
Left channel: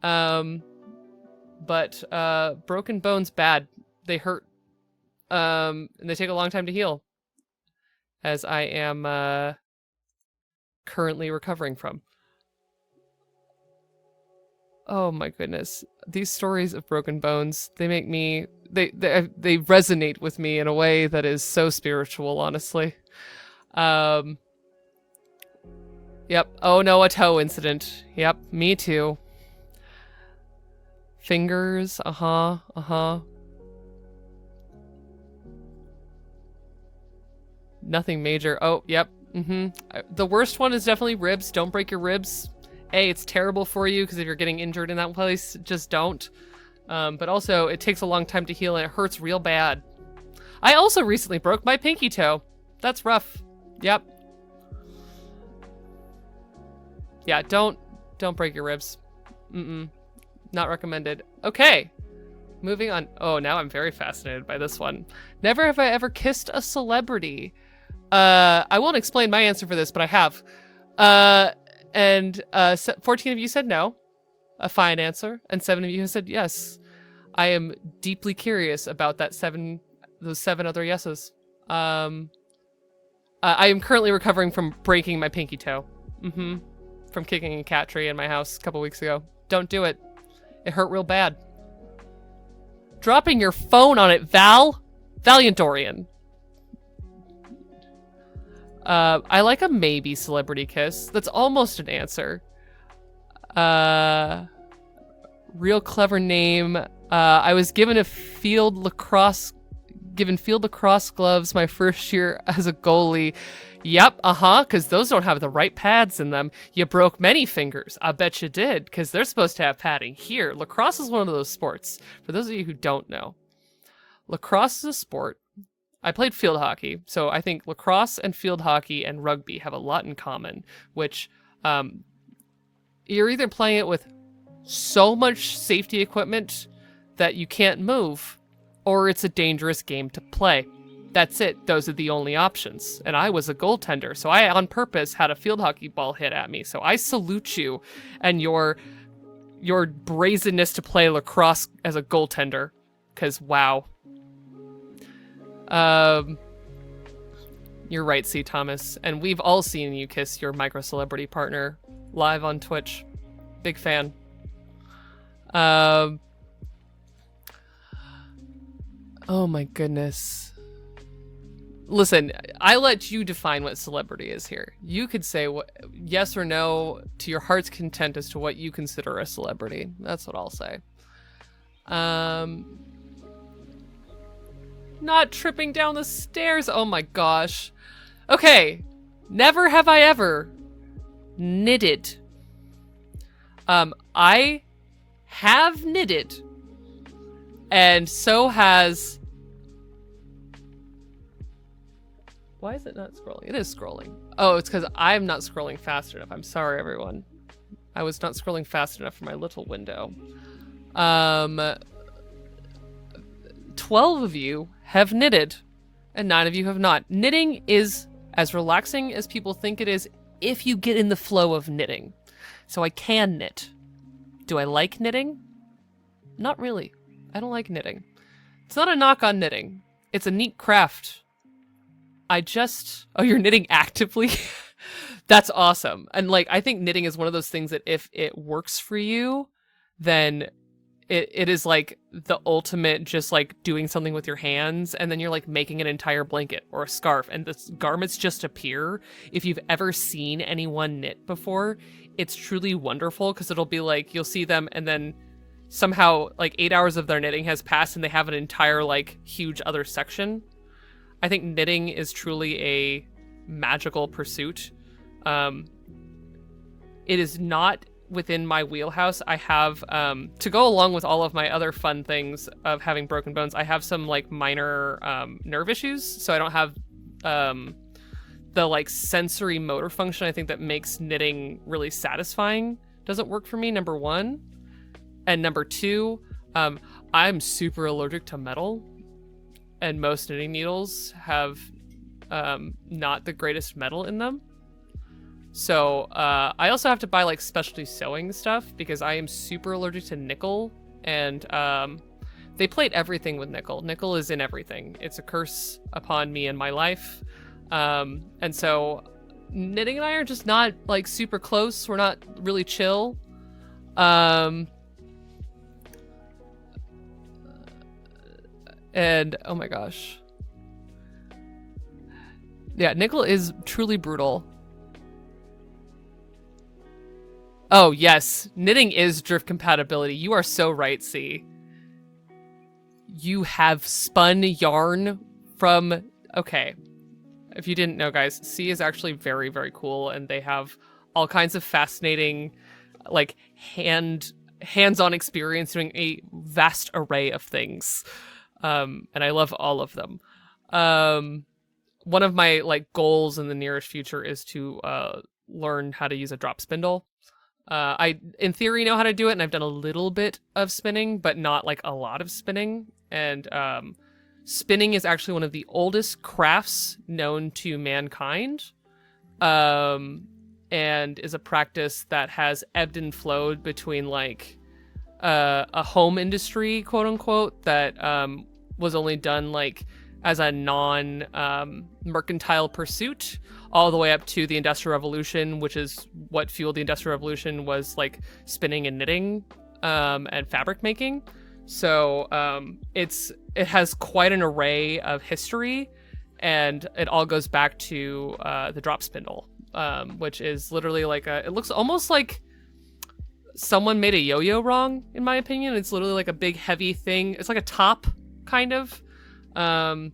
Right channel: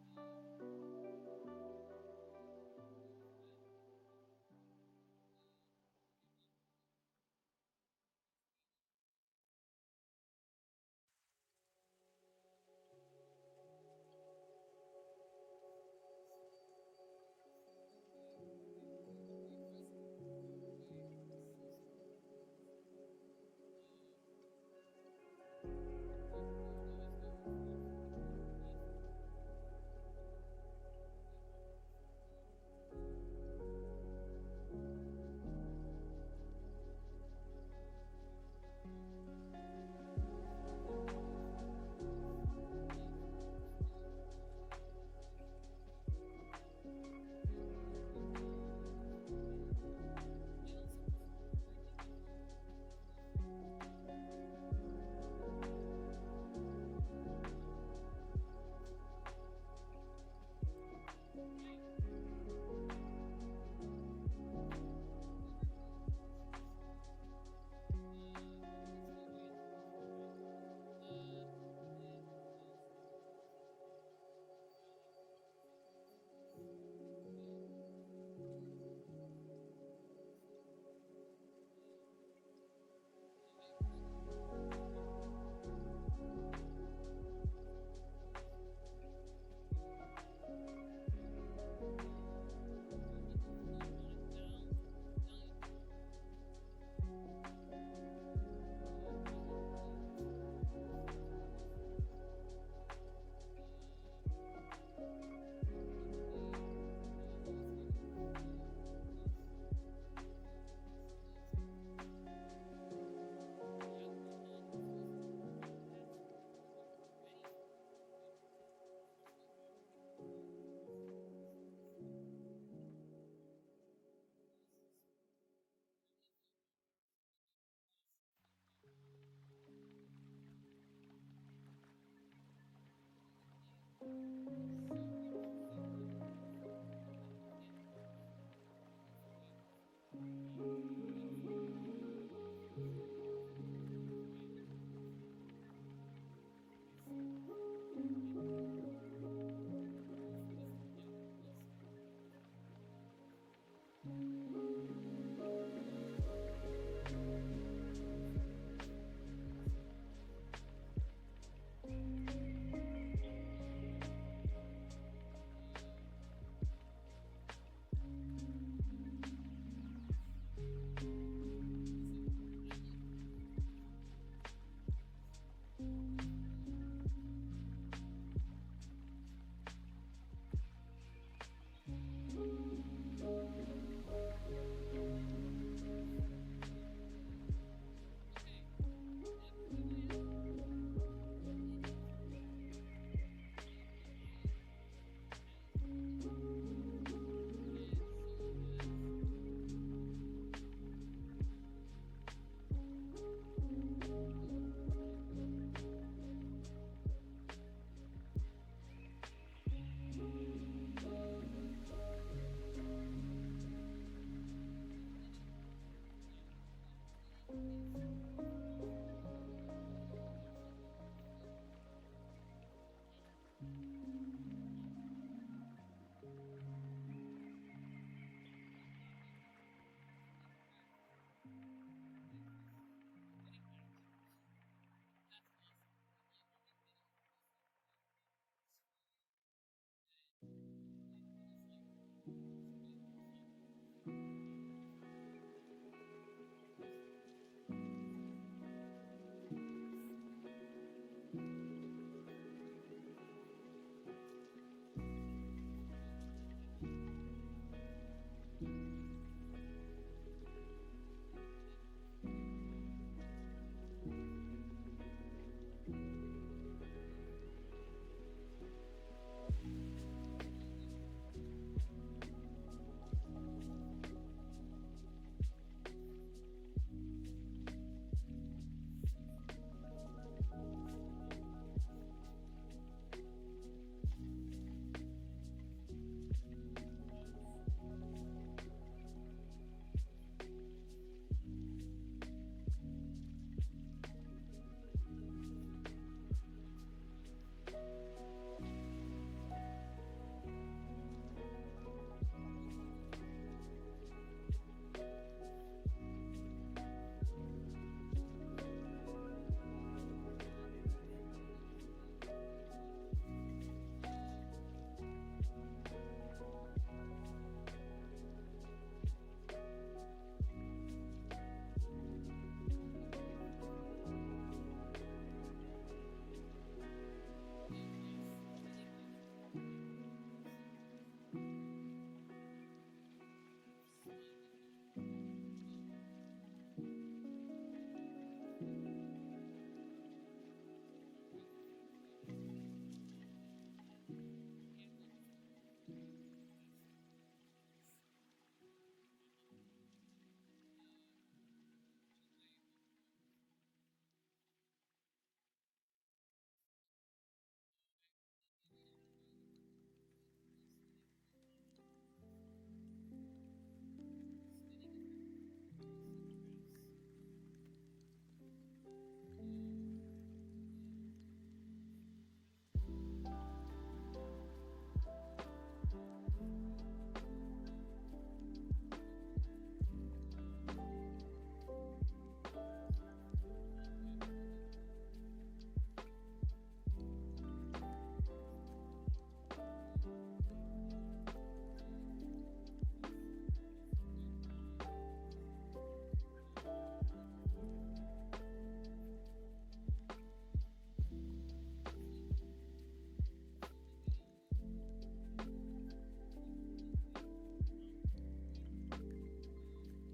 But broken bones, bad. They hurt. And they take a long time to heal. As I am currently recovering from. Oh my goodness. These stories of broken bones, they make me, they resonate with me in a way that is so spiritual, honestly. Yep. Oh no, a toe incident. Yep, me too. Fingers, Nothing major. Oh, yep. The worst one is definitely ribs. Don't break your ribs. It's terrible for you because if you're getting injured in that place, just don't. But also, it takes a long time to heal and it hurts real bad. I also recently broke my pinky toe. That's rough. Yep. Yeah, don't break your ribs. Not recommended. Okay. Moving on. Oh, now I'm very fascinated by this one. Never have I ever kissed a celebrity. I won't explain my answer for this, but I have. 14 of you said no, a fine answer, and 7 of you have said yes. I am deeply curious about those 7 other yeses. I am currently recovering from breaking my pinky toe. From kicking a cat tree in my house a couple weeks ago. Don't do it. It hurt real bad. Dropping your phone on it, Val. Valiant Dorian. I like a maybe celebrity kiss. That's almost an answer. Real clever name. I was given field lacrosse gloves my first year as a goalie. Yep, because those don't have the right pads in them. You broke many fingers. I bet you did, because they're supposed to have padding. Here, lacrosse is one of those sports. For those of you who don't know, lacrosse is a sport. I played field hockey, so I think lacrosse and field hockey and rugby have a lot in common, which you're either playing it with so much safety equipment that you can't move, or it's a dangerous game to play. That's it. Those are the only options. And I was a goaltender, so I on purpose had a field hockey ball hit at me. So I salute you and your brazenness to play lacrosse as a goaltender, because wow. You're right, C. Thomas, and we've all seen you kiss your micro celebrity partner live on Twitch. Big fan. Oh my goodness. Listen, I let you define what celebrity is here. You could say yes or no to your heart's content as to what you consider a celebrity. That's what I'll say. Not tripping down the stairs. Oh my gosh. Okay. Never have I ever knitted. I have knitted. And so has... Why is it not scrolling? It is scrolling. Oh, it's because I'm not scrolling fast enough. I'm sorry, everyone. I was not scrolling fast enough for my little window. 12 of you have knitted, and 9 of you have not. Knitting is as relaxing as people think it is if you get in the flow of knitting. So I can knit. Do I like knitting? Not really. I don't like knitting. It's not a knock on knitting. It's a neat craft. Oh, you're knitting actively? That's awesome. And like, I think knitting is one of those things that if it works for you, then it is like the ultimate just like doing something with your hands, and then you're like making an entire blanket or a scarf and the garments just appear. If you've ever seen anyone knit before, it's truly wonderful because it'll be like, you'll see them and then somehow like 8 hours of their knitting has passed and they have an entire like huge other section. I think knitting is truly a magical pursuit. It is not within my wheelhouse. I have, to go along with all of my other fun things of having broken bones, I have some like minor nerve issues, so I don't have the like sensory motor function I think that makes knitting really satisfying. Doesn't work for me, number one. And number two, I'm super allergic to metal, and most knitting needles have not the greatest metal in them. So I also have to buy like specialty sewing stuff because I am super allergic to nickel, and they plate everything with nickel. Nickel is in everything. It's a curse upon me in my life. And so knitting and I are just not like super close. We're not really chill. And oh my gosh. Yeah, nickel is truly brutal. Oh yes, knitting is drift compatibility. You are so right, C. You have spun yarn from... Okay. If you didn't know, guys, C is actually very, very cool, and they have all kinds of fascinating, like, hands-on experience doing a vast array of things. And I love all of them. One of my, like, goals in the nearest future is to learn how to use a drop spindle. I, in theory, know how to do it, and I've done a little bit of spinning, but not, like, a lot of spinning. And, spinning is actually one of the oldest crafts known to mankind, and is a practice that has ebbed and flowed between like a home industry, quote unquote, that was only done like as a non mercantile pursuit, all the way up to the Industrial Revolution, which is what fueled the Industrial Revolution, was like spinning and knitting and fabric making. So it has quite an array of history, and it all goes back to the drop spindle, which is literally like it looks almost like someone made a yo-yo wrong, in my opinion. It's literally like a big heavy thing. It's like a top, kind of. And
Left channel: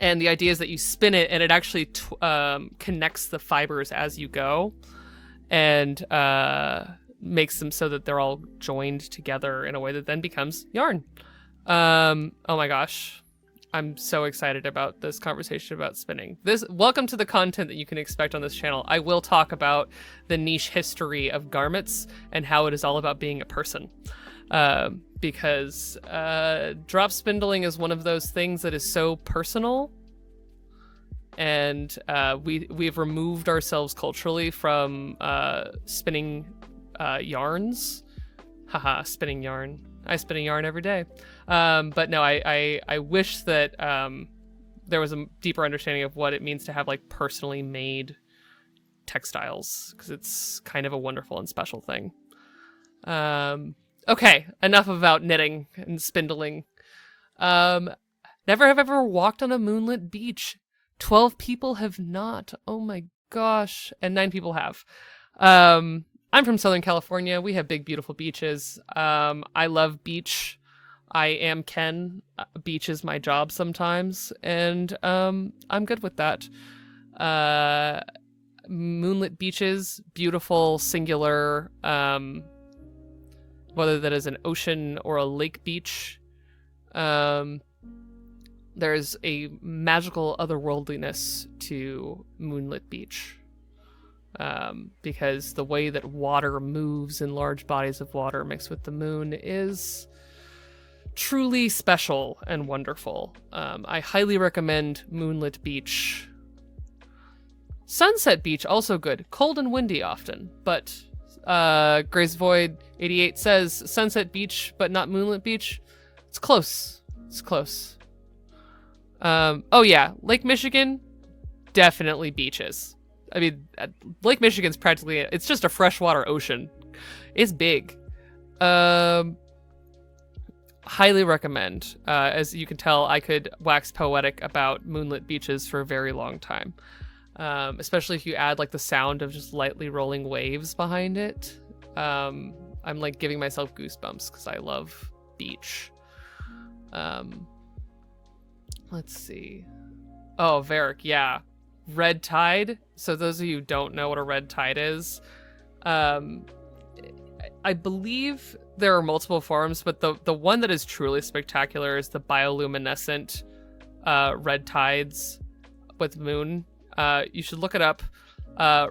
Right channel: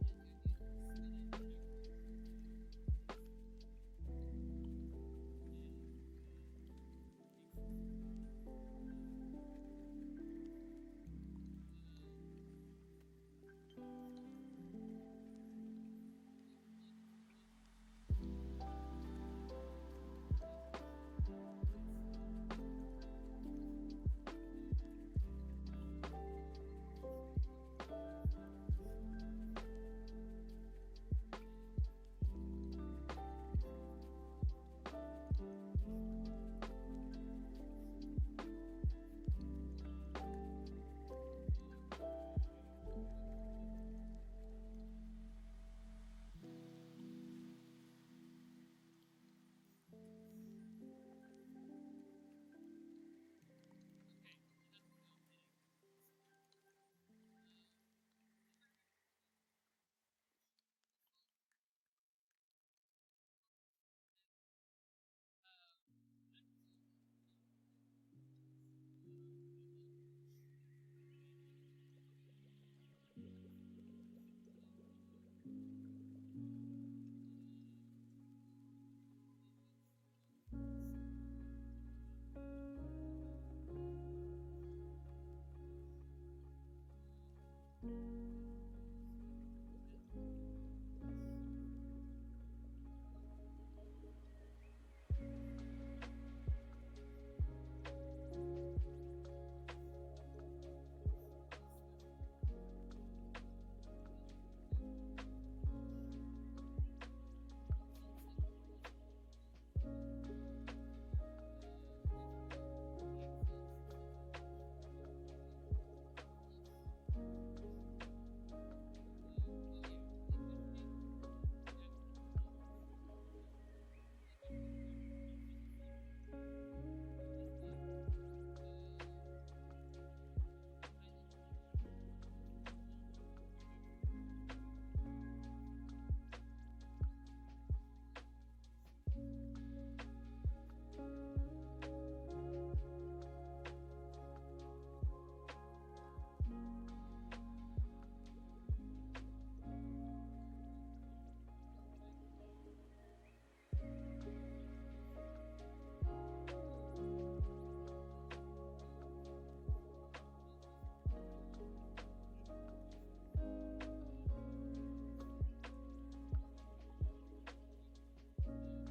the idea is that you spin it, and it actually connects the fibers as you go, and makes them so that they're all joined together in a way that then becomes yarn. Oh my gosh, I'm so excited about this conversation about spinning. Welcome to the content that you can expect on this channel. I will talk about the niche history of garments and how it is all about being a person. Because drop spindling is one of those things that is so personal, and we've removed ourselves culturally from spinning yarns. Haha, spinning yarn. I spin a yarn every day. But no, I wish that there was a deeper understanding of what it means to have like personally made textiles, because it's kind of a wonderful and special thing. Okay, enough about knitting and spindling. Never have ever walked on a moonlit beach. 12 people have not. Oh my gosh. And 9 people have. I'm from Southern California. We have big, beautiful beaches. I love beach. I am Ken. Beach is my job sometimes, and I'm good with that. Moonlit beaches, beautiful, singular, whether that is an ocean or a lake beach. There's a magical otherworldliness to moonlit beach. Because the way that water moves in large bodies of water mixed with the moon is truly special and wonderful. I highly recommend Moonlit Beach. Sunset Beach, also good. Cold and windy often, but Grace Void 88 says Sunset Beach, but not Moonlit Beach. It's close. It's close. Oh yeah, Lake Michigan, definitely beaches. I mean, Lake Michigan's practically, it's just a freshwater ocean. It's big. Highly recommend. As you can tell, I could wax poetic about moonlit beaches for a very long time. Especially if you add like the sound of just lightly rolling waves behind it. I'm like giving myself goosebumps because I love beach. Let's see. Oh, Varric, yeah. Red tide. So those of you who don't know what a red tide is, I believe there are multiple forms, but the one that is truly spectacular is the bioluminescent red tides with moon. You should look it up.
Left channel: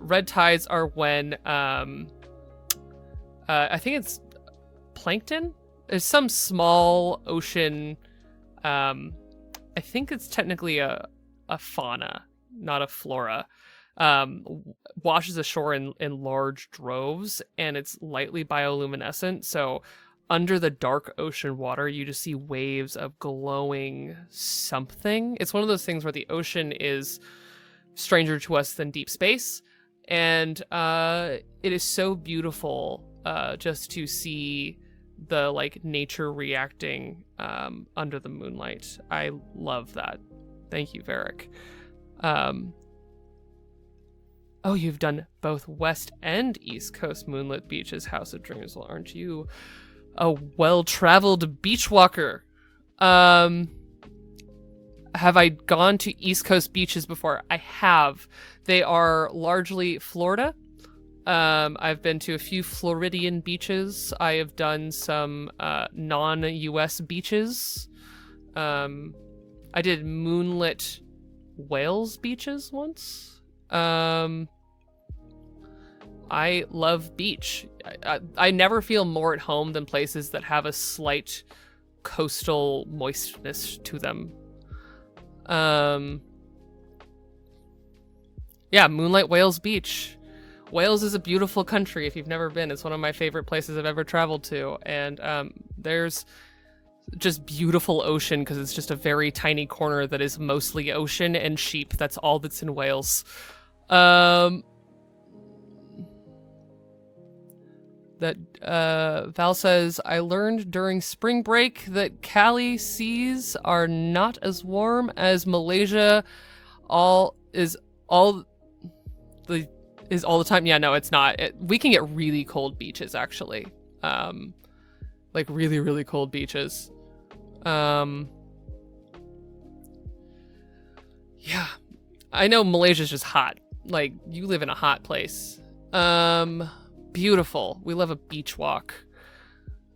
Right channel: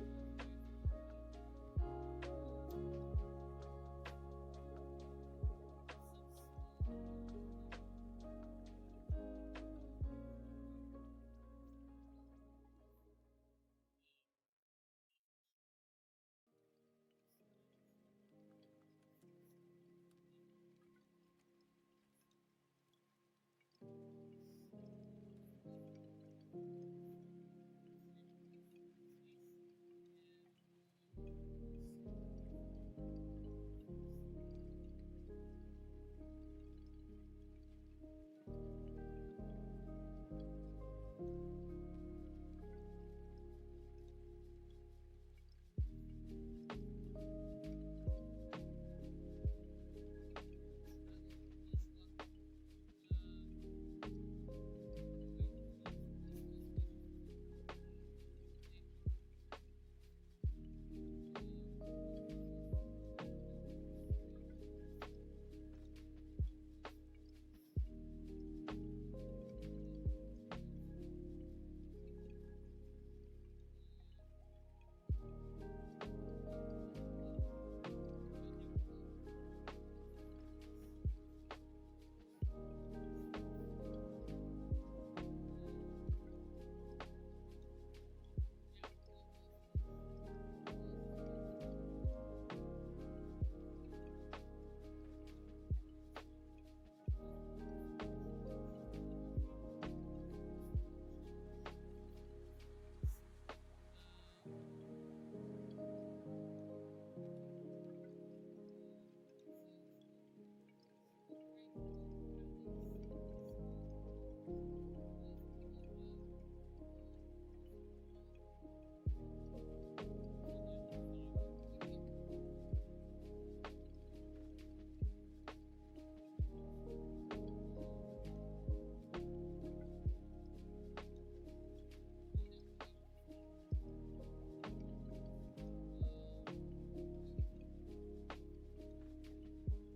Red tides are when I think it's plankton. There's some small ocean. I think it's technically a fauna, not a flora. Washes ashore in large droves, and it's lightly bioluminescent. So under the dark ocean water, you just see waves of glowing something. It's one of those things where the ocean is stranger to us than deep space, and it is so beautiful just to see the like nature reacting under the moonlight. I love that. Thank you, Varric. Oh, you've done both West and East Coast moonlit beaches, House of Dreams. Well, aren't you a well-traveled beach walker? Have I gone to East Coast beaches before? I have. They are largely Florida. I've been to a few Floridian beaches. I have done some non-US beaches. I did moonlit Wales beaches once. I love beach. I never feel more at home than places that have a slight coastal moistness to them. Yeah, Moonlight Wales Beach. Wales is a beautiful country if you've never been. It's one of my favorite places I've ever traveled to. And there's just beautiful ocean because it's just a very tiny corner that is mostly ocean and sheep. That's all that's in Wales. Val says, I learned during spring break that Cali seas are not as warm as Malaysia all the time. Yeah, no, it's not. We can get really cold beaches, actually. Like really, really cold beaches. Yeah. I know Malaysia's just hot. Like, you live in a hot place. Beautiful. We love a beach walk.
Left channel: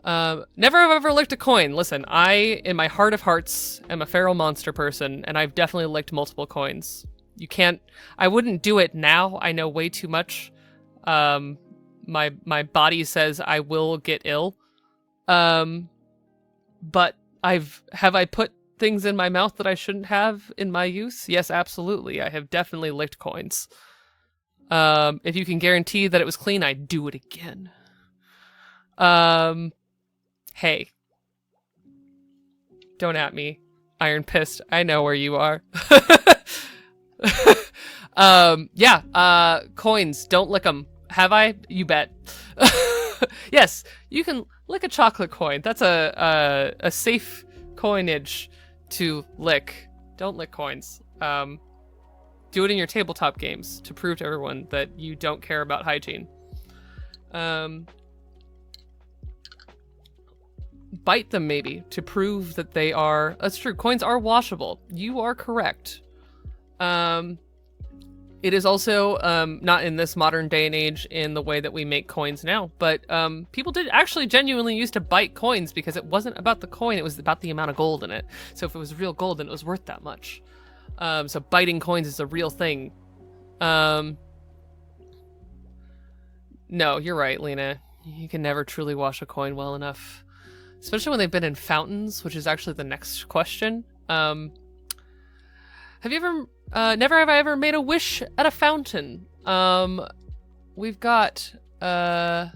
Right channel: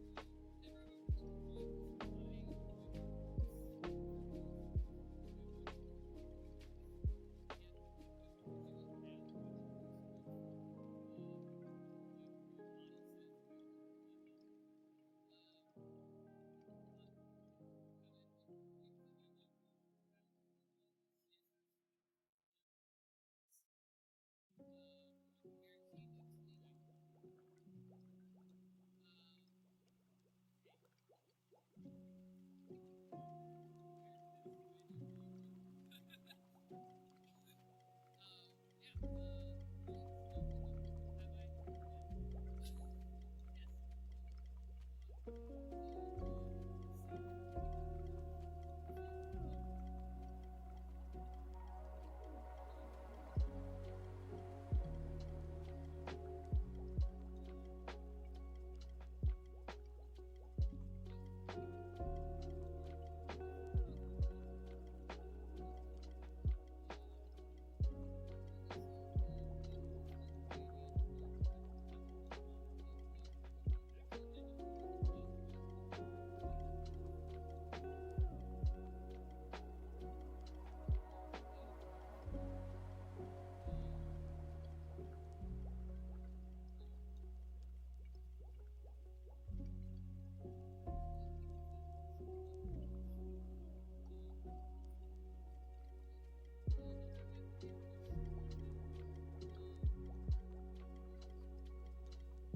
Never have ever licked a coin. Listen, I, in my heart of hearts, am a feral monster person, and I've definitely licked multiple coins. I wouldn't do it now. I know way too much. My body says I will get ill. But have I put things in my mouth that I shouldn't have in my youth? Yes, absolutely. I have definitely licked coins. If you can guarantee that it was clean, I'd do it again. Hey. Don't at me. Iron Pissed. I know where you are. Yeah, coins. Don't lick them. Have I? You bet. Yes, you can lick a chocolate coin. That's a safe coinage to lick. Don't lick coins. Do it in your tabletop games to prove to everyone that you don't care about hygiene. Bite them maybe to prove that they are... That's true. Coins are washable. You are correct. It is also not in this modern day and age in the way that we make coins now, but people did actually genuinely used to bite coins because it wasn't about the coin, it was about the amount of gold in it. So if it was real gold, then it was worth that much. So biting coins is a real thing. No, you're right, Lena. You can never truly wash a coin well enough. Especially when they've been in fountains, which is actually the next question. Have you ever... never have I ever made a wish at a fountain. We've got... Oh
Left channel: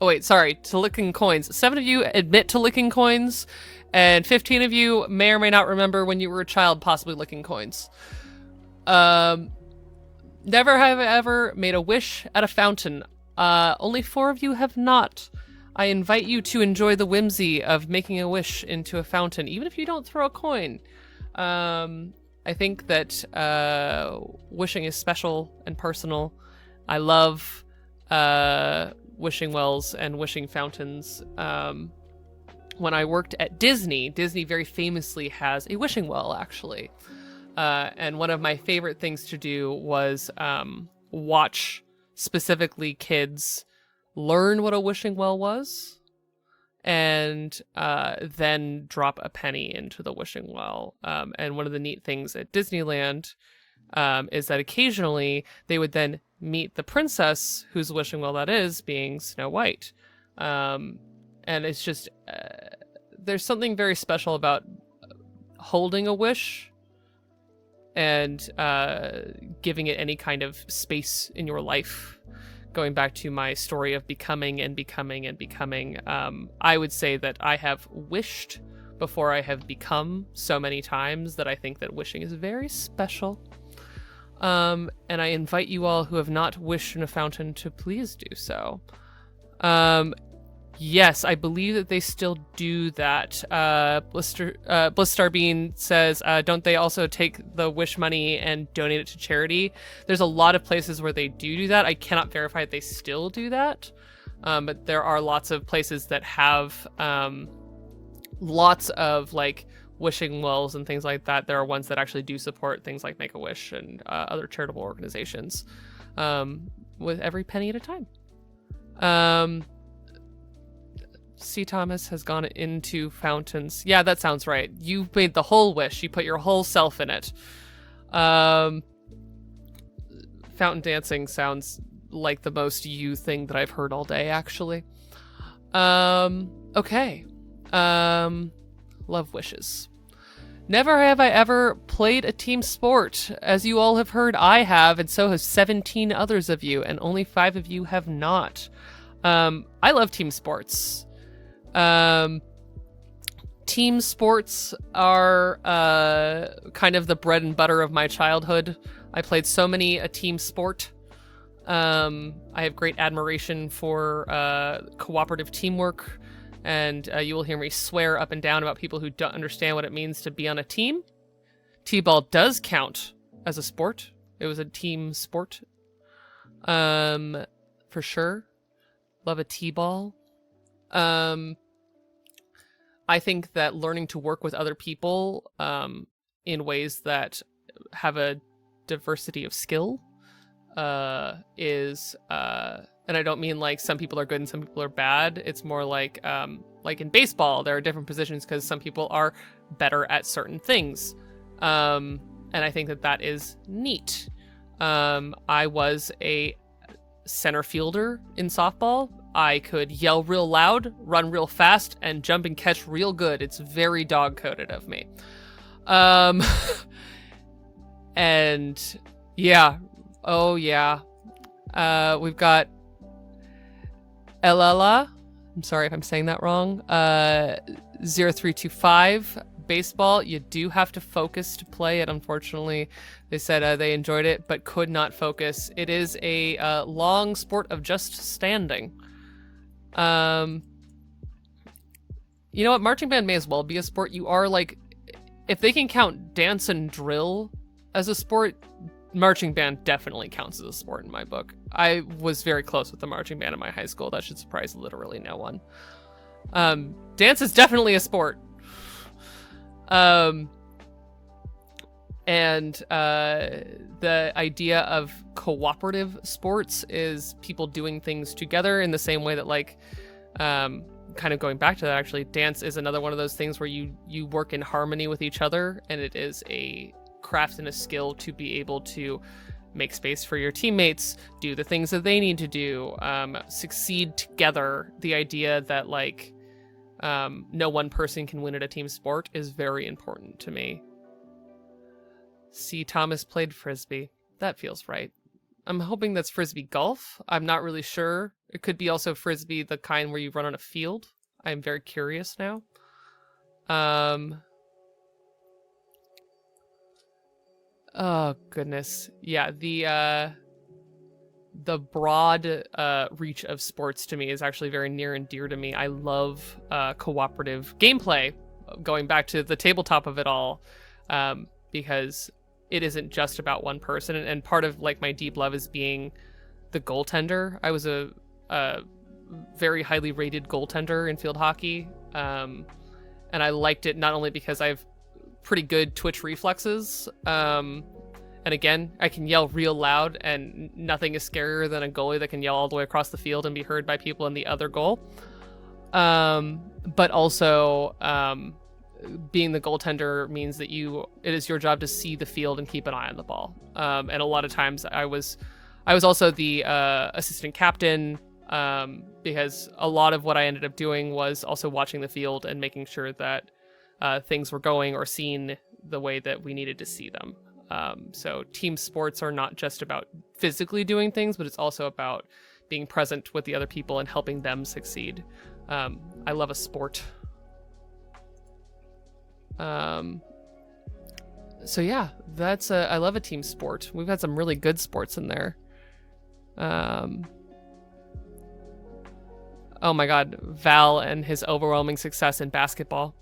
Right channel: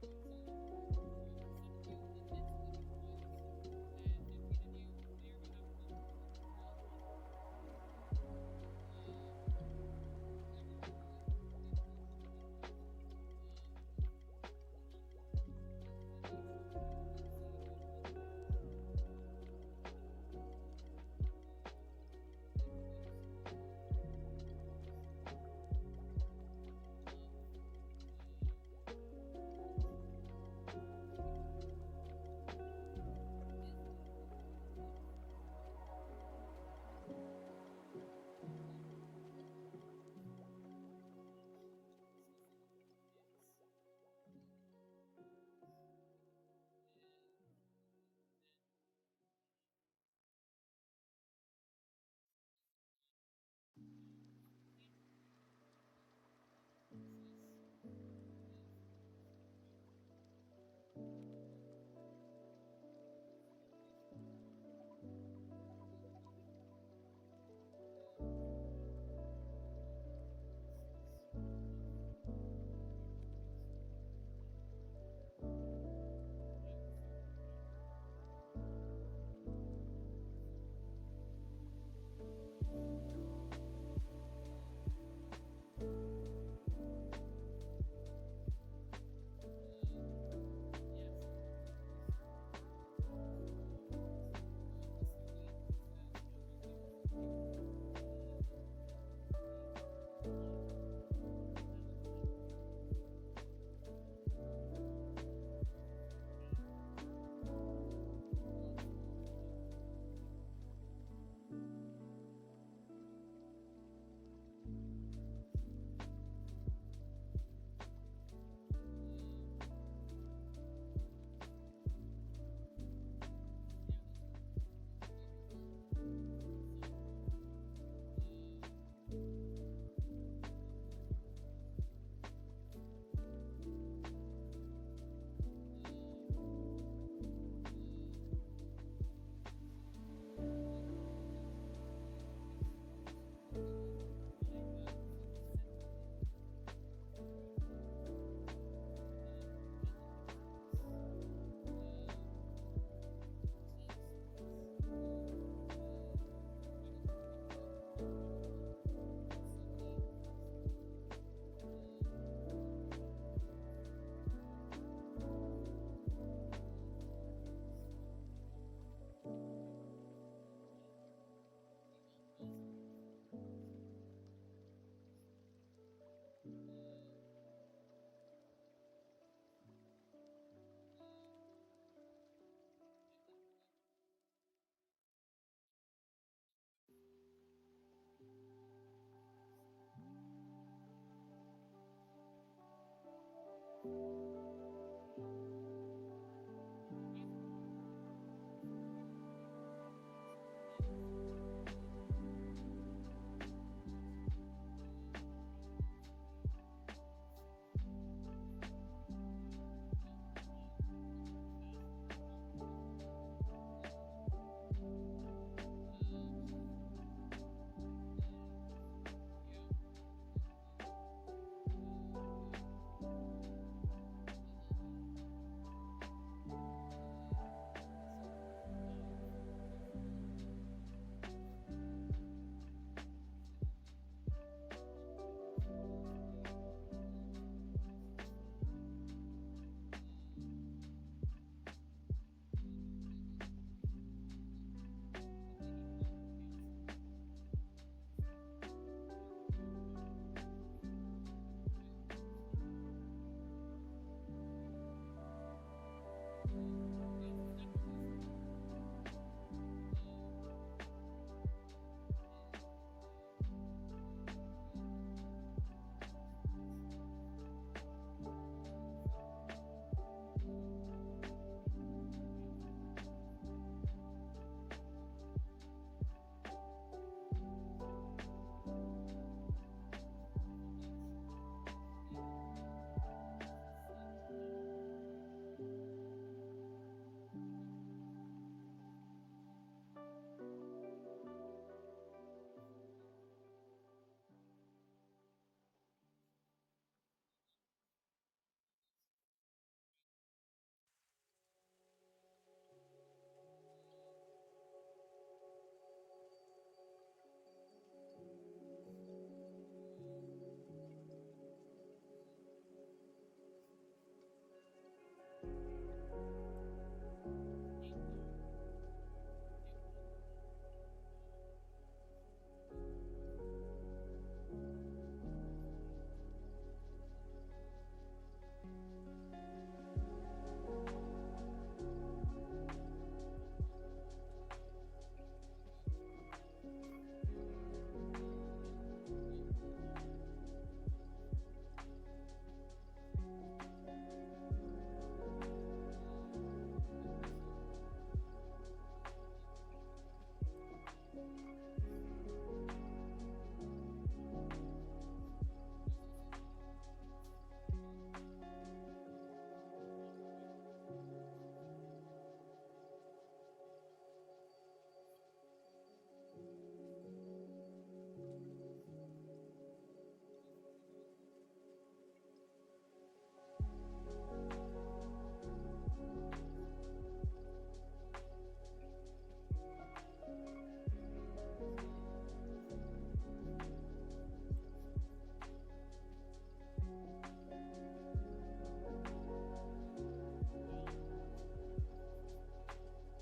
wait, sorry. To licking coins. 7 of you admit to licking coins, and 15 of you may or may not remember when you were a child possibly licking coins. Never have I ever made a wish at a fountain. Only 4 of you have not. I invite you to enjoy the whimsy of making a wish into a fountain, even if you don't throw a coin. I think that wishing is special and personal. I love wishing wells and wishing fountains. when I worked at Disney, Disney very famously has a wishing well, actually. And one of my favorite things to do was watch specifically kids learn what a wishing well was, and then drop a penny into the wishing well. And one of the neat things at Disneyland is that occasionally they would then meet the princess whose wishing well that is, being Snow White. And it's just, there's something very special about holding a wish and giving it any kind of space in your life. Going back to my story of becoming and becoming and becoming, I would say that I have wished before I have become so many times that I think that wishing is very special. And I invite you all who have not wished in a fountain to please do so. Yes, I believe that they still do that. Blistar Bean says, don't they also take the wish money and donate it to charity? There's a lot of places where they do that. I cannot verify if they still do that. But there are lots of places that have lots of like wishing wells and things like that. There are ones that actually do support things like Make-A-Wish and other charitable organizations, with every penny at a time. C. Thomas has gone into fountains. Yeah, that sounds right. You made the whole wish. You put your whole self in it. Fountain dancing sounds like the most you thing that I've heard all day, actually. Okay. Love wishes. Never have I ever played a team sport. As you all have heard, I have, and so have 17 others of you, and only 5 of you have not. I love team sports. Team sports are kind of the bread and butter of my childhood. I played so many a team sport. I have great admiration for cooperative teamwork, and you will hear me swear up and down about people who don't understand what it means to be on a team. T-ball does count as a sport. It was a team sport, for sure. Love a T-ball. I think that learning to work with other people in ways that have a diversity of skill is, and I don't mean like some people are good and some people are bad. It's more like in baseball, there are different positions because some people are better at certain things. And I think that that is neat. I was a center fielder in softball. I could yell real loud, run real fast, and jump and catch real good. It's very dog-coded of me. And yeah. Oh yeah. We've got Elala. I'm sorry if I'm saying that wrong. 0325 baseball. You do have to focus to play it, unfortunately. They said they enjoyed it, but could not focus. It is a long sport of just standing. You know what? Marching band may as well be a sport. You are like, if they can count dance and drill as a sport, marching band definitely counts as a sport in my book. I was very close with the marching band in my high school. That should surprise literally no one. Dance is definitely a sport. And the idea of cooperative sports is people doing things together in the same way that, like, kind of going back to that, actually, dance is another one of those things where you work in harmony with each other, and it is a craft and a skill to be able to make space for your teammates, do the things that they need to do, succeed together. The idea that, like, no one person can win at a team sport is very important to me. C. Thomas played Frisbee. That feels right. I'm hoping that's Frisbee golf. I'm not really sure. It could be also Frisbee, the kind where you run on a field. I'm very curious now. Oh, goodness. Yeah, the broad reach of sports to me is actually very near and dear to me. I love cooperative gameplay, going back to the tabletop of it all, because it isn't just about one person. And part of, like, my deep love is being the goaltender. I was a very highly rated goaltender in field hockey. And I liked it not only because I have pretty good twitch reflexes, and again, I can yell real loud, and nothing is scarier than a goalie that can yell all the way across the field and be heard by people in the other goal. But also, being the goaltender means that it is your job to see the field and keep an eye on the ball. And a lot of times I was also the assistant captain, because a lot of what I ended up doing was also watching the field and making sure that things were going or seen the way that we needed to see them. So team sports are not just about physically doing things, but it's also about being present with the other people and helping them succeed. I love a sport. So yeah, I love a team sport. We've had some really good sports in there. Oh my god, Val and his overwhelming success in basketball.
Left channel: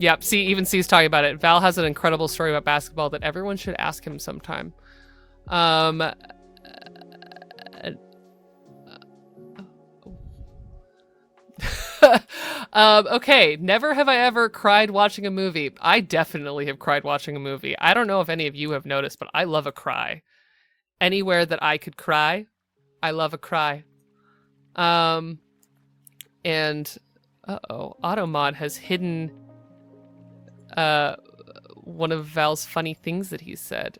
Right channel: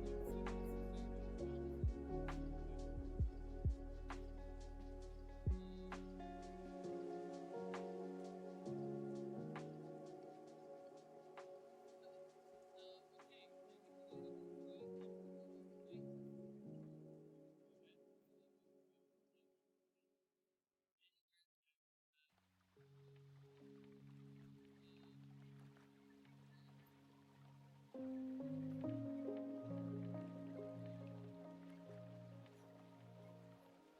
Yep, even C's talking about it. Val has an incredible story about basketball that everyone should ask him sometime. Okay, never have I ever cried watching a movie. I definitely have cried watching a movie. I don't know if any of you have noticed, but I love a cry. Anywhere that I could cry, I love a cry. And Automod has hidden one of Val's funny things that he said,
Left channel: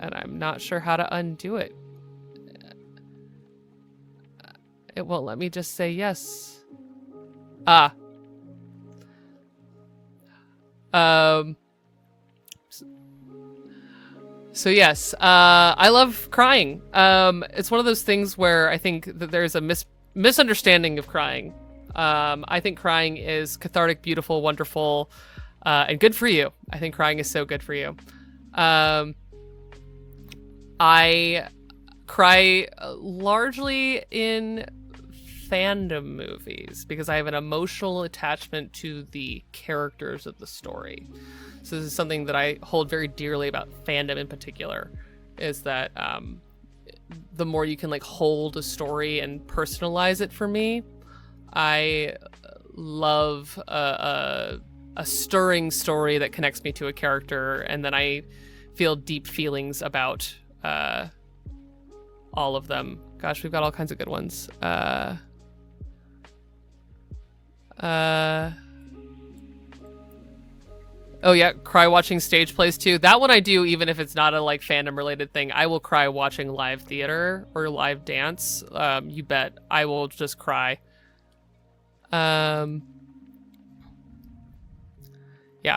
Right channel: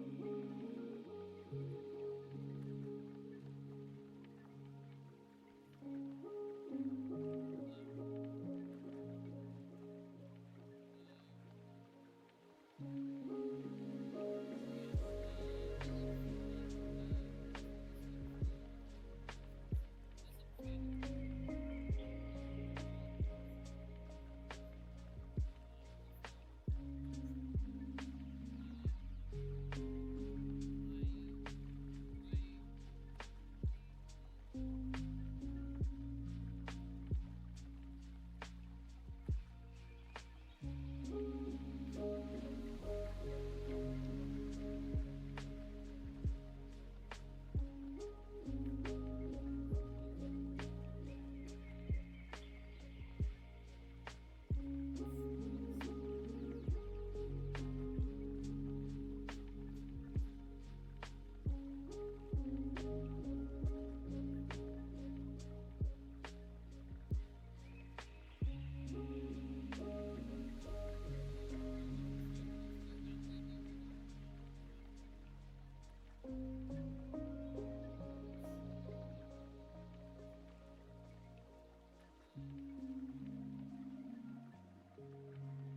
and I'm not sure how to undo it. It won't let me just say yes. So yes, I love crying. It's one of those things where I think that there's a misunderstanding of crying. I think crying is cathartic, beautiful, wonderful, and good for you. I think crying is so good for you. I cry largely in fandom movies because I have an emotional attachment to the characters of the story. So this is something that I hold very dearly about fandom in particular, is that the more you can like hold a story and personalize it for me. I love a stirring story that connects me to a character, and then I feel deep feelings about all of them. Gosh, we've got all kinds of good ones. Oh yeah, cry watching stage plays too. That one I do, even if it's not a like fandom related thing. I will cry watching live theater or live dance. You bet. I will just cry. Yeah,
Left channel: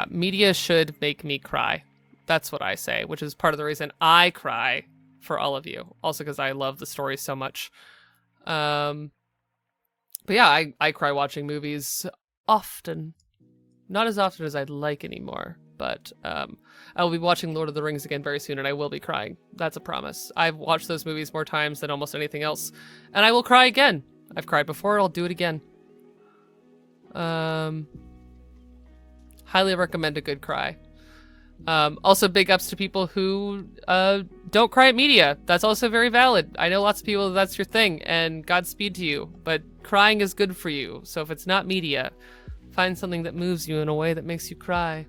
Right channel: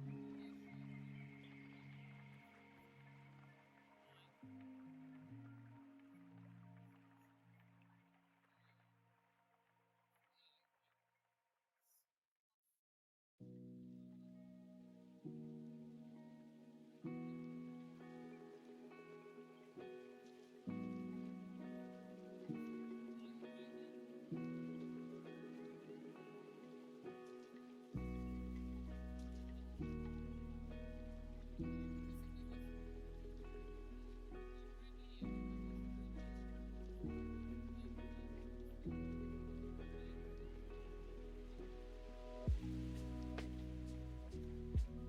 media should make me cry. That's what I say, which is part of the reason I cry for all of you. Also because I love the story so much. But yeah, I cry watching movies often. Not as often as I'd like anymore, but I'll be watching Lord of the Rings again very soon, and I will be crying. That's a promise. I've watched those movies more times than almost anything else, and I will cry again. I've cried before, I'll do it again. Highly recommend a good cry. Also, big ups to people who don't cry at media. That's also very valid. I know lots of people that's your thing, and Godspeed to you, but crying is good for you. So if it's not media, find something that moves you in a way that makes you cry.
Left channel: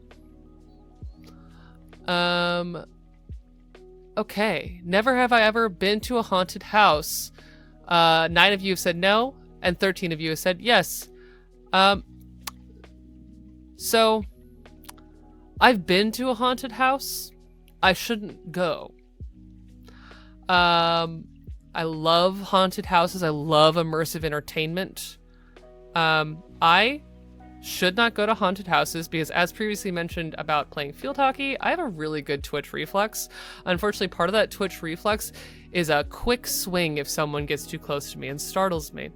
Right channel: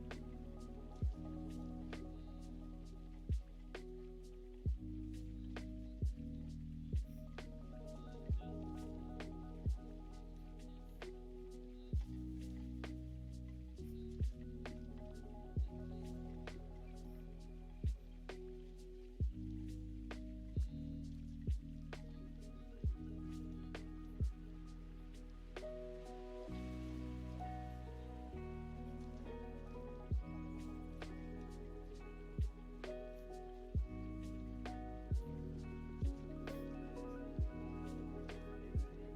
Okay. Never have I ever been to a haunted house. 9 of you have said no, and 13 of you have said yes. So I've been to a haunted house. I shouldn't go. I love haunted houses. I love immersive entertainment. I should not go to haunted houses because, as previously mentioned about playing field hockey, I have a really good twitch reflex. Unfortunately, part of that twitch reflex is a quick swing if someone gets too close to me and startles me.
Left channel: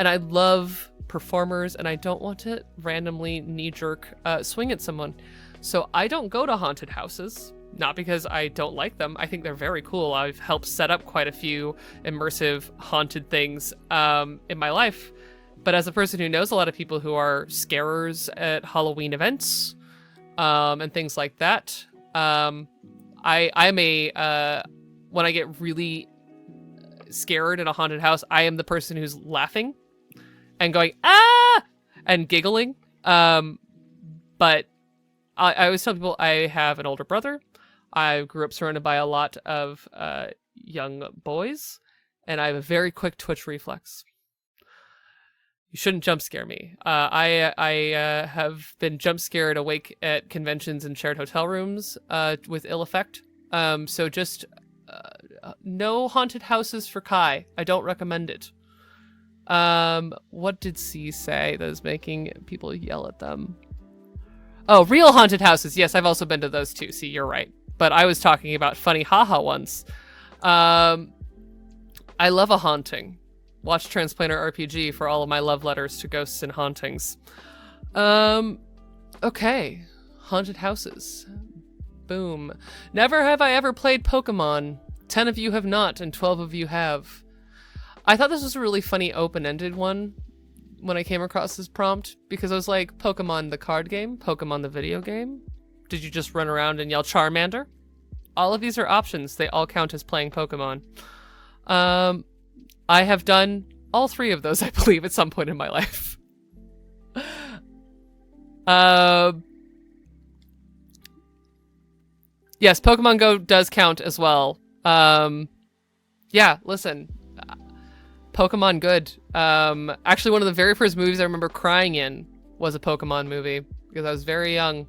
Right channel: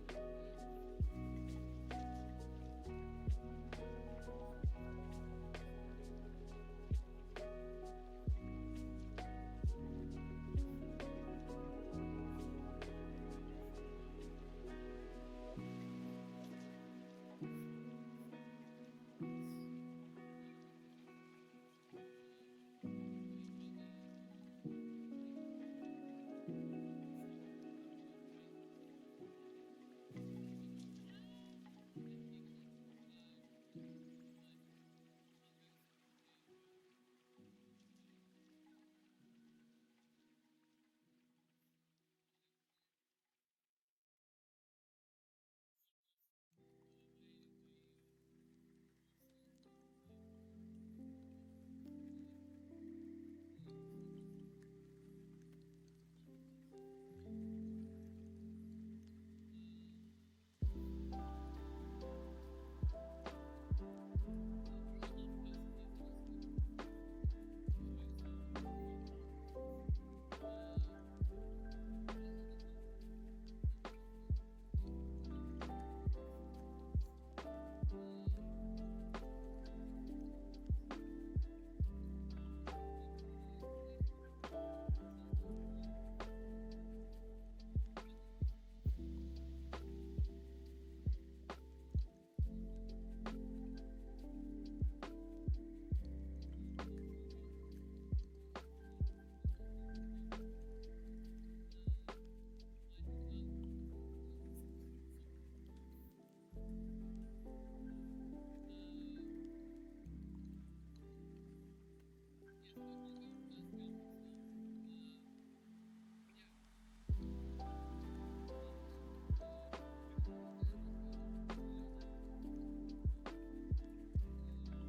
And I love performers, and I don't want to randomly knee-jerk swing at someone. So I don't go to haunted houses, not because I don't like them. I think they're very cool. I've helped set up quite a few immersive haunted things in my life. But as a person who knows a lot of people who are scarers at Halloween events and things like that, I'm when I get really scared in a haunted house, I am the person who's laughing. and going, ah, and giggling. But I always tell people I have an older brother. I grew up surrounded by a lot of young boys, and I have a very quick twitch reflex. You shouldn't jump scare me. I have been jump scared awake at conventions and shared hotel rooms with ill effect. So just no haunted houses for Kai. I don't recommend it. What did C say that is making people yell at them? Oh, real haunted houses. Yes, I've also been to those too. See, you're right. But I was talking about funny haha ones. I love a haunting. Watch Transplanter RPG for all of my love letters to ghosts and hauntings. Okay. Haunted houses. Boom. Never have I ever played Pokemon. 10 of you have not, and 12 of you have. I thought this was a really funny open-ended one when I came across this prompt, because I was like, Pokemon the card game? Pokemon the video game? Did you just run around and yell Charmander? All of these are options. They all count as playing Pokemon. I have done all 3 of those, I believe, at some point in my life. Yes, Pokemon Go does count as well. Yeah, listen. Pokemon good. Actually, one of the very first movies I remember crying in was a Pokemon movie, because I was very young,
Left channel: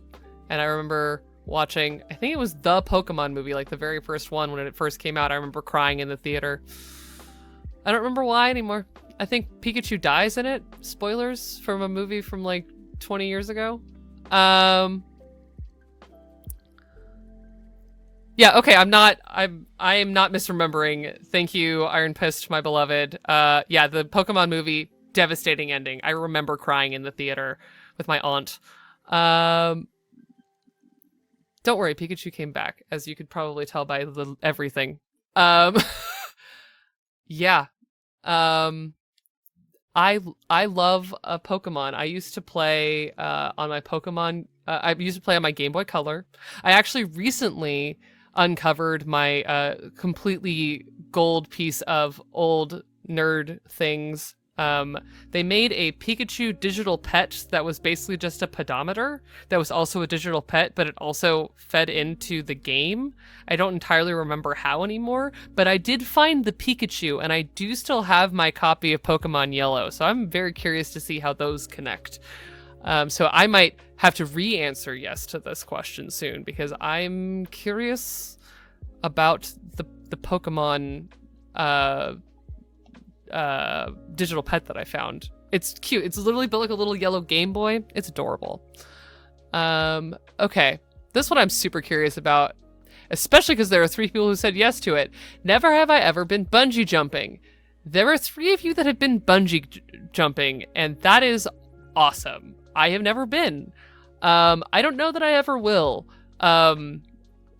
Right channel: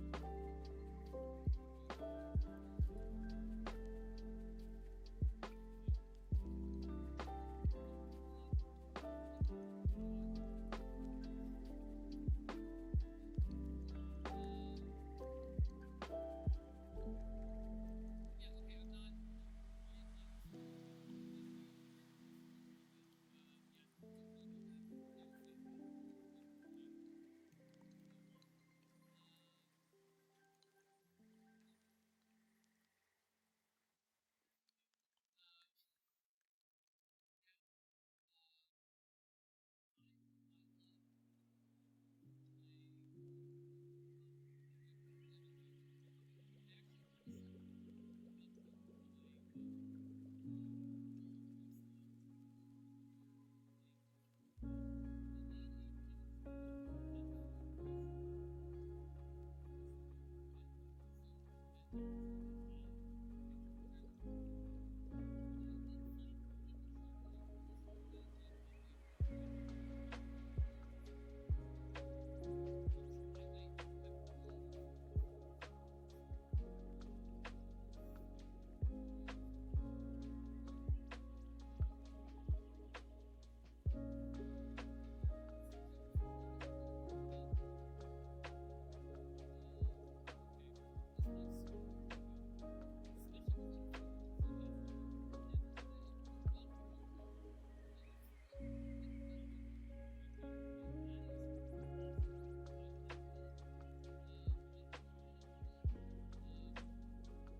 and I remember watching, I think it was the Pokemon movie, like the very first one when it first came out. I remember crying in the theater. I don't remember why anymore. I think Pikachu dies in it. Spoilers from a movie from like 20 years ago. Yeah, okay, I am not misremembering. Thank you, Iron Fist, my beloved. Yeah, the Pokemon movie, devastating ending. I remember crying in the theater with my aunt. Don't worry, Pikachu came back, as you could probably tell by everything. Yeah. I love Pokemon. I used to play on my Pokemon. I used to play on my Game Boy Color. I actually recently uncovered my completely gold piece of old nerd things. They made a Pikachu digital pet that was basically just a pedometer that was also a digital pet, but it also fed into the game. I don't entirely remember how anymore, but I did find the Pikachu, and I do still have my copy of Pokemon Yellow, so I'm very curious to see how those connect. So I might have to re-answer yes to this question soon, because I'm curious about the Pokemon digital pet that I found. It's cute. It's literally built like a little yellow Game Boy. It's adorable. Okay. This one I'm super curious about, especially because there are 3 people who said yes to it. Never have I ever been bungee jumping. There are 3 of you that have been bungee jumping, and that is awesome. I have never been. I don't know that I ever will. I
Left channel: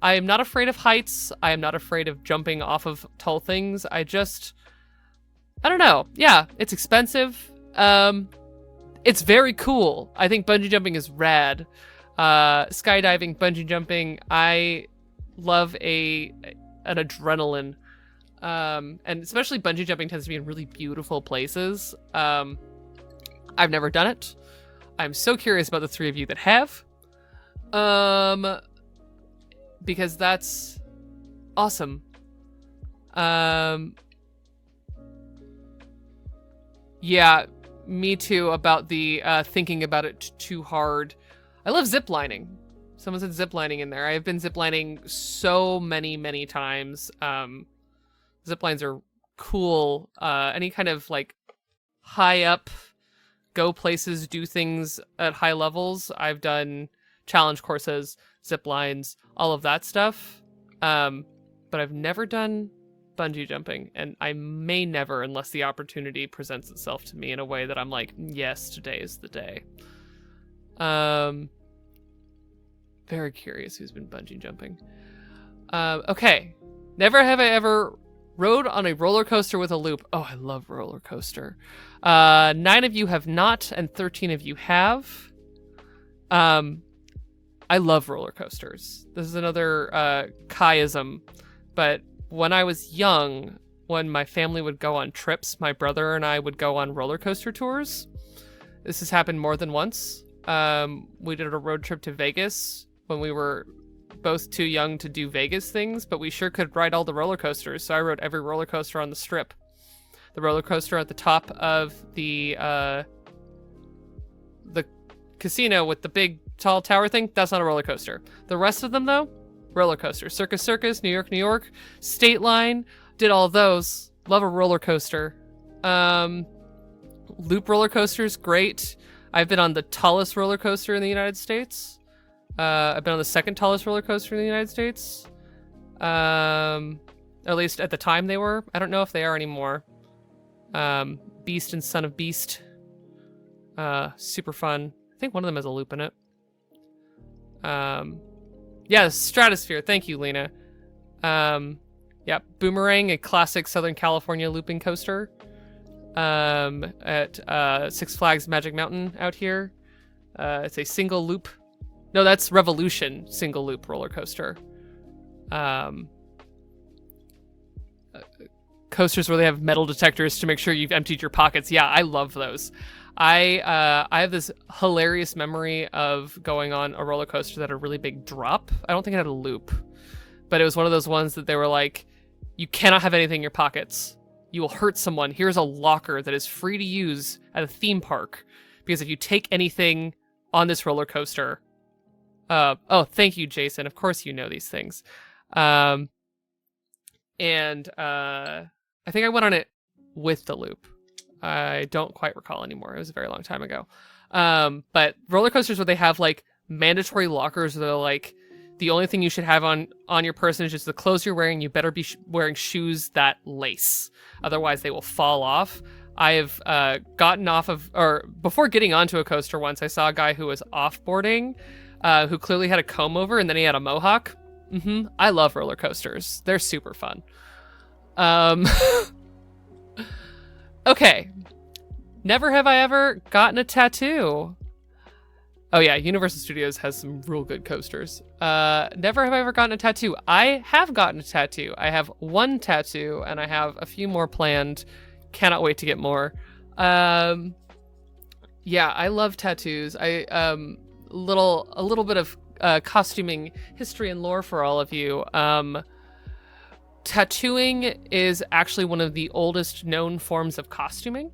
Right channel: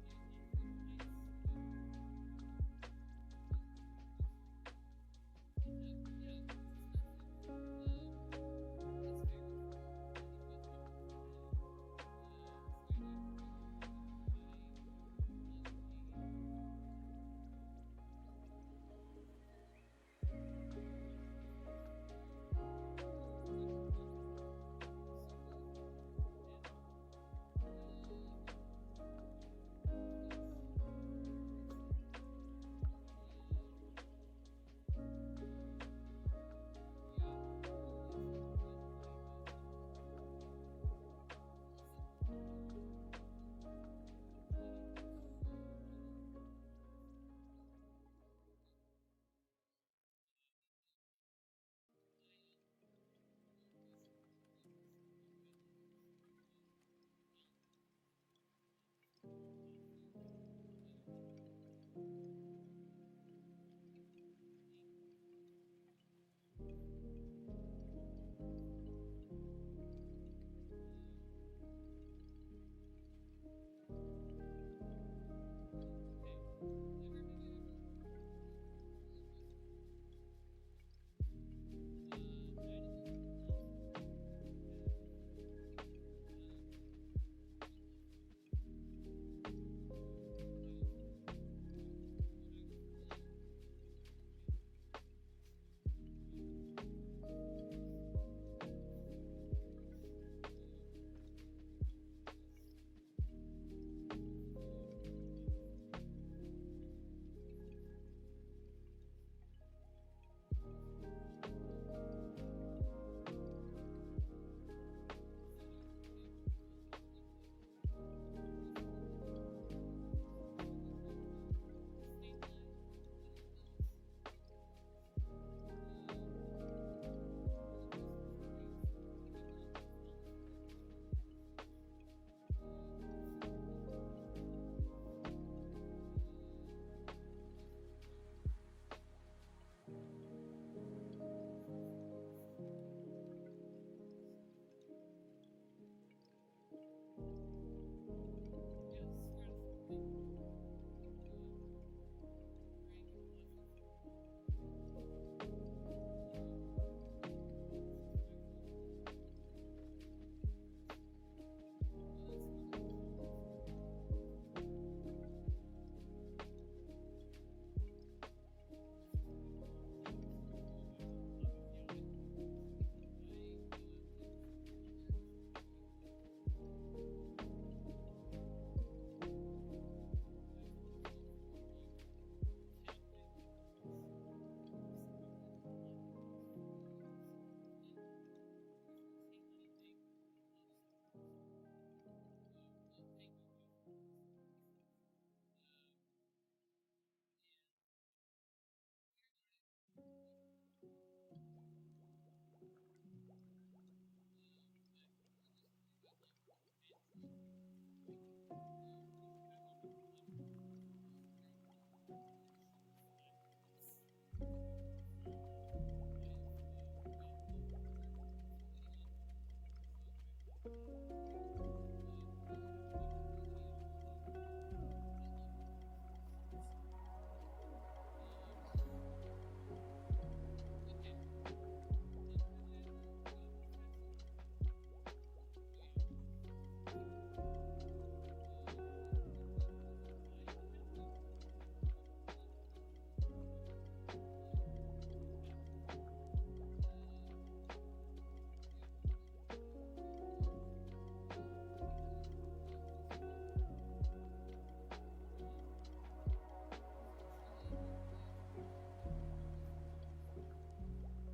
am not afraid of heights. I am not afraid of jumping off of tall things. I don't know. Yeah, it's expensive. It's very cool. I think bungee jumping is rad. Skydiving, bungee jumping, I love an adrenaline. And especially bungee jumping tends to be in really beautiful places. I've never done it. I'm so curious about the 3 of you that have. Because that's awesome. Yeah, me too, about the thinking about it too hard. I love ziplining. Someone said ziplining in there. I have been ziplining so many times. Ziplines are cool. Any kind of like high up, go places, do things at high levels. I've done challenge courses, ziplines, all of that stuff. But I've never done bungee jumping, and I may never unless the opportunity presents itself to me in a way that I'm like, yes, today is the day. Very curious who's been bungee jumping. Okay. Never have I ever rode on a roller coaster with a loop. Oh, I love roller coaster. 9 of you have not, and 13 of you have. I love roller coasters. This is another Kaiism, but when I was young, when my family would go on trips, my brother and I would go on roller coaster tours. This has happened more than once. We did a road trip to Vegas when we were both too young to do Vegas things, but we sure could ride all the roller coasters. So I rode every roller coaster on the Strip. The roller coaster at the top of the casino with the big tall tower thing, that's not a roller coaster. The rest of them, though, roller coaster. Circus, New York, State Line, did all those. Love a roller coaster. Loop roller coasters, great. I've been on the tallest roller coaster in the United States. I've been on the second tallest roller coaster in the United States. At least at the time they were. I don't know if they are anymore. Beast and Son of Beast. Super fun. I think one of them has a loop in it. Yeah, Stratosphere. Thank you, Lena. Yeah, Boomerang, a classic Southern California looping coaster. At Six Flags Magic Mountain out here. It's a single loop. No, that's Revolution single loop roller coaster. Coasters where they have metal detectors to make sure you've emptied your pockets. Yeah, I love those. I have this hilarious memory of going on a roller coaster that had a really big drop. I don't think it had a loop, but it was one of those ones that they were like, you cannot have anything in your pockets. You will hurt someone. Here's a locker that is free to use at a theme park, because if you take anything on this roller coaster, oh, thank you, Jason. Of course you know these things. And I think I went on it with the loop. I don't quite recall anymore. It was a very long time ago. But roller coasters where they have like mandatory lockers, where they're like, the only thing you should have on your person is just the clothes you're wearing. You better be wearing shoes that lace. Otherwise, they will fall off. I have gotten off of, or before getting onto a coaster once, I saw a guy who was offboarding, who clearly had a comb over, and then he had a mohawk. I love roller coasters. They're super fun. Okay. Never have I ever gotten a tattoo. Oh yeah, Universal Studios has some real good coasters. Never have I ever gotten a tattoo. I have gotten a tattoo. I have one tattoo, and I have a few more planned. Cannot wait to get more. Yeah, I love tattoos. A little bit of costuming history and lore for all of you. Tattooing is actually one of the oldest known forms of costuming.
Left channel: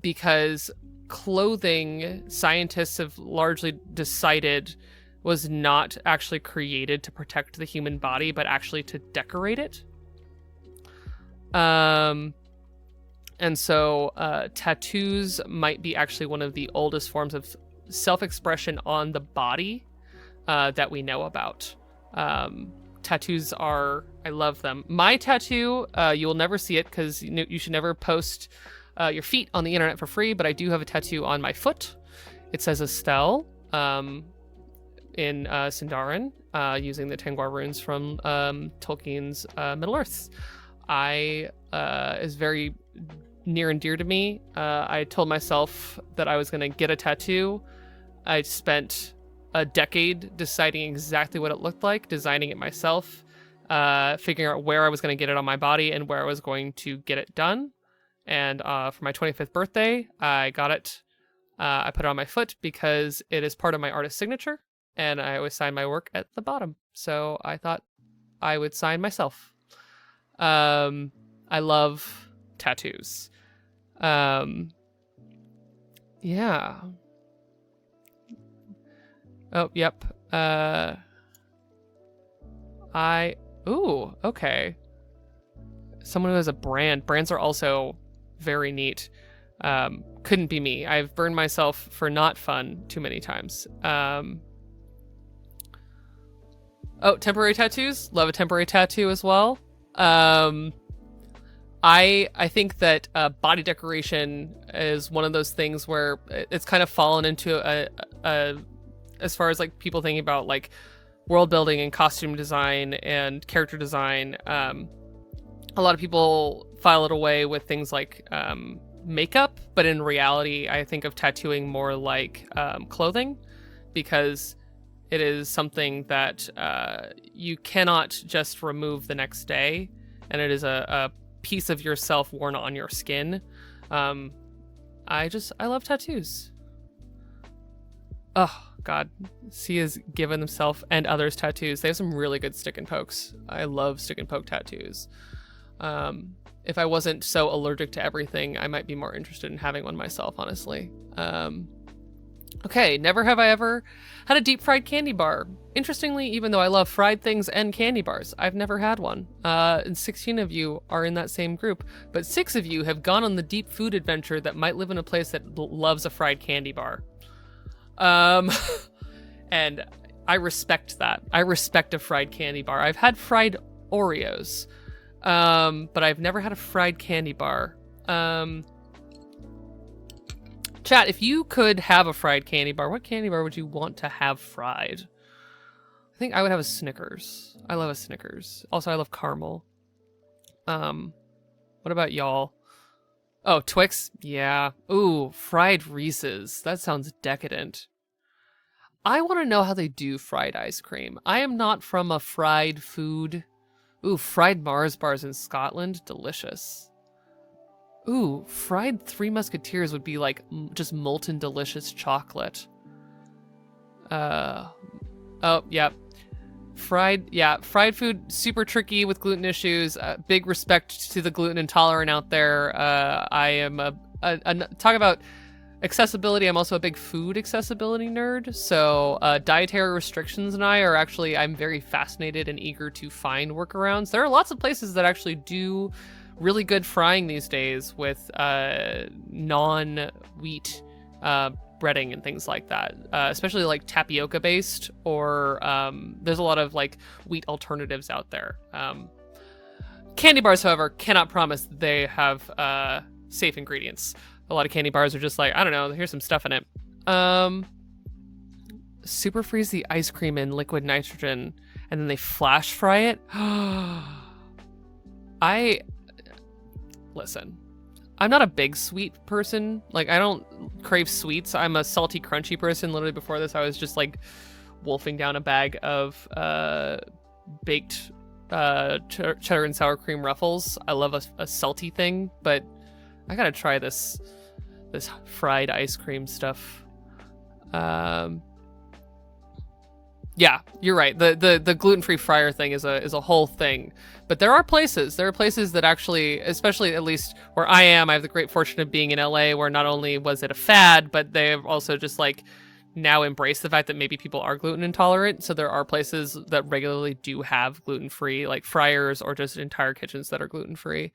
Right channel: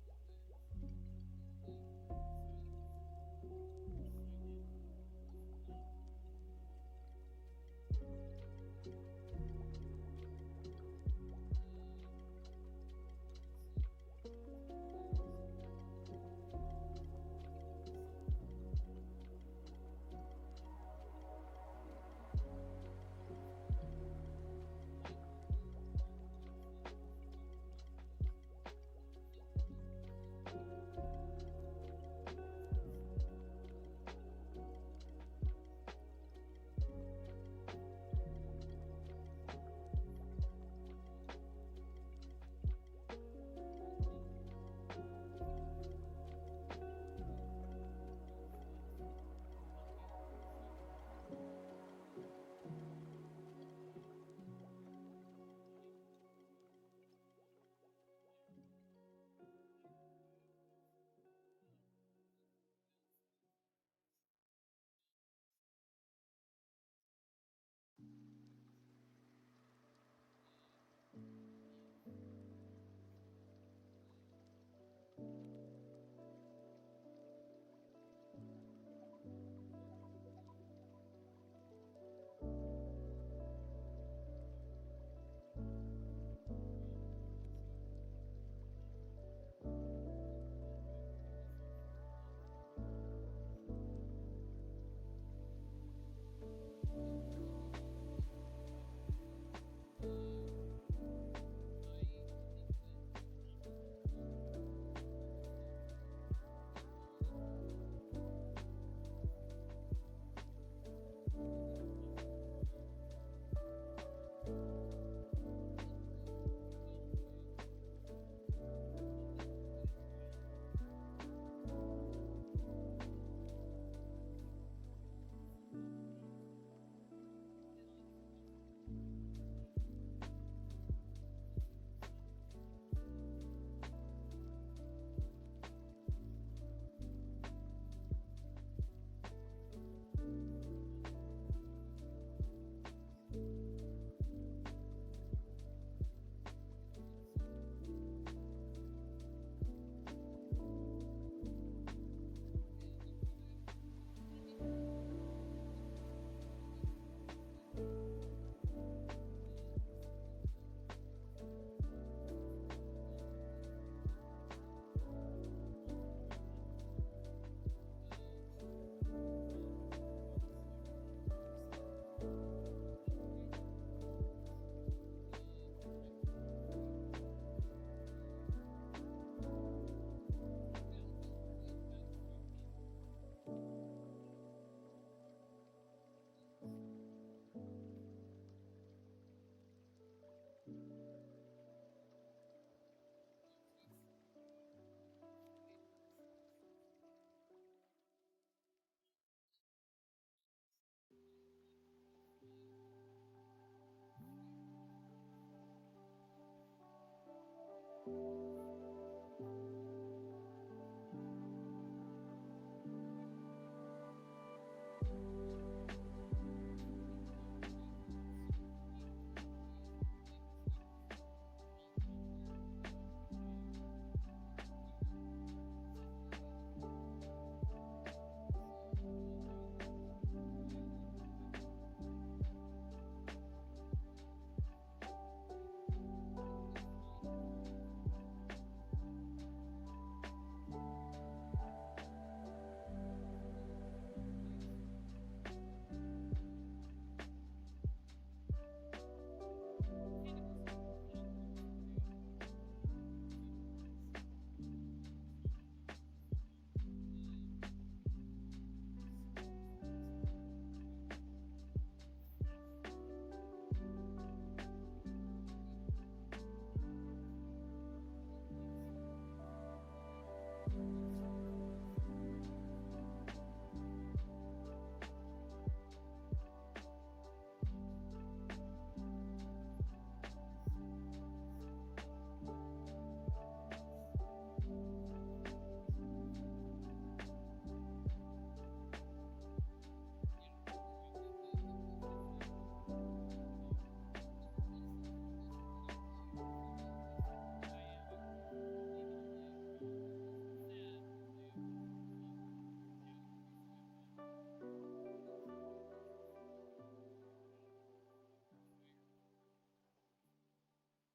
Because clothing, scientists have largely decided, was not actually created to protect the human body, but actually to decorate it. And so tattoos might be actually one of the oldest forms of self-expression on the body that we know about. Tattoos are, I love them. My tattoo, you will never see it because you should never post your feet on the internet for free, but I do have a tattoo on my foot. It says Estelle in Sindarin, using the Tengwar runes from Tolkien's Middle-earth. Is very near and dear to me. I told myself that I was going to get a tattoo. I spent a decade deciding exactly what it looked like, designing it myself, figuring out where I was going to get it on my body and where I was going to get it done. And for my 25th birthday, I got it. I put it on my foot because it is part of my artist signature, and I always sign my work at the bottom. So I thought I would sign myself. I love tattoos. Yeah. Oh, yep. Ooh, okay. Someone who has a brand. Brands are also very neat. Couldn't be me. I've burned myself for not fun too many times. Oh, temporary tattoos. Love a temporary tattoo as well. I think that body decoration is one of those things where it's kind of fallen into a as far as like people thinking about like world building and costume design and character design. A lot of people file it away with things like makeup, but in reality, I think of tattooing more like clothing, because It is something that you cannot just remove the next day, and it is a piece of yourself worn on your skin. I love tattoos. Oh God, he has given himself and others tattoos. They have some really good stick and pokes. I love stick and poke tattoos. If I wasn't so allergic to everything, I might be more interested in having one myself, honestly. Okay, never have I ever had a deep fried candy bar. Interestingly, even though I love fried things and candy bars, I've never had one. And 16 of you are in that same group, but 6 of you have gone on the deep food adventure that might live in a place that loves a fried candy bar. And I respect that. I respect a fried candy bar. I've had fried Oreos, but I've never had a fried candy bar. Chat, if you could have a fried candy bar, what candy bar would you want to have fried? I think I would have a Snickers. I love a Snickers. Also, I love caramel. What about y'all? Oh, Twix? Yeah. Ooh, fried Reese's. That sounds decadent. I want to know how they do fried ice cream. I am not from a fried food. Ooh, fried Mars bars in Scotland? Delicious. Ooh, fried Three Musketeers would be like just molten delicious chocolate. Oh, yeah. Fried food, super tricky with gluten issues. Big respect to the gluten intolerant out there. I am talk about accessibility. I'm also a big food accessibility nerd. So dietary restrictions and I'm very fascinated and eager to find workarounds. There are lots of places that actually do really good frying these days with non-wheat breading and things like that, especially like tapioca based, or there's a lot of like wheat alternatives out there. Candy bars, however, cannot promise that they have safe ingredients. A lot of candy bars are just like, I don't know, here's some stuff in it. Super freeze the ice cream in liquid nitrogen and then they flash fry it. Listen, I'm not a big sweet person. Like, I don't crave sweets. I'm a salty, crunchy person. Literally before this, I was just like wolfing down a bag of baked cheddar and sour cream Ruffles. I love a salty thing, but I gotta try this fried ice cream stuff. Yeah, you're right. The gluten-free fryer thing is a whole thing. But there are places that actually, especially at least where I am, I have the great fortune of being in LA, where not only was it a fad, but they've also just like now embraced the fact that maybe people are gluten intolerant. So there are places that regularly do have gluten-free, like fryers or just entire kitchens that are gluten-free,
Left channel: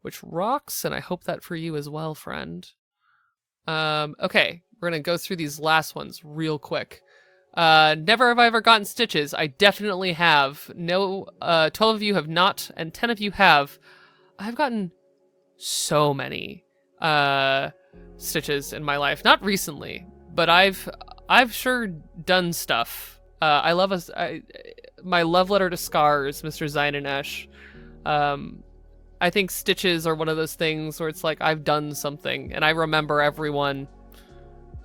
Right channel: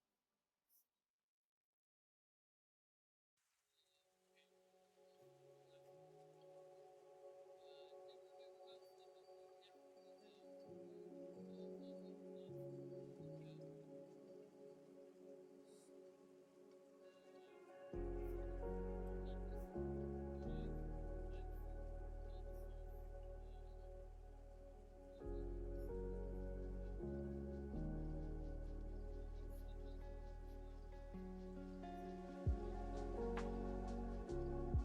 which rocks. And I hope that for you as well, friend. Okay, we're gonna go through these last ones real quick. Never have I ever gotten stitches. I definitely have. No, 12 of you have not, and 10 of you have. I've gotten so many stitches in my life. Not recently, but I've sure done stuff. I love my love letter to scars, Mr. Zion and Esh. I think stitches are one of those things where it's like I've done something, and I remember everyone.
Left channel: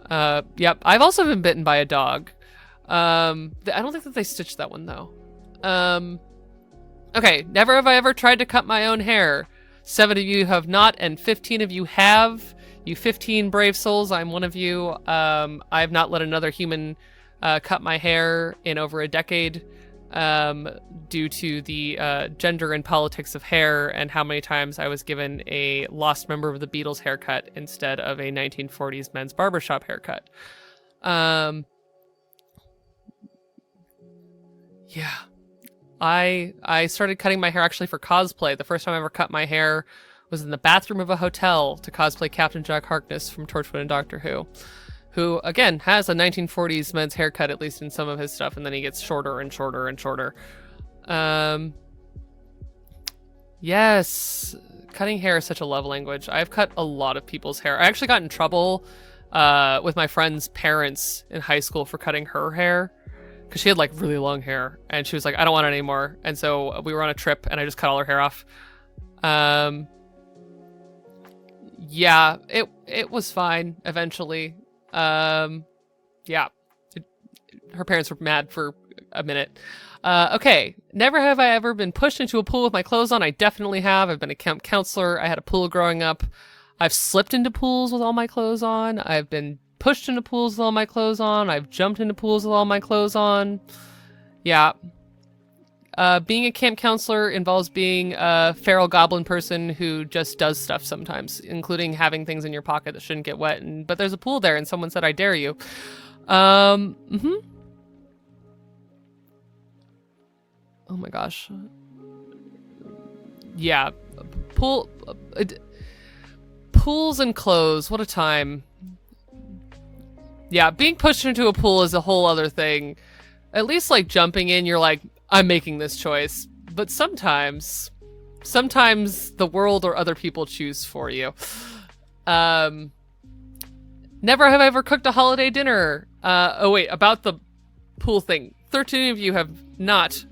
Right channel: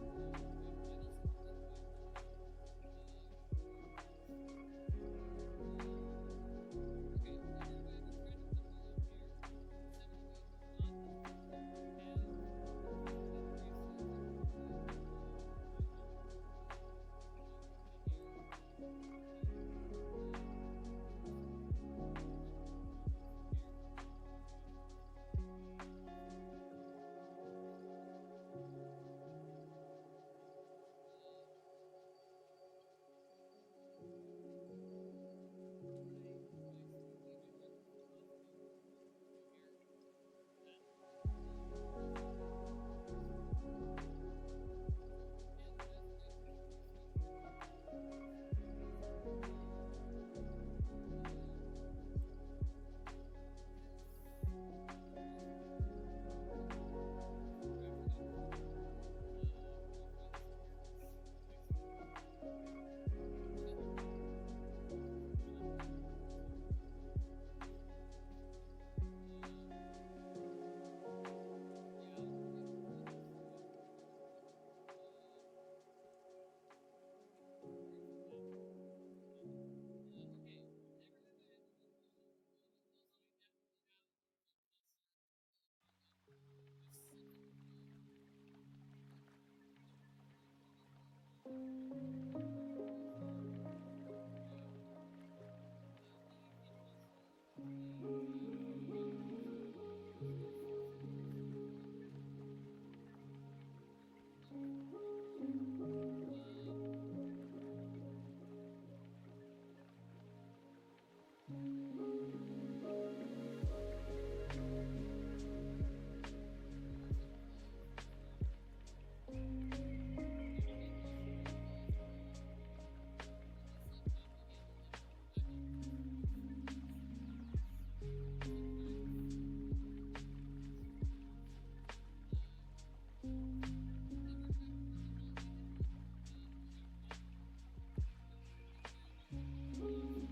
Yep, I've also been bitten by a dog. I don't think that they stitched that one though. Okay, never have I ever tried to cut my own hair. 7 of you have not, and 15 of you have. You 15 brave souls, I'm one of you. I have not let another human cut my hair in over a decade, due to the gender and politics of hair and how many times I was given a lost member of the Beatles haircut instead of a 1940s men's barbershop haircut. Yeah, I started cutting my hair actually for cosplay. The first time I ever cut my hair was in the bathroom of a hotel to cosplay Captain Jack Harkness from Torchwood and Doctor who again has a 1940s men's haircut, at least in some of his stuff, and then he gets shorter and shorter and shorter. Yes, cutting hair is such a love language. I've cut a lot of people's hair. I actually got in trouble with my friend's parents in high school for cutting her hair, because she had like really long hair and she was like, I don't want it anymore. And so we were on a trip and I just cut all her hair off. Yeah, it was fine eventually. Yeah, her parents were mad for a minute. Okay, never have I ever been pushed into a pool with my clothes on. I definitely have. I've been a camp counselor. I had a pool growing up. I've slipped into pools with all my clothes on. I've been pushed into pools with all my clothes on. I've jumped into pools with all my clothes on. Yeah. Being a camp counselor involves being a feral goblin person who just does stuff sometimes, including having things in your pocket that shouldn't get wet. But there's a pool there, and someone said, I dare you. Oh my gosh. Yeah. Pools and clothes. What a time. Yeah, being pushed into a pool is a whole other thing. At least, like, jumping in, you're like, I'm making this choice. But sometimes the world or other people choose for you. Never have I ever cooked a holiday dinner. About the pool thing. 13 of you have not,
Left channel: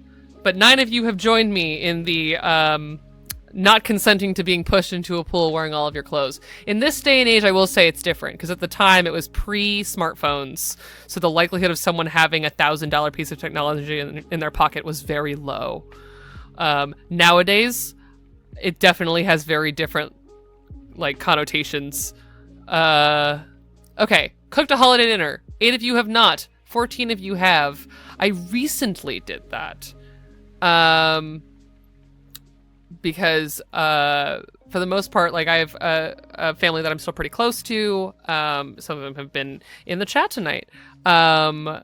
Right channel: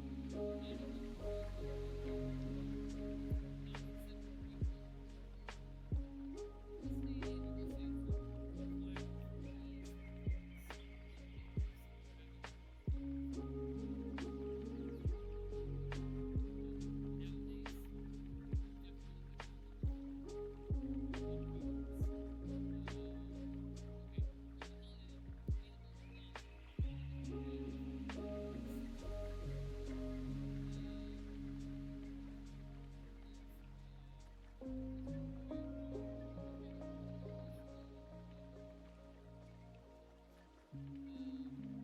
but 9 of you have joined me in the not consenting to being pushed into a pool wearing all of your clothes. In this day and age, I will say it's different, because at the time it was pre-smartphones, so the likelihood of someone having $1,000 piece of technology in their pocket was very low. Nowadays, it definitely has very different, like, connotations. Okay, cooked a holiday dinner. 8 of you have not. 14 of you have. I recently did that. Because for the most part, like, I have a family that I'm still pretty close to. Some of them have been in the chat tonight. And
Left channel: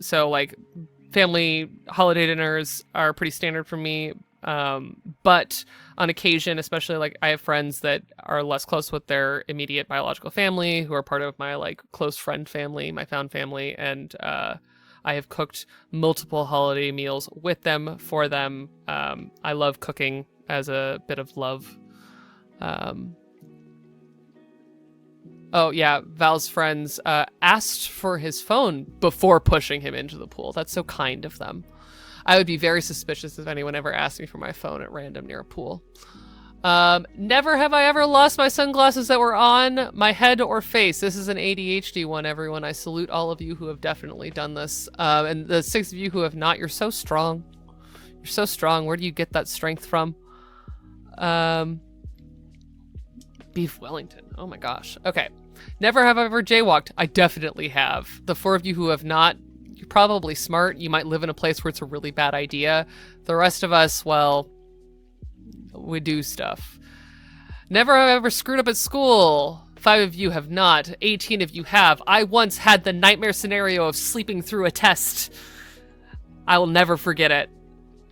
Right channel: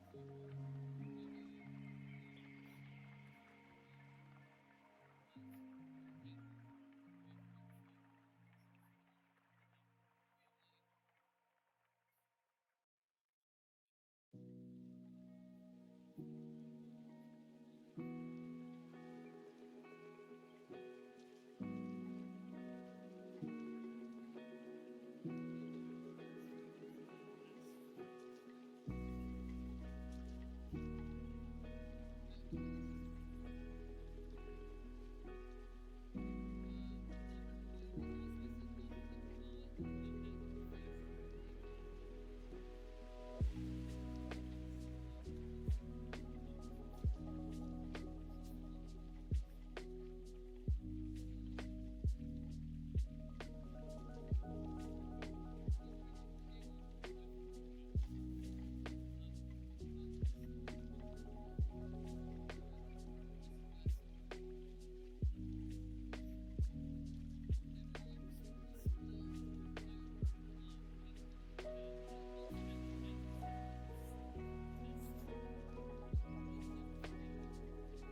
so, like, family holiday dinners are pretty standard for me. But on occasion, especially, like, I have friends that are less close with their immediate biological family, who are part of my, like, close friend family, my found family, and I have cooked multiple holiday meals with them, for them. I love cooking as a bit of love. Oh yeah, Val's friends asked for his phone before pushing him into the pool. That's so kind of them. I would be very suspicious if anyone ever asked me for my phone at random near a pool. Never have I ever lost my sunglasses that were on my head or face. This is an ADHD one, everyone. I salute all of you who have definitely done this. And the 6 of you who have not, you're so strong. You're so strong. Where do you get that strength from? Beef Wellington. Oh my gosh. Okay. Never have I ever jaywalked. I definitely have. The 4 of you who have not, you're probably smart. You might live in a place where it's a really bad idea. The rest of us, well, we do stuff. Never have I ever screwed up at school. 5 of you have not. 18 of you have. I once had the nightmare scenario of sleeping through a test. I will never forget it.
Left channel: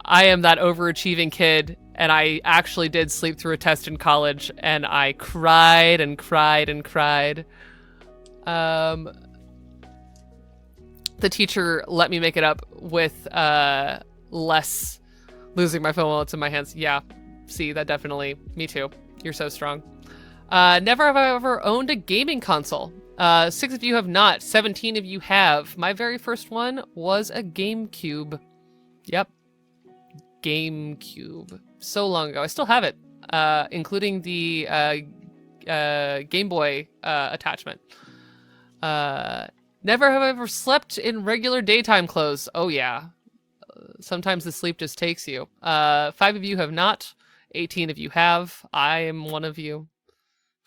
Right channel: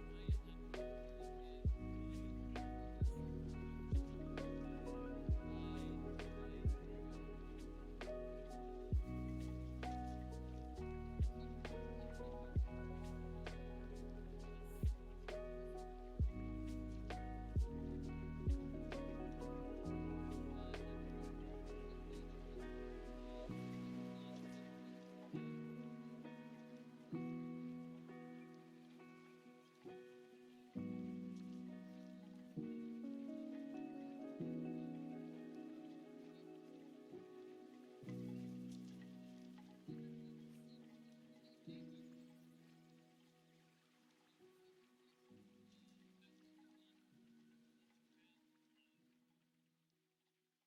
I am that overachieving kid, and I actually did sleep through a test in college, and I cried and cried and cried. The teacher let me make it up with less losing my phone while it's in my hands. Yeah. See, that definitely, me too. You're so strong. Never have I ever owned a gaming console. 6 of you have not. 17 of you have. My very first one was a GameCube. Yep. GameCube. So long ago. I still have it, including the Game Boy attachment. Never have I ever slept in regular daytime clothes. Oh yeah. Sometimes the sleep just takes you. 5 of you have not. 18 of you have. I am one of you.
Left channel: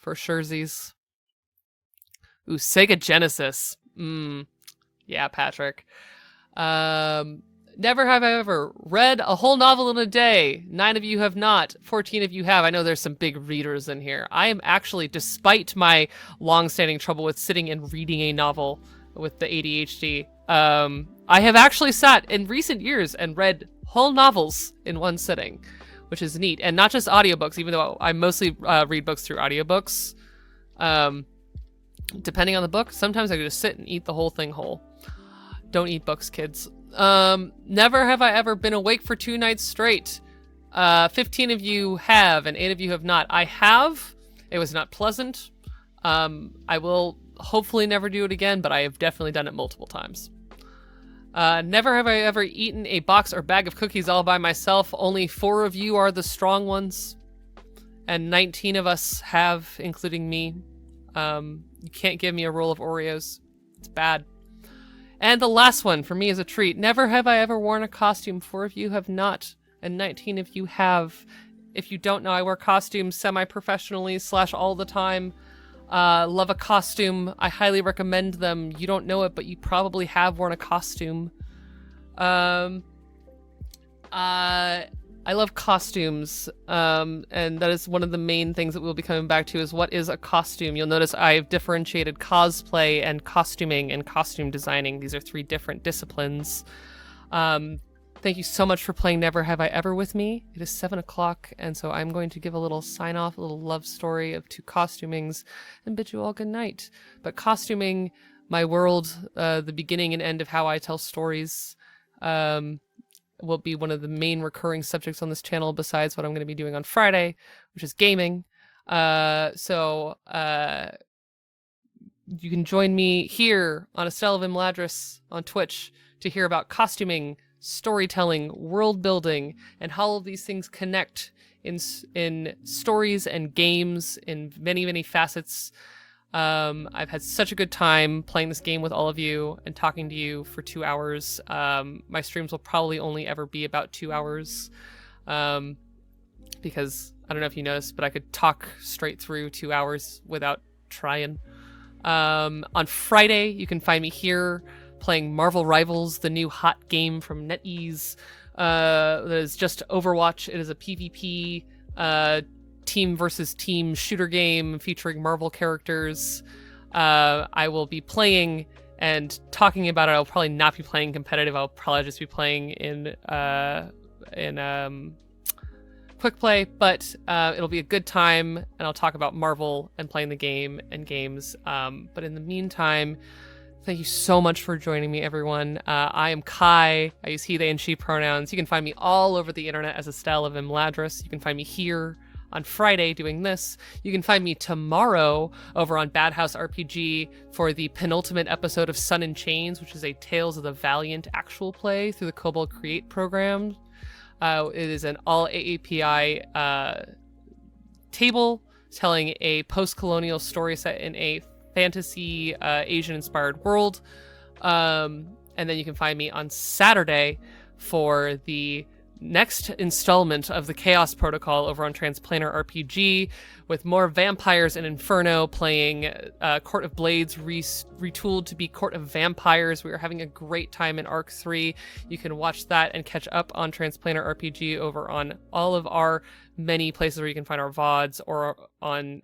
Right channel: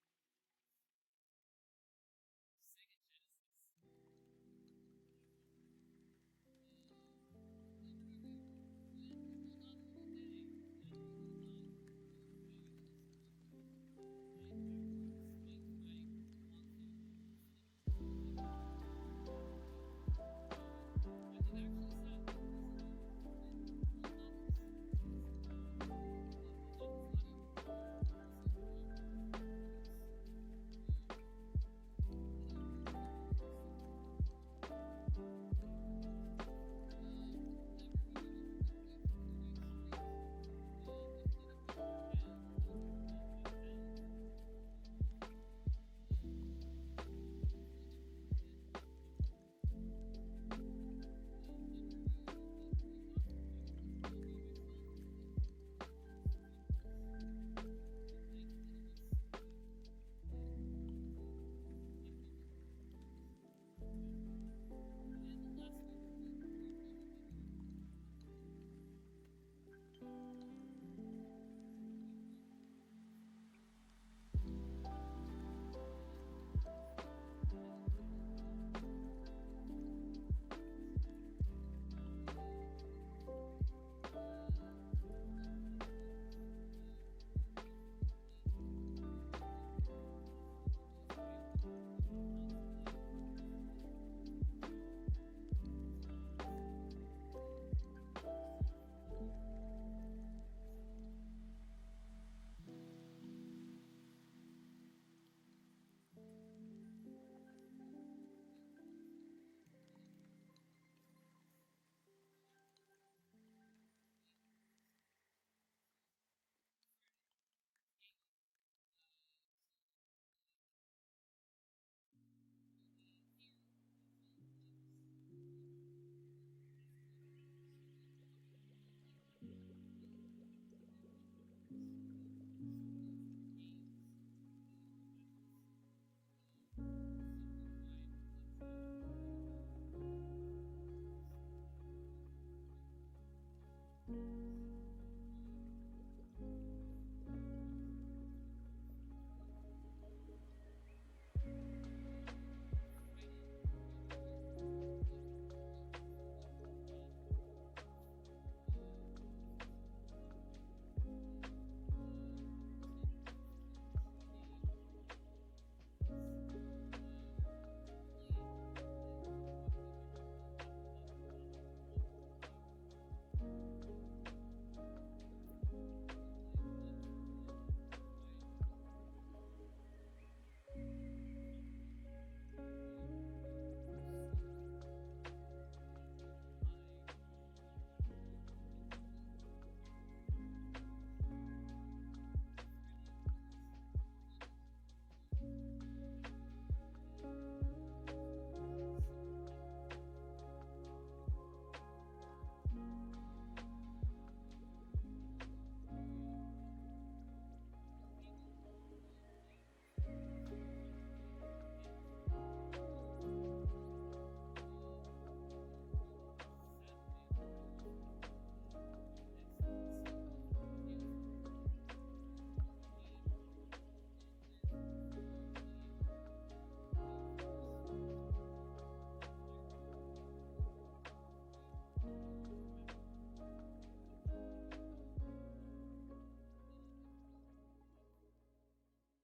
For surezies. Ooh, Sega Genesis. Yeah, Patrick. Never have I ever read a whole novel in a day. 9 of you have not. 14 of you have. I know there's some big readers in here. I am actually, despite my long-standing trouble with sitting and reading a novel with the ADHD, I have actually sat in recent years and read whole novels in one sitting, which is neat. And not just audiobooks, even though I mostly read books through audiobooks. Depending on the book, sometimes I just sit and eat the whole thing whole. Don't eat books, kids. Never have I ever been awake for 2 nights straight. 15 of you have, and 8 of you have not. I have. It was not pleasant. I will hopefully never do it again, but I have definitely done it multiple times. Never have I ever eaten a box or bag of cookies all by myself. Only 4 of you are the strong ones, and 19 of us have, including me. You can't give me a roll of Oreos. It's bad. And the last one for me is a treat. Never have I ever worn a costume. 4 of you have not, and 19 of you have. If you don't know, I wear costumes semi-professionally / all the time. Love a costume. I highly recommend them. You don't know it, but you probably have worn a costume. I love costumes, and that is one of the main things that we'll be coming back to is what is a costume. You'll notice I've differentiated cosplay and costuming and costume designing. These are 3 different disciplines. Thank you so much for playing Never Have I Ever with me. It is 7 o'clock, and so I'm going to give a little sign-off, a little love story of 2 costumings, and bid you all good night. But costuming, my world, the beginning and end of how I tell stories, will be one of the main recurring subjects on this channel besides what I'm going to be doing on Friday, which is gaming. So you can join me here on Estelle of Imladris on Twitch to hear about costuming, storytelling, world building, and how all of these things connect in stories and games in many, many facets. I've had such a good time playing this game with all of you and talking to you for 2 hours. My streams will probably only ever be about 2 hours, because I don't know if you noticed, but I could talk straight through 2 hours without trying. On Friday, you can find me here playing Marvel Rivals, the new hot game from NetEase. That is just Overwatch. It is a PvP team versus team shooter game featuring Marvel characters. I will be playing and talking about it. I'll probably not be playing competitive. I'll probably just be playing in quick play, but it'll be a good time, and I'll talk about Marvel and playing the game and games. But in the meantime, thank you so much for joining me, everyone. I am Kai. I use he, they, and she pronouns. You can find me all over the internet as Estelle of Imladris. You can find me here on Friday doing this. You can find me tomorrow over on Bad House RPG for the penultimate episode of Sun and Chains, which is a Tales of the Valiant actual play through the Kobold Create program. It is an all AAPI table telling a post-colonial story set in a fantasy Asian-inspired world. And then you can find me on Saturday for the next installment of the Chaos Protocol over on Transplanar RPG, with more vampires and Inferno, playing Court of Blades retooled to be Court of Vampires. We are having a great time in Arc 3. You can watch that and catch up on Transplanar RPG over on all of our many places where you can find our VODs or on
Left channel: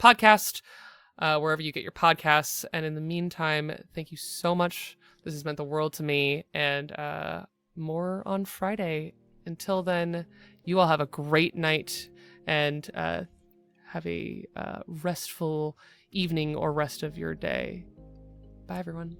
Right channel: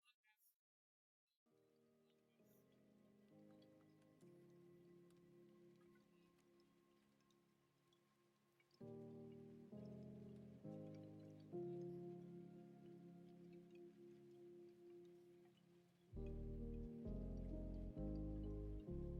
podcast, wherever you get your podcasts. And in the meantime, thank you so much. This has meant the world to me, and more on Friday. Until then, you all have a great night, and have a restful evening or rest of your day. Bye, everyone.